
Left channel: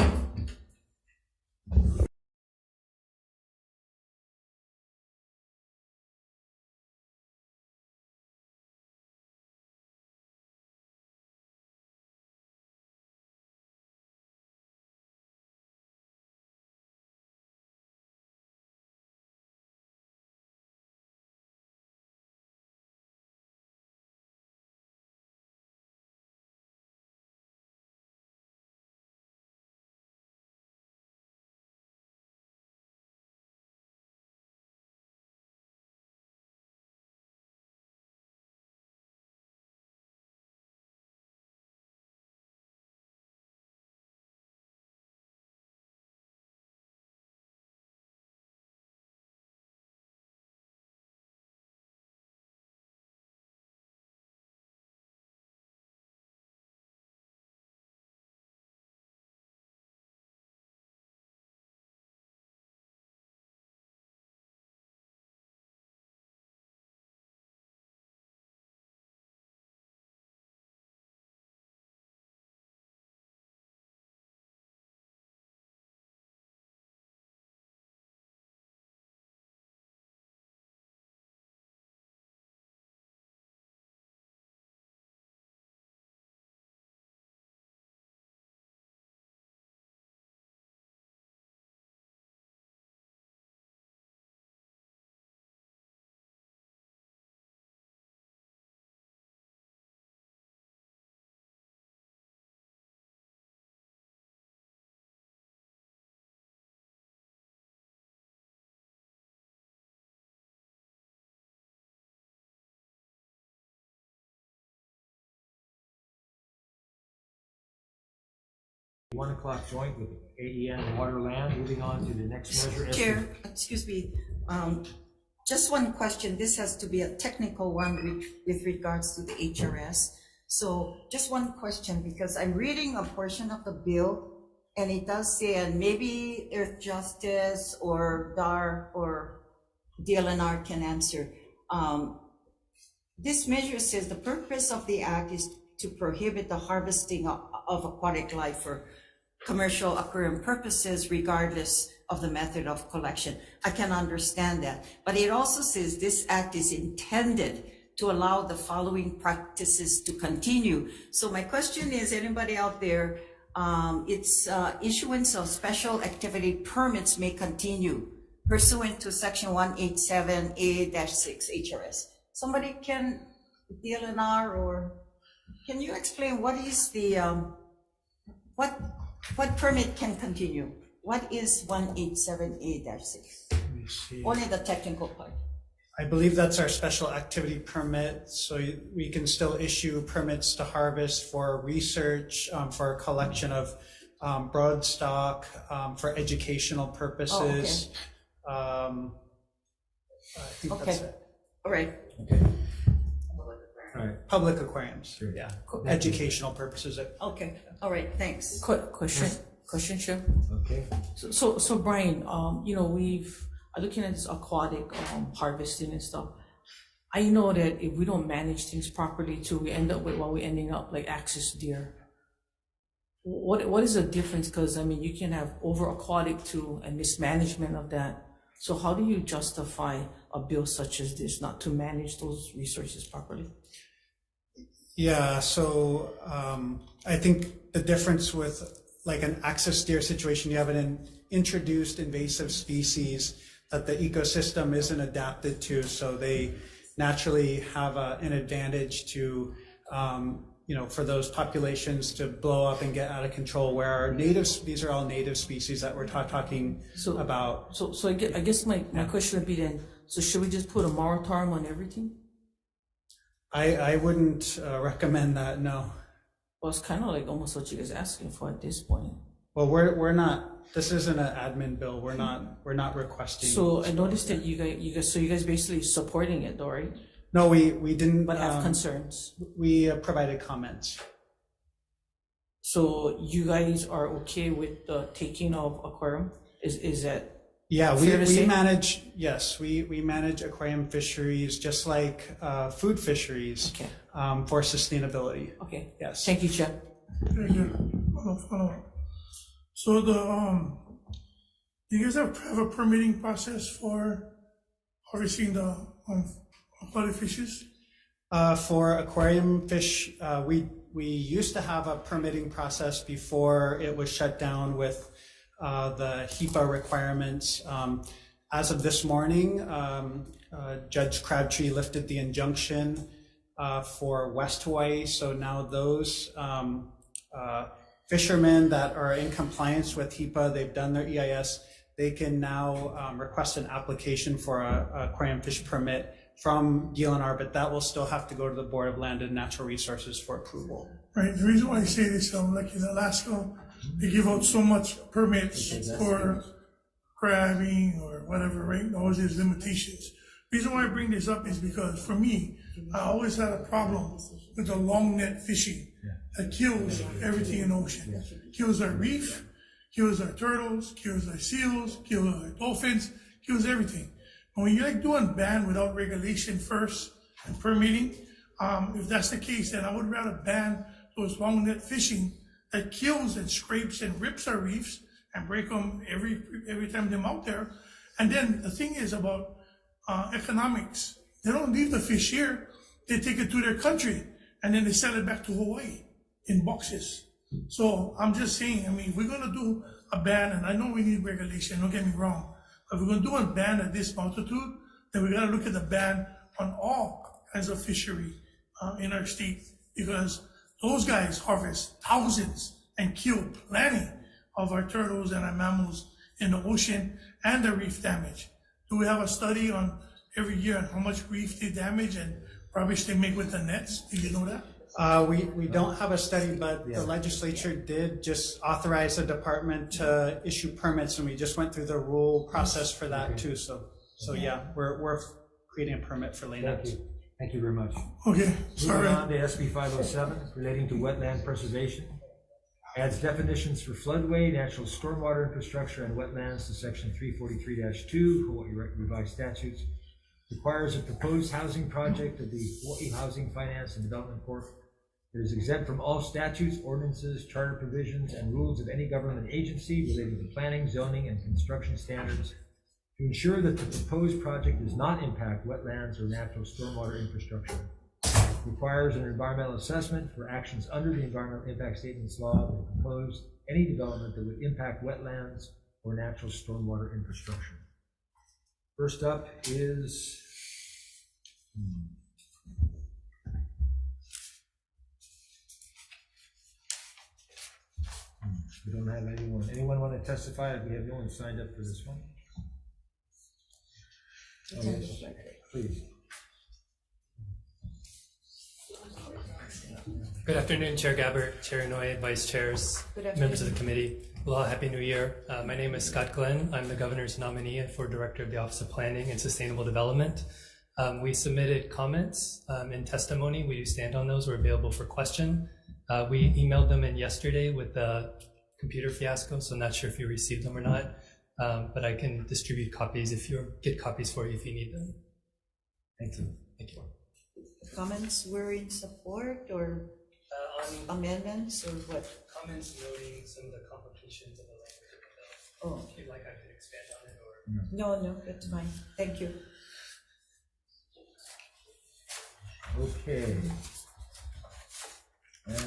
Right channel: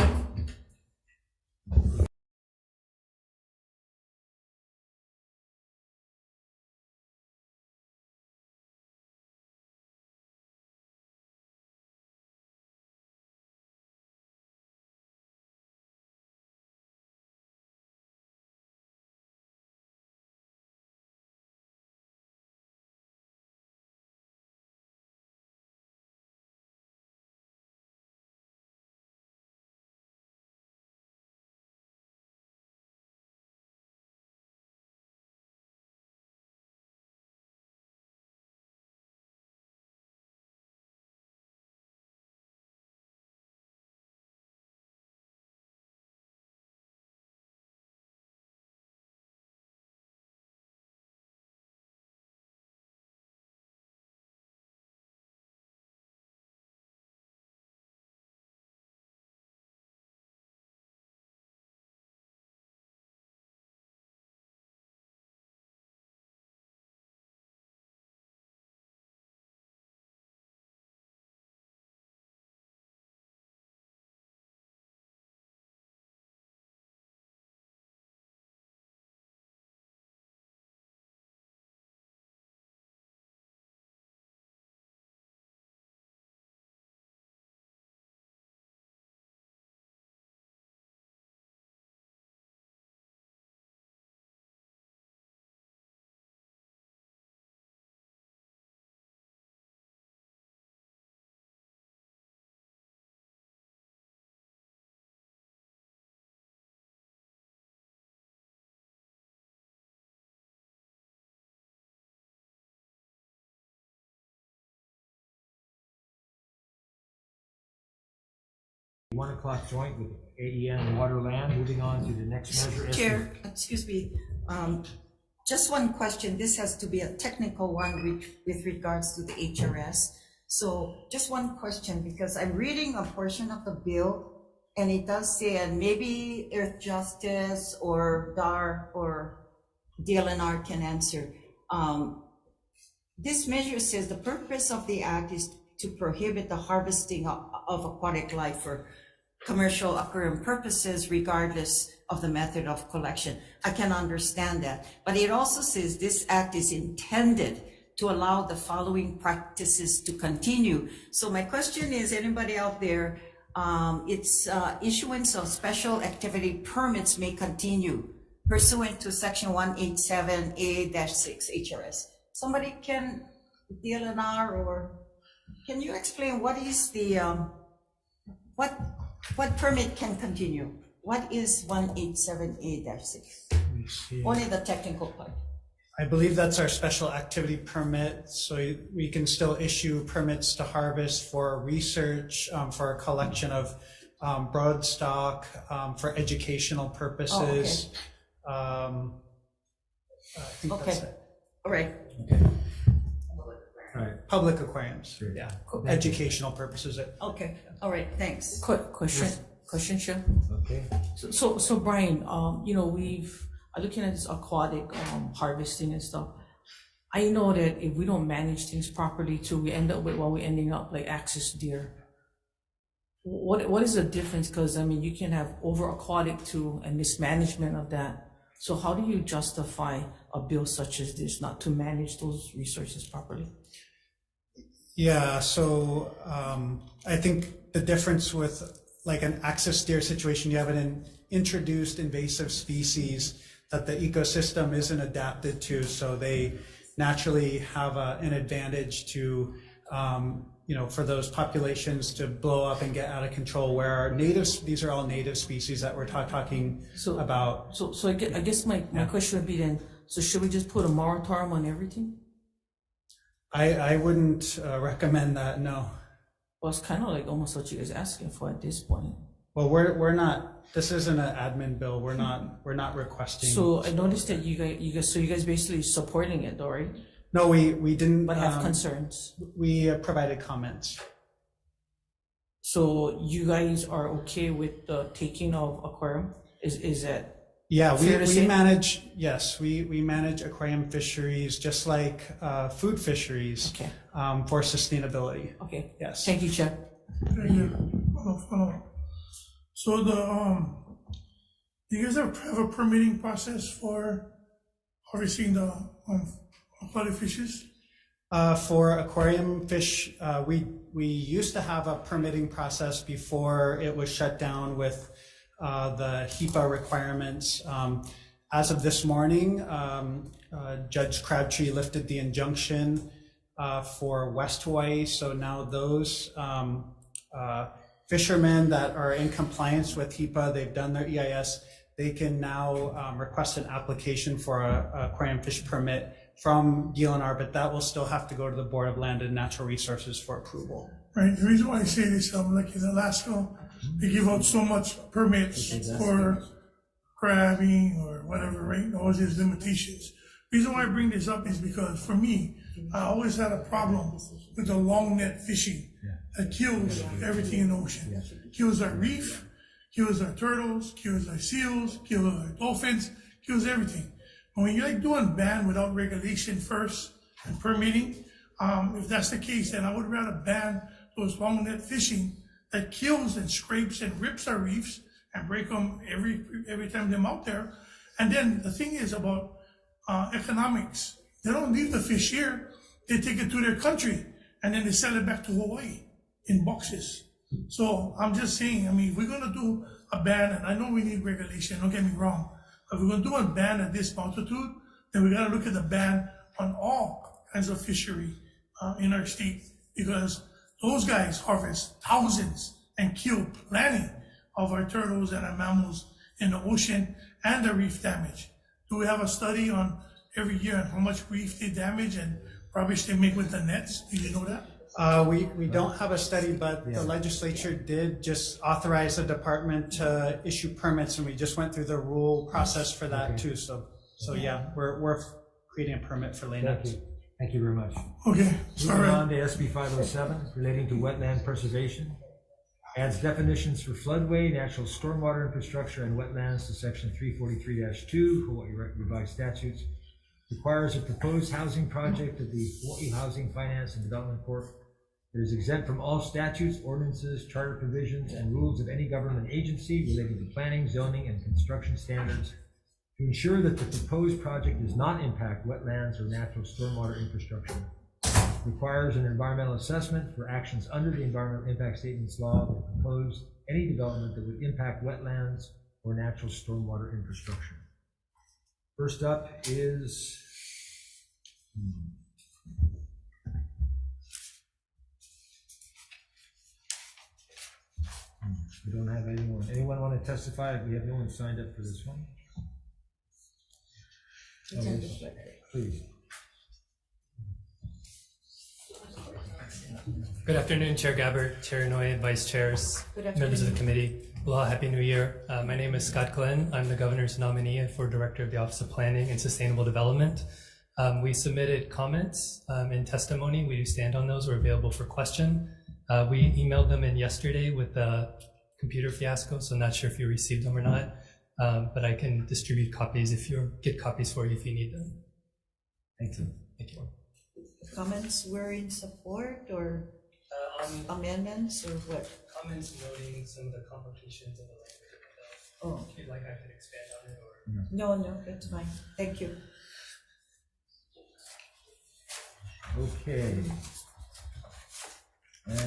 1 o'clock joint with AEN Waterland. Moving on to the next measure. Chair, excuse me, just one question. This has to be a technical one with regards to the HRS. So just one question, because I'm reading a portion of the bill and it does say, and maybe Earth Justice or DAR or DLNR can answer. This measure says the purpose of the act is to prohibit the harvesting of aquatic life for commercial aquarium purposes, regardless of the method of collection. I can understand that, but it also says this act is intended to allow the following practices to continue. So my question is, anybody out there, it's issuance of special activity permits may continue pursuant to section 187A-6 HRS. Somebody can, DLNR, or can you explain what is the, what permit can continue? What is 187A-6? Only the technical part. I believe that's our special activity permit. So we can still issue permits to harvest for research, for collection of broodstock, for educational purposes. Oh, okay. I think that's it. All right. Okay. All right. Public aquariums, yeah, educational purposes. Okay, all right, thanks. Quick question, Chair. Okay. So Brian, you know, we've looking at this aquatic harvesting and stuff. I know that if we don't manage things properly too, we end up with what we're ending up like axis deer. What is the difference? Because I mean, you can have over aquatic too and mismanagement of that. So how do you justify a bill such as this not to manage those resources properly? Yeah, so I think the difference with like an axis deer situation, you have an introduced invasive species that the ecosystem isn't adapted to, so they naturally have an advantage to, you know, for those populations to blow up and get out of control, where our natives, these are all native species that we're talking about. So I guess my question would be then, so should we just put a moratorium on everything? I wouldn't recommend that, no. Well, it's kind of like almost what you guys asking for at this point. Well, we're not, this isn't an admin bill, we're not requesting. So I noticed that you guys basically supporting it though, right? No, we didn't. But have concerns. We provided comments. So you guys are okay with the taking of aquarium? Is that? Yeah, we manage, yes, we manage aquarium fisheries just like food fisheries. Okay. For sustainability. Okay. Yes. Thank you, Chair. Follow. So you guys have a permitting process for harvesting the aquatic fishes? For aquarium fish, we used to have a permitting process before it was shut down with the HEPA requirements. As of this morning, Judge Crabtree lifted the injunction for West Hawaii. So now those fishermen that are in compliance with HEPA, they've done their EIS, they can now request an application for a aquarium fish permit from DLNR, but that will still have to go to the Board of Land and Natural Resources for approval. Right, the reason why I say this, like in Alaska, they give out so much permits for crabbing or whatever, right? Always there's limitations. The reason why I bring this up is because for me, I always had a problem with the long net fishing that kills everything in the ocean. Kills our reef, kills our turtles, kills our seals, kills our dolphins, kills everything. And when you're like doing ban without regulation first and permitting, if that's the case, then I would rather ban those long net fishing that kills and scrapes and rips our reefs and break them every time they're out there. And then the thing is about economics. They don't leave the fish here. They take it to their country and then they sell it back to Hawaii in boxes. So I'm just saying, I mean, if we're gonna do a ban, and I know we need regulation, don't get me wrong, but if we're gonna do a ban at this altitude, then we gotta look at the ban on all kinds of fishery in our state, because those guys harvest thousands and kill plenty of our turtles and our mammals in the ocean and the reef damage. Do we have a study on every year on how much reef they damage and rubbish they make with the nets? Do you know that? We don't have a study, but the legislature did just authorize the department to issue permits, and we just went through the rule process for that too. So yeah, we're creating a permit for layouts. Thank you very much. Okay, sorry. Moving on to SB 507, relating to wetland preservation. Adds definitions for floodway, natural stormwater infrastructure, and wetlands to section 343-2, Hawaii Revised Statutes. Requires a proposed housing project of the Hawaii Housing Finance and Development Corp. That is exempt from all statutes, ordinances, charter provisions, and rules of any government agency relating to planning, zoning, and construction standards, to ensure that the proposed project does not impact wetlands or natural stormwater infrastructure. Requires an environmental assessment for actions under the Environmental Impact Statements Law that propose any development that would impact wetlands or natural stormwater infrastructure. First up is we don't have anyone. Anyone want to testify? We have no one signed up for this one. Oh, yes. Please. Good afternoon, Chair Gabbard, Chair Inouye, Vice Chairs, members of the committee. Aloha, Happy New Year. My name is Scott Glenn. I'm the Governor's nominee for Director of the Office of Planning and Sustainable Development. We submitted comments and testimony. We stand on those. We're available for question. We emailed them in yesterday with the computer fiasco, so I'm not sure if you received them or not, but I can distribute copies get copies for you if you need them. Thank you. Thank you. Comments were in support or amendments or what? Comments noting some of the complications of the language of the bill. Oh. If you'd like, I could expand on it or. No, that's fine. Thank you. Okay. And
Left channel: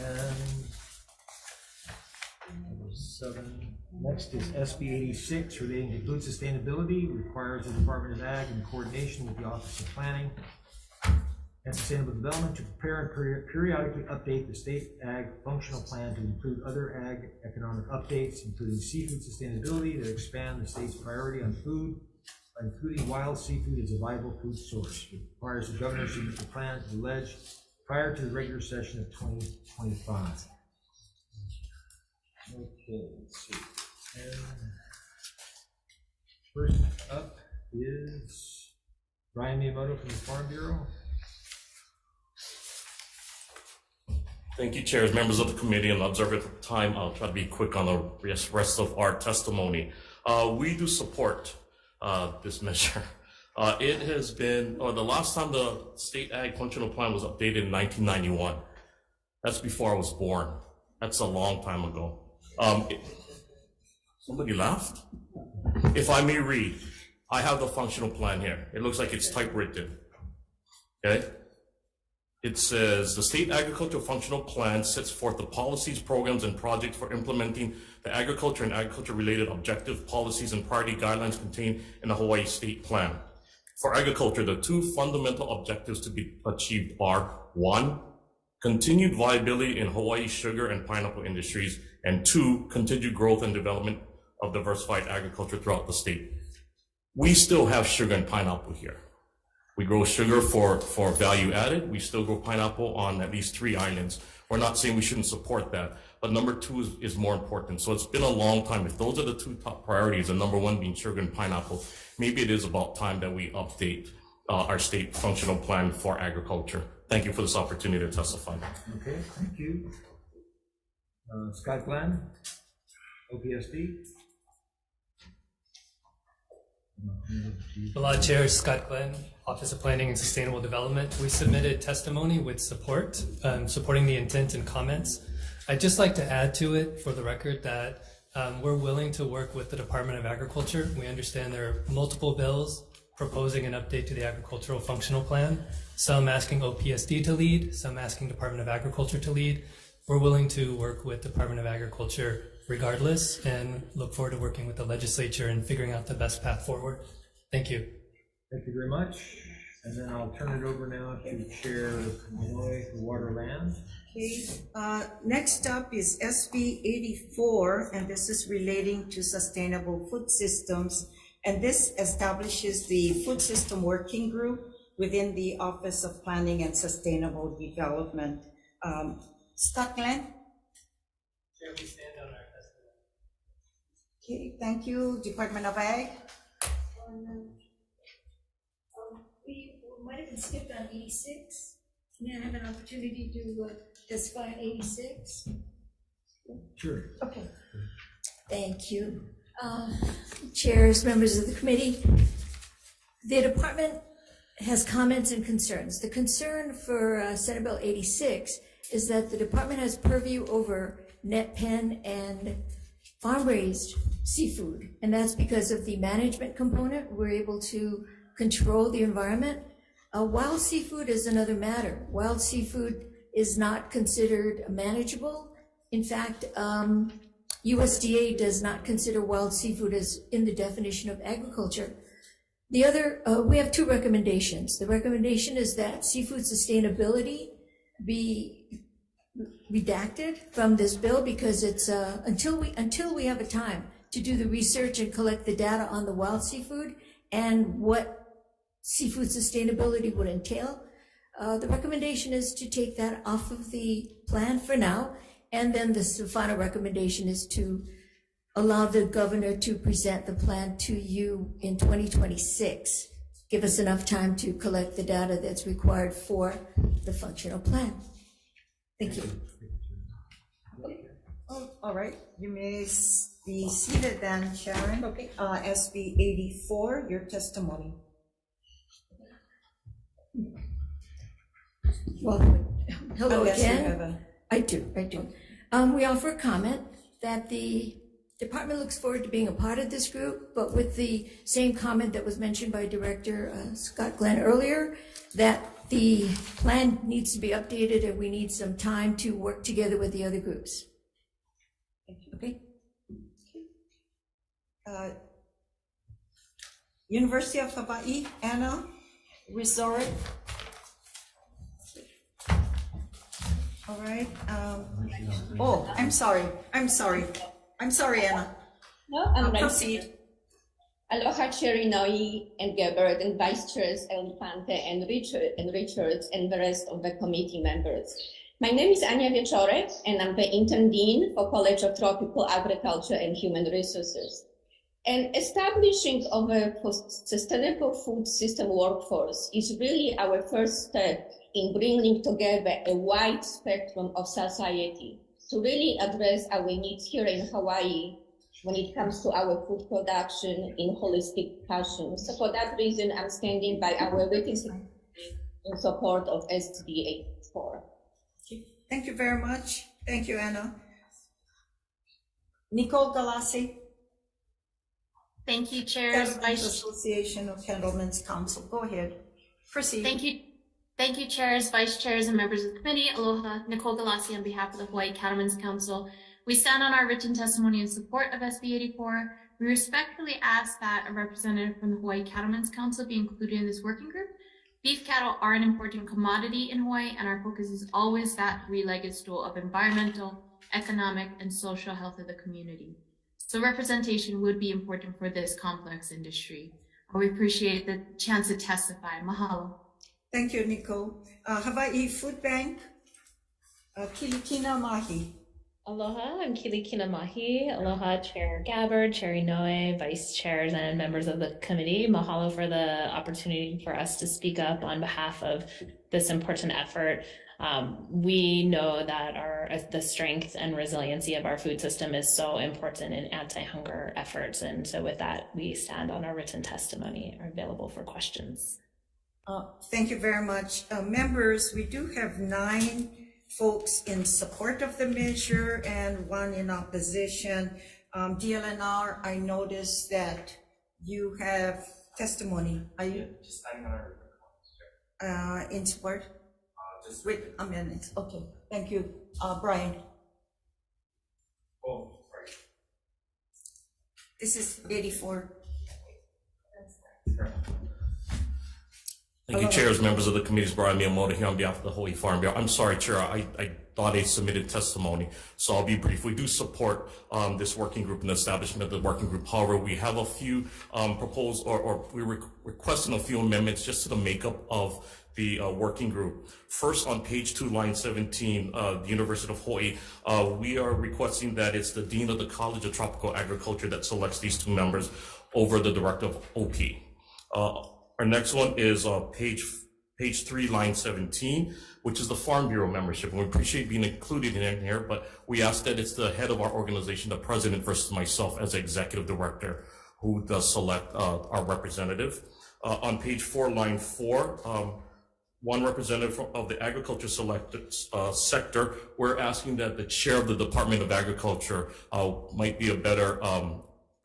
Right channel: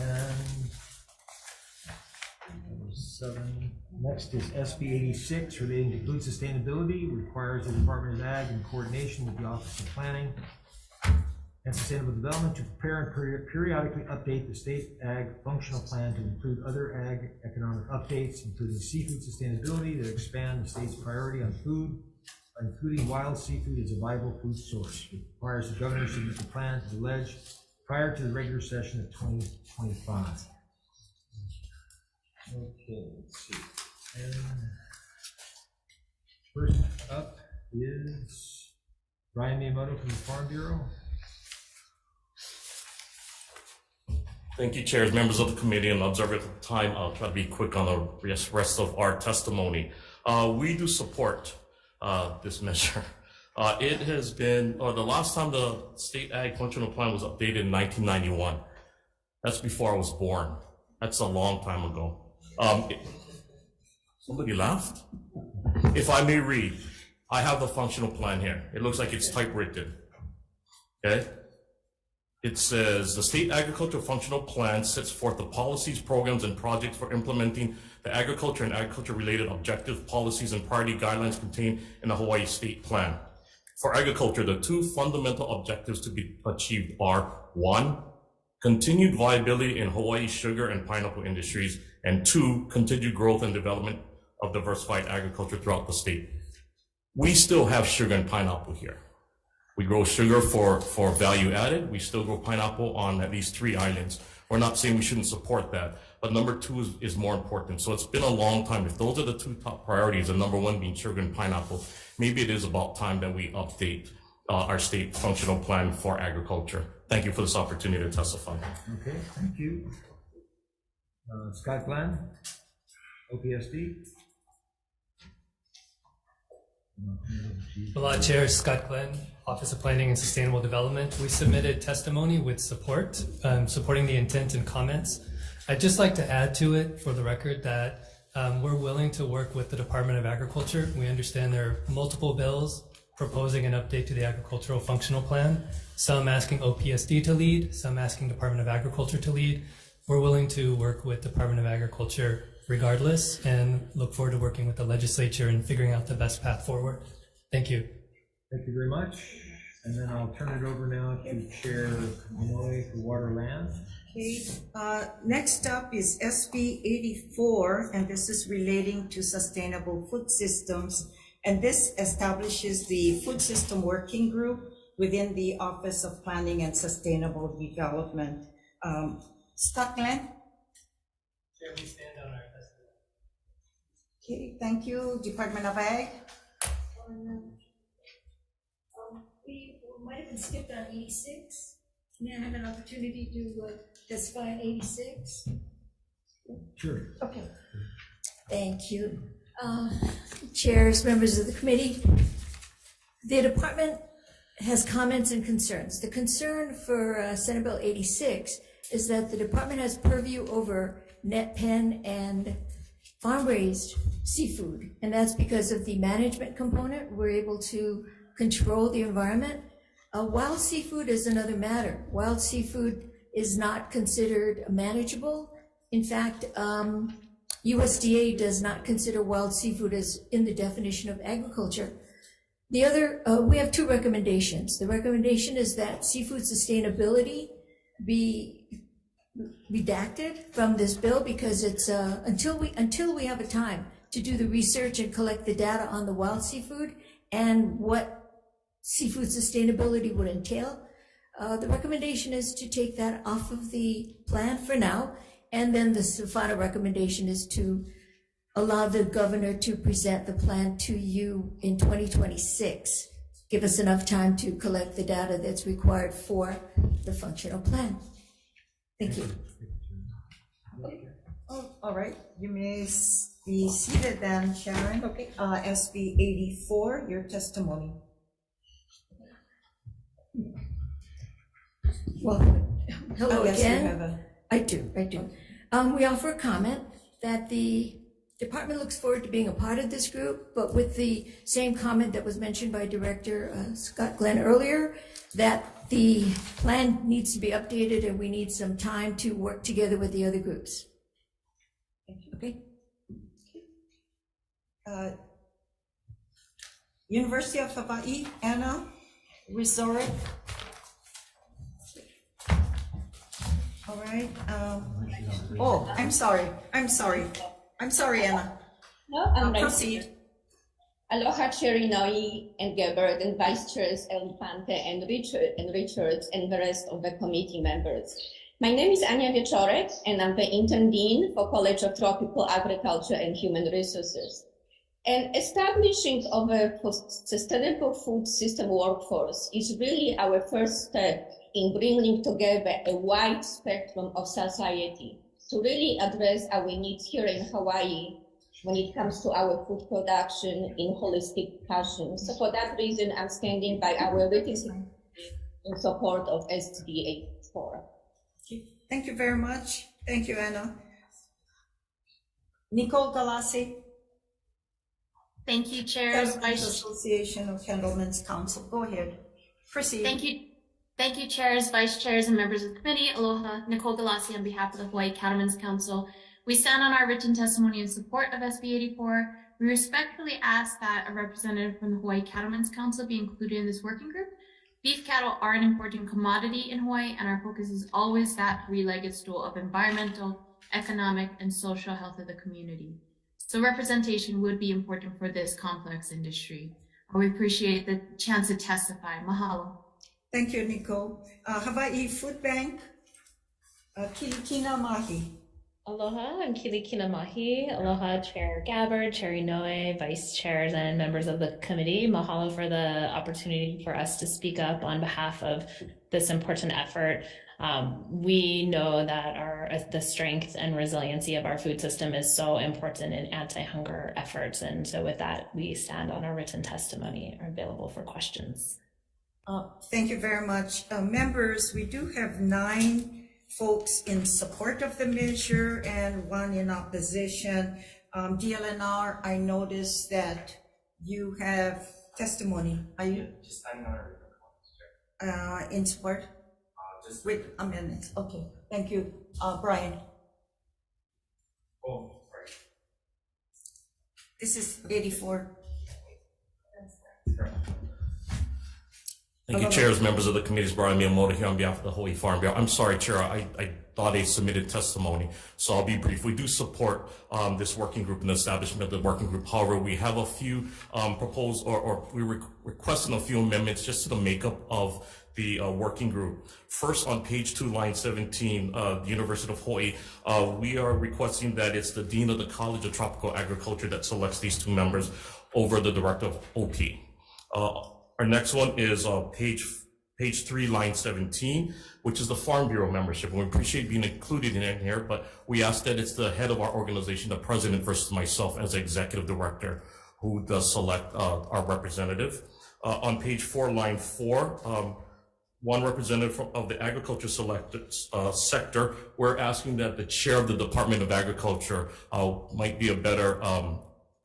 next is SB 86 relating to food sustainability. Requires the Department of Ag in coordination with the Office of Planning and Sustainable Development to prepare and periodically update the state ag functional plan to include other ag economic updates, including seafood sustainability that expand the state's priority on food, including wild seafood as a viable food source. It requires the governor to submit the plan to the Ledge prior to the regular session of 2025. Okay, let's see. And first up is Ryan Miyamoto from the Farm Bureau. Thank you, chairs, members of the committee, and observers at the time. I'll try to be quick on the rest of our testimony. We do support this measure. It has been, the last time the state ag functional plan was updated in 1991. That's before I was born. That's a long time ago. Somebody laughed? If I may read, I have the functional plan here. It looks like it's typewritten. Okay? It says, the State Agricultural Functional Plan sets forth the policies, programs, and projects for implementing the agriculture and agriculture-related objective policies and priority guidelines contained in the Hawaii State Plan. For agriculture, the two fundamental objectives to be achieved are, 1, continued viability in Hawaii's sugar and pineapple industries, and 2, continued growth and development of diversified agriculture throughout the state. We still have sugar and pineapple here. We grow sugar for value added. We still grow pineapple on at least 3 islands. We're not saying we shouldn't support that, but number 2 is more important. So it's been a long time. If those are the 2 top priorities, and number 1 being sugar and pineapple, maybe it is about time that we update our state functional plan for agriculture. Thank you for this opportunity to testify. Okay, thank you. Scott Glenn, OPSD. Aloha, Chair Scott Glenn, Office of Planning and Sustainable Development. We submitted testimony with support, supporting the intent and comments. I'd just like to add to it for the record that we're willing to work with the Department of Agriculture. We understand there are multiple bills proposing an update to the Agricultural Functional Plan, some asking OPSD to lead, some asking Department of Agriculture to lead. We're willing to work with Department of Agriculture regardless, and look forward to working with the legislature and figuring out the best path forward. Thank you. Thank you very much. And then I'll turn it over now to Chair Inouye for Water Land. Okay, next up is SB 84, and this is relating to sustainable food systems. And this establishes the Food System Working Group within the Office of Planning and Sustainable Development. Stockland? Chair, we stand on our testimony. Okay, thank you. Department of Ag? We might have been skipped on 86. May I have an opportunity to testify on 86? Sure. Okay. Thank you. Chairs, members of the committee, the department has comments and concerns. The concern for Senate Bill 86 is that the department has purview over net pen and farm-raised seafood, and that's because of the management component. We're able to control the environment. Wild seafood is another matter. Wild seafood is not considered manageable. In fact, USDA does not consider wild seafood as in the definition of agriculture. The other, we have two recommendations. The recommendation is that seafood sustainability be redacted from this bill because it's until we have a time to do the research and collect the data on the wild seafood and what seafood sustainability would entail. The recommendation is to take that off of the plan for now, and then the final recommendation is to allow the governor to present the plan to you in 2026. Give us enough time to collect the data that's required for the functional plan. Thank you. Oh, all right, you may be seated then, Sharon. Okay. SB 84, your testimony. Well, hello Oh, yes, you again. have a- I do. We offer a comment that the department looks forward to being a part of this group, but with the same comment that was mentioned by Director Scott Glenn earlier, that the plan needs to be updated and we need some time to work together with the other groups. Okay. University of Hawaii, Anna Resort. All right. Oh, I'm sorry, Anna. No, I'm right. Proceed. Aloha, Chair Inouye and Gabbard and Vice Chairs Elefante and Richards and the rest of the committee members. My name is Ania Wieczorek and I'm the Intern Dean for College of Tropical Agriculture and Human Resources. And establishing of a sustainable food system workforce is really our first step in bringing together a wide spectrum of society to really address our needs here in Hawaii when it comes to our food production in holistic fashion. So for that reason, I'm standing by our written in support of SB 84. Thank you very much. Thank you, Anna. Nicole Galassi. Thank you, Chairs, Vice Association of Cattlemen's Council. Go ahead. Proceed. Thank you, Chairs, Vice Chairs, and members of the committee. Aloha, Nicole Galassi on behalf of the Hawaii Cattlemen's Council. We stand on our written testimony in support of SB 84. We respectfully ask that a representative from the Hawaii Cattlemen's Council be included in this working group. Beef cattle are an important commodity in Hawaii, and our focus is always that three-legged stool of environmental, economic, and social health of the community. So representation would be important for this complex industry. We appreciate the chance to testify. Mahalo. Thank you, Nicole. Hawaii Food Bank, Kilikina Mahi. Aloha, I'm Kilikina Mahi. Aloha, Chair Gabbard, Chair Inoue, Vice Chairs, and members of the committee. Mahalo for the opportunity for us to speak up on behalf of this important effort. We know that the strength and resiliency of our food system is so important in anti-hunger efforts. And so with that, we stand on our written testimony, are available for questions. Thank you very much. Members, we do have 9 folks in support of the measure and 1 in opposition. DLNR, I noticed that you have testimony. Are you in support? Wait a minute. Okay, thank you. Brian. Oh, right. This is 84. Thank you, Chairs, members of the committees. Brian Miyamoto here on behalf of the Hawaii Farm Bureau. I'm sorry, Chair, I thought I submitted testimony, so I'll be brief. We do support this working group and the establishment of the working group. However, we have a few proposed, or we're requesting a few amendments just to the makeup of the working group. First, on page 2, line 17, the University of Hawaii, we are requesting that it's the Dean of the College of Tropical Agriculture that selects these 2 members over the Director of OP. Our next one is page 3, line 17, which is the Farm Bureau membership. And we appreciate being included in here, but we ask that it's the head of our organization, the president, versus myself as executive director, who does select our representative. On page 4, line 4, one representative of the agriculture selected sector, we're asking that the chair of the Department of Agriculture might be a better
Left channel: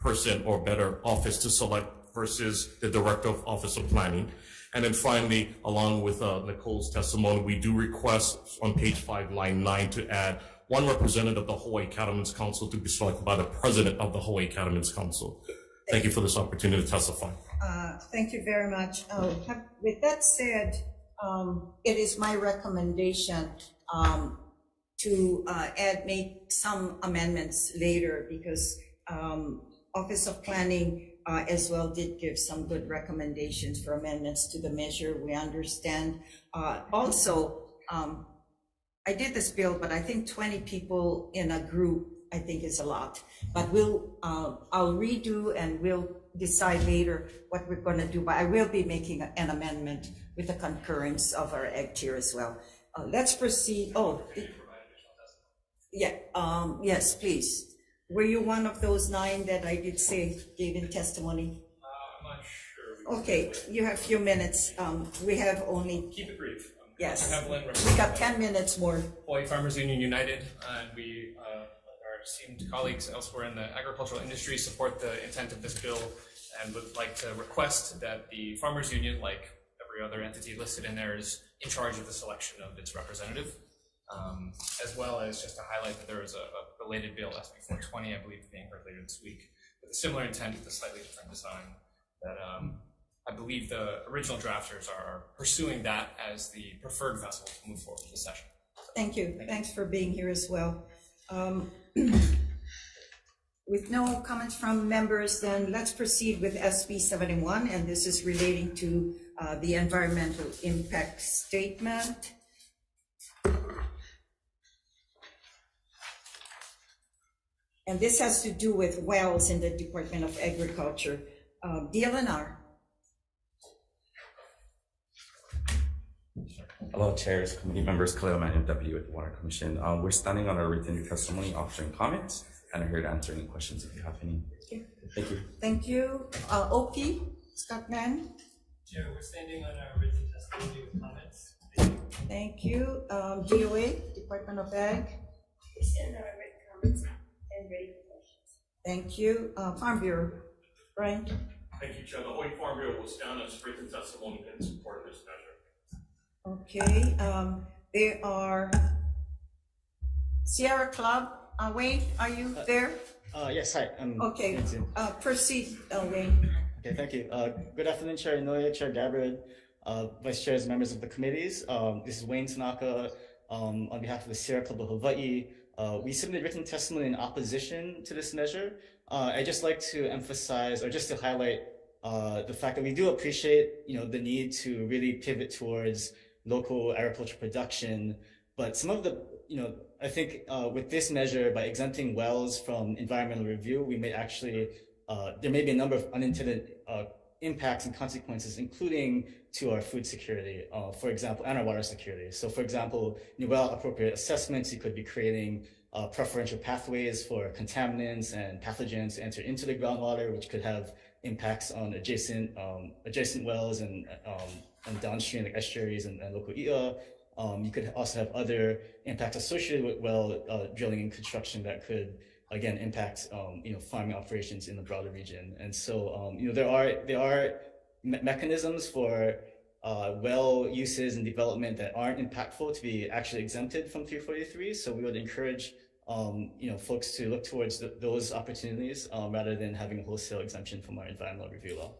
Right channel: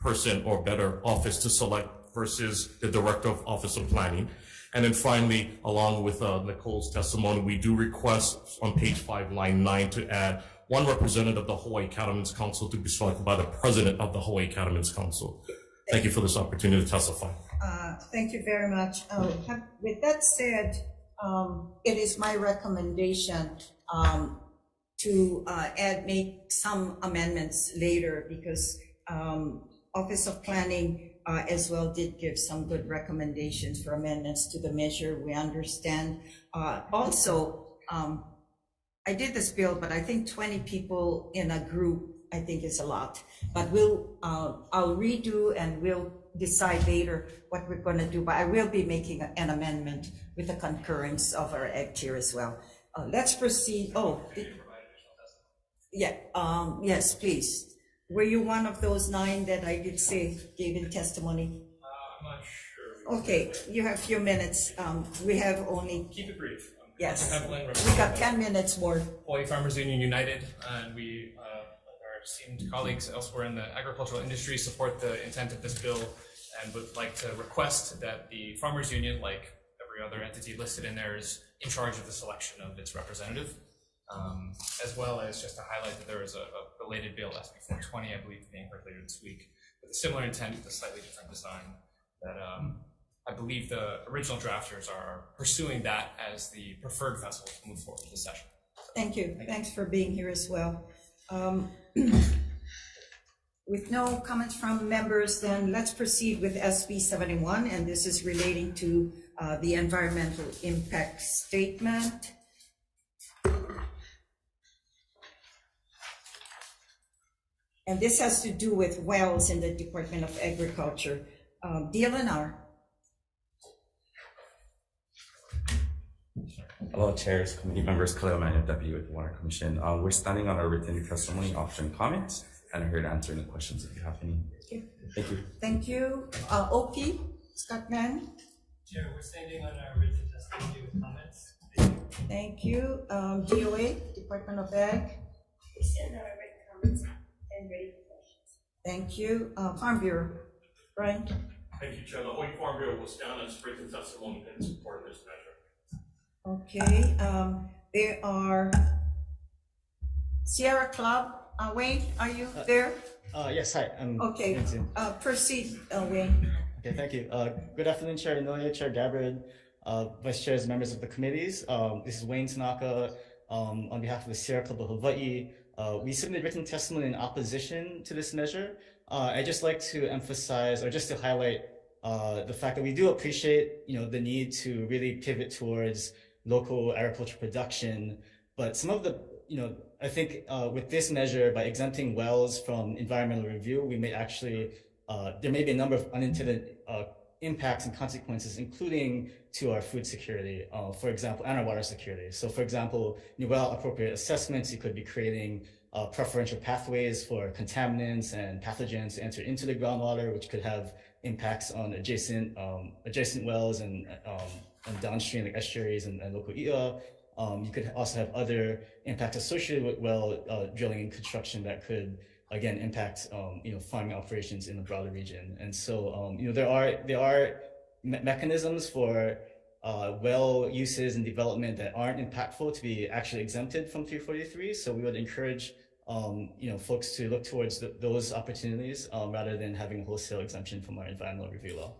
person or better office to select versus the Director of Office of Planning. And then finally, along with Nicole's testimony, we do request on page 5, line 9, to add one representative of the Hawaii Cattlemen's Council to be selected by the president of the Hawaii Cattlemen's Council. Thank you for this opportunity to testify. Thank you very much. With that said, it is my recommendation to make some amendments later, because Office of Planning as well did give some good recommendations for amendments to the measure. We understand. Also, I did this bill, but I think 20 people in a group, I think, is a lot. But I'll redo and we'll decide later what we're going to do. But I will be making an amendment with the concurrence of our ag chair as well. Let's proceed. Oh, yeah. Yes, please. Were you one of those 9 that I did say gave in testimony? I'm not sure. Okay, you have a few minutes. We have only. Keep it brief. Yes. We got 10 minutes more. Hawaii Farmers Union United, and we, our esteemed colleagues elsewhere in the agricultural industry, support the intent of this bill and would like to request that the Farmers Union, like every other entity listed in there, is in charge of the selection of its representative. As well as just to highlight that there is a related bill, SB 420, I believe, being heard later this week, with a similar intent with a slightly different design, that I believe the original drafters are pursuing that as the preferred vessel to move forward with the session. Thank you. Thanks for being here as well. With no comments from members, then let's proceed with SB 71, and this is relating to the environmental impact statement. And this has to do with wells in the Department of Agriculture. DLNR. Hello, chairs, committee members, Khalil Manuel, Deputy with the Water Commission. We're standing on our written testimony, option comments, and are here to answer any questions if you have any. Thank you. Thank you. OP, Scott Mann. Chair, we're standing on our written testimony with comments. Thank you. DOA, Department of Ag. We stand on our written comments and ready for questions. Thank you. Farm Bureau, Brian. Thank you, Chair. The Hawaii Farm Bureau will stand on its written testimony in support of this measure. Okay, there are Sierra Club. Wayne, are you there? Yes, hi. Okay, proceed, Wayne. Okay, thank you. Good afternoon, Chair Inoue, Chair Gabbard, Vice Chairs, members of the committees. This is Wayne Tanaka on behalf of the Sierra Club of Hawaii. We submitted written testimony in opposition to this measure. I'd just like to emphasize, or just to highlight, the fact that we do appreciate, the need to really pivot towards local agriculture production, but some of the, I think with this measure, by exempting wells from environmental review, we may actually, there may be a number of unintended impacts and consequences, including to our food security, for example, and our water security. So for example, well appropriate assessments, you could be creating preferential pathways for contaminants and pathogens to enter into the groundwater, which could have impacts on adjacent wells and downstream, like estuaries and local i'a. You could also have other impacts associated with well drilling and construction that could, again, impact farming operations in the broader region. And so there are mechanisms for well uses and development that aren't impactful to be actually exempted from 343. So we would encourage folks to look towards those opportunities rather than having a wholesale exemption from our environmental review law.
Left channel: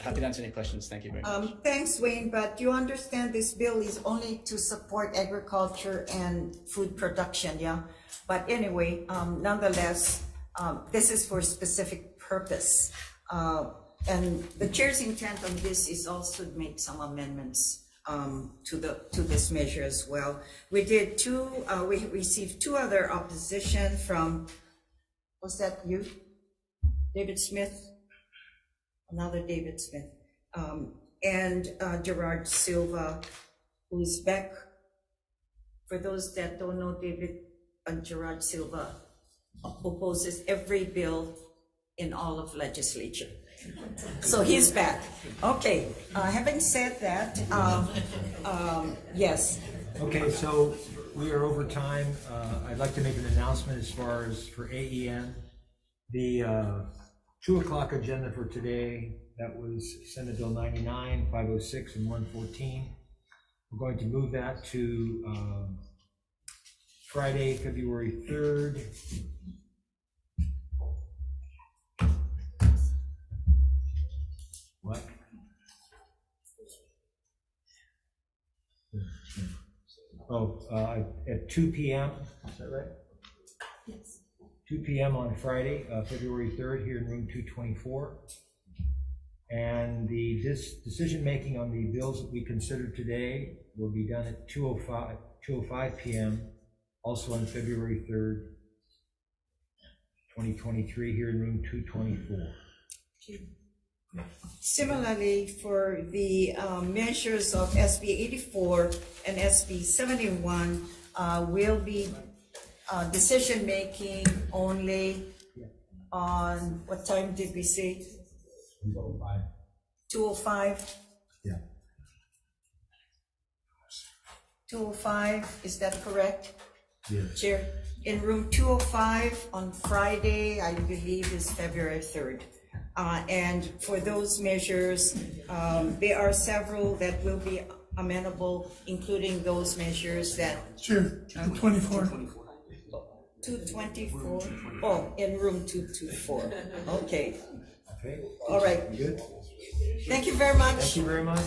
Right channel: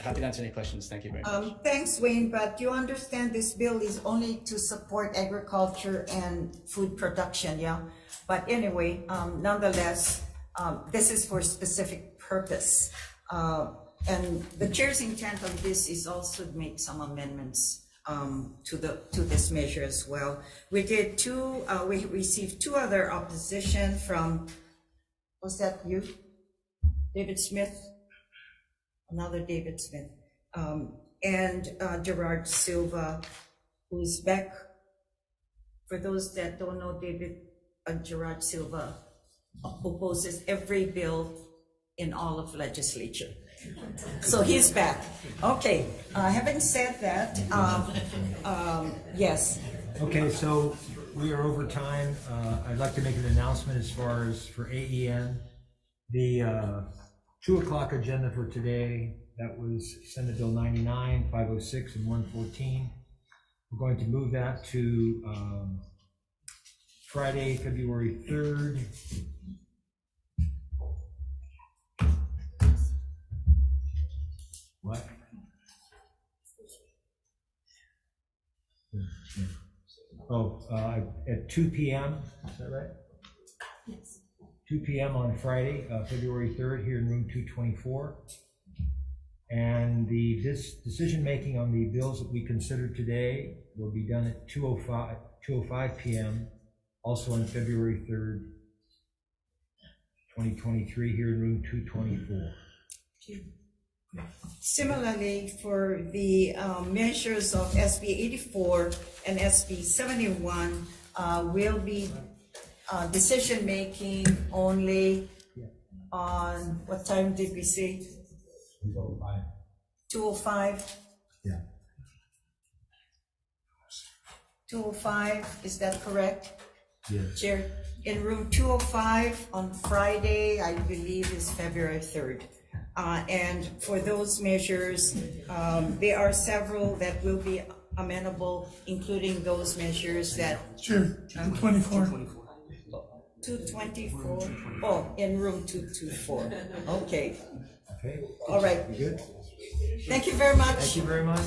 Happy to answer any questions. Thank you very much. Thanks, Wayne, but you understand this bill is only to support agriculture and food production, yeah? But anyway, nonetheless, this is for a specific purpose. And the chair's intent on this is also to make some amendments to this measure as well. We did we received two other opposition from, was that you? David Smith? Another David Smith. And Gerard Silva, who's back. For those that don't know, David Gerard Silva opposes every bill in all of legislature. So he's back. Okay, having said that, yes. Okay, so we are over time. I'd like to make an announcement as far as for AEN. The 2 o'clock agenda for today, that was Senate Bill 99, 506, and 114. We're going to move that to Friday, February 3rd. What? Oh, at 2 p.m., is that right? Yes. 2 p.m. on Friday, February 3rd, here in room 224. And the decision-making on the bills that we considered today will be done at 2:05 p.m., also on February 3rd, 2023, here in room 224. Similarly, for the measures of SB 84 and SB 71, will be decision-making only on, what time did we say? 2:05. 2:05? Yeah. 2:05, is that correct? Yes. Chair, in room 205 on Friday, I believe is February 3rd. And for those measures, there are several that will be amenable, including those measures that. Chair, 224. 224? Oh, in room 224. Okay. Okay. All right. You good? Thank you very much. Thank you very much.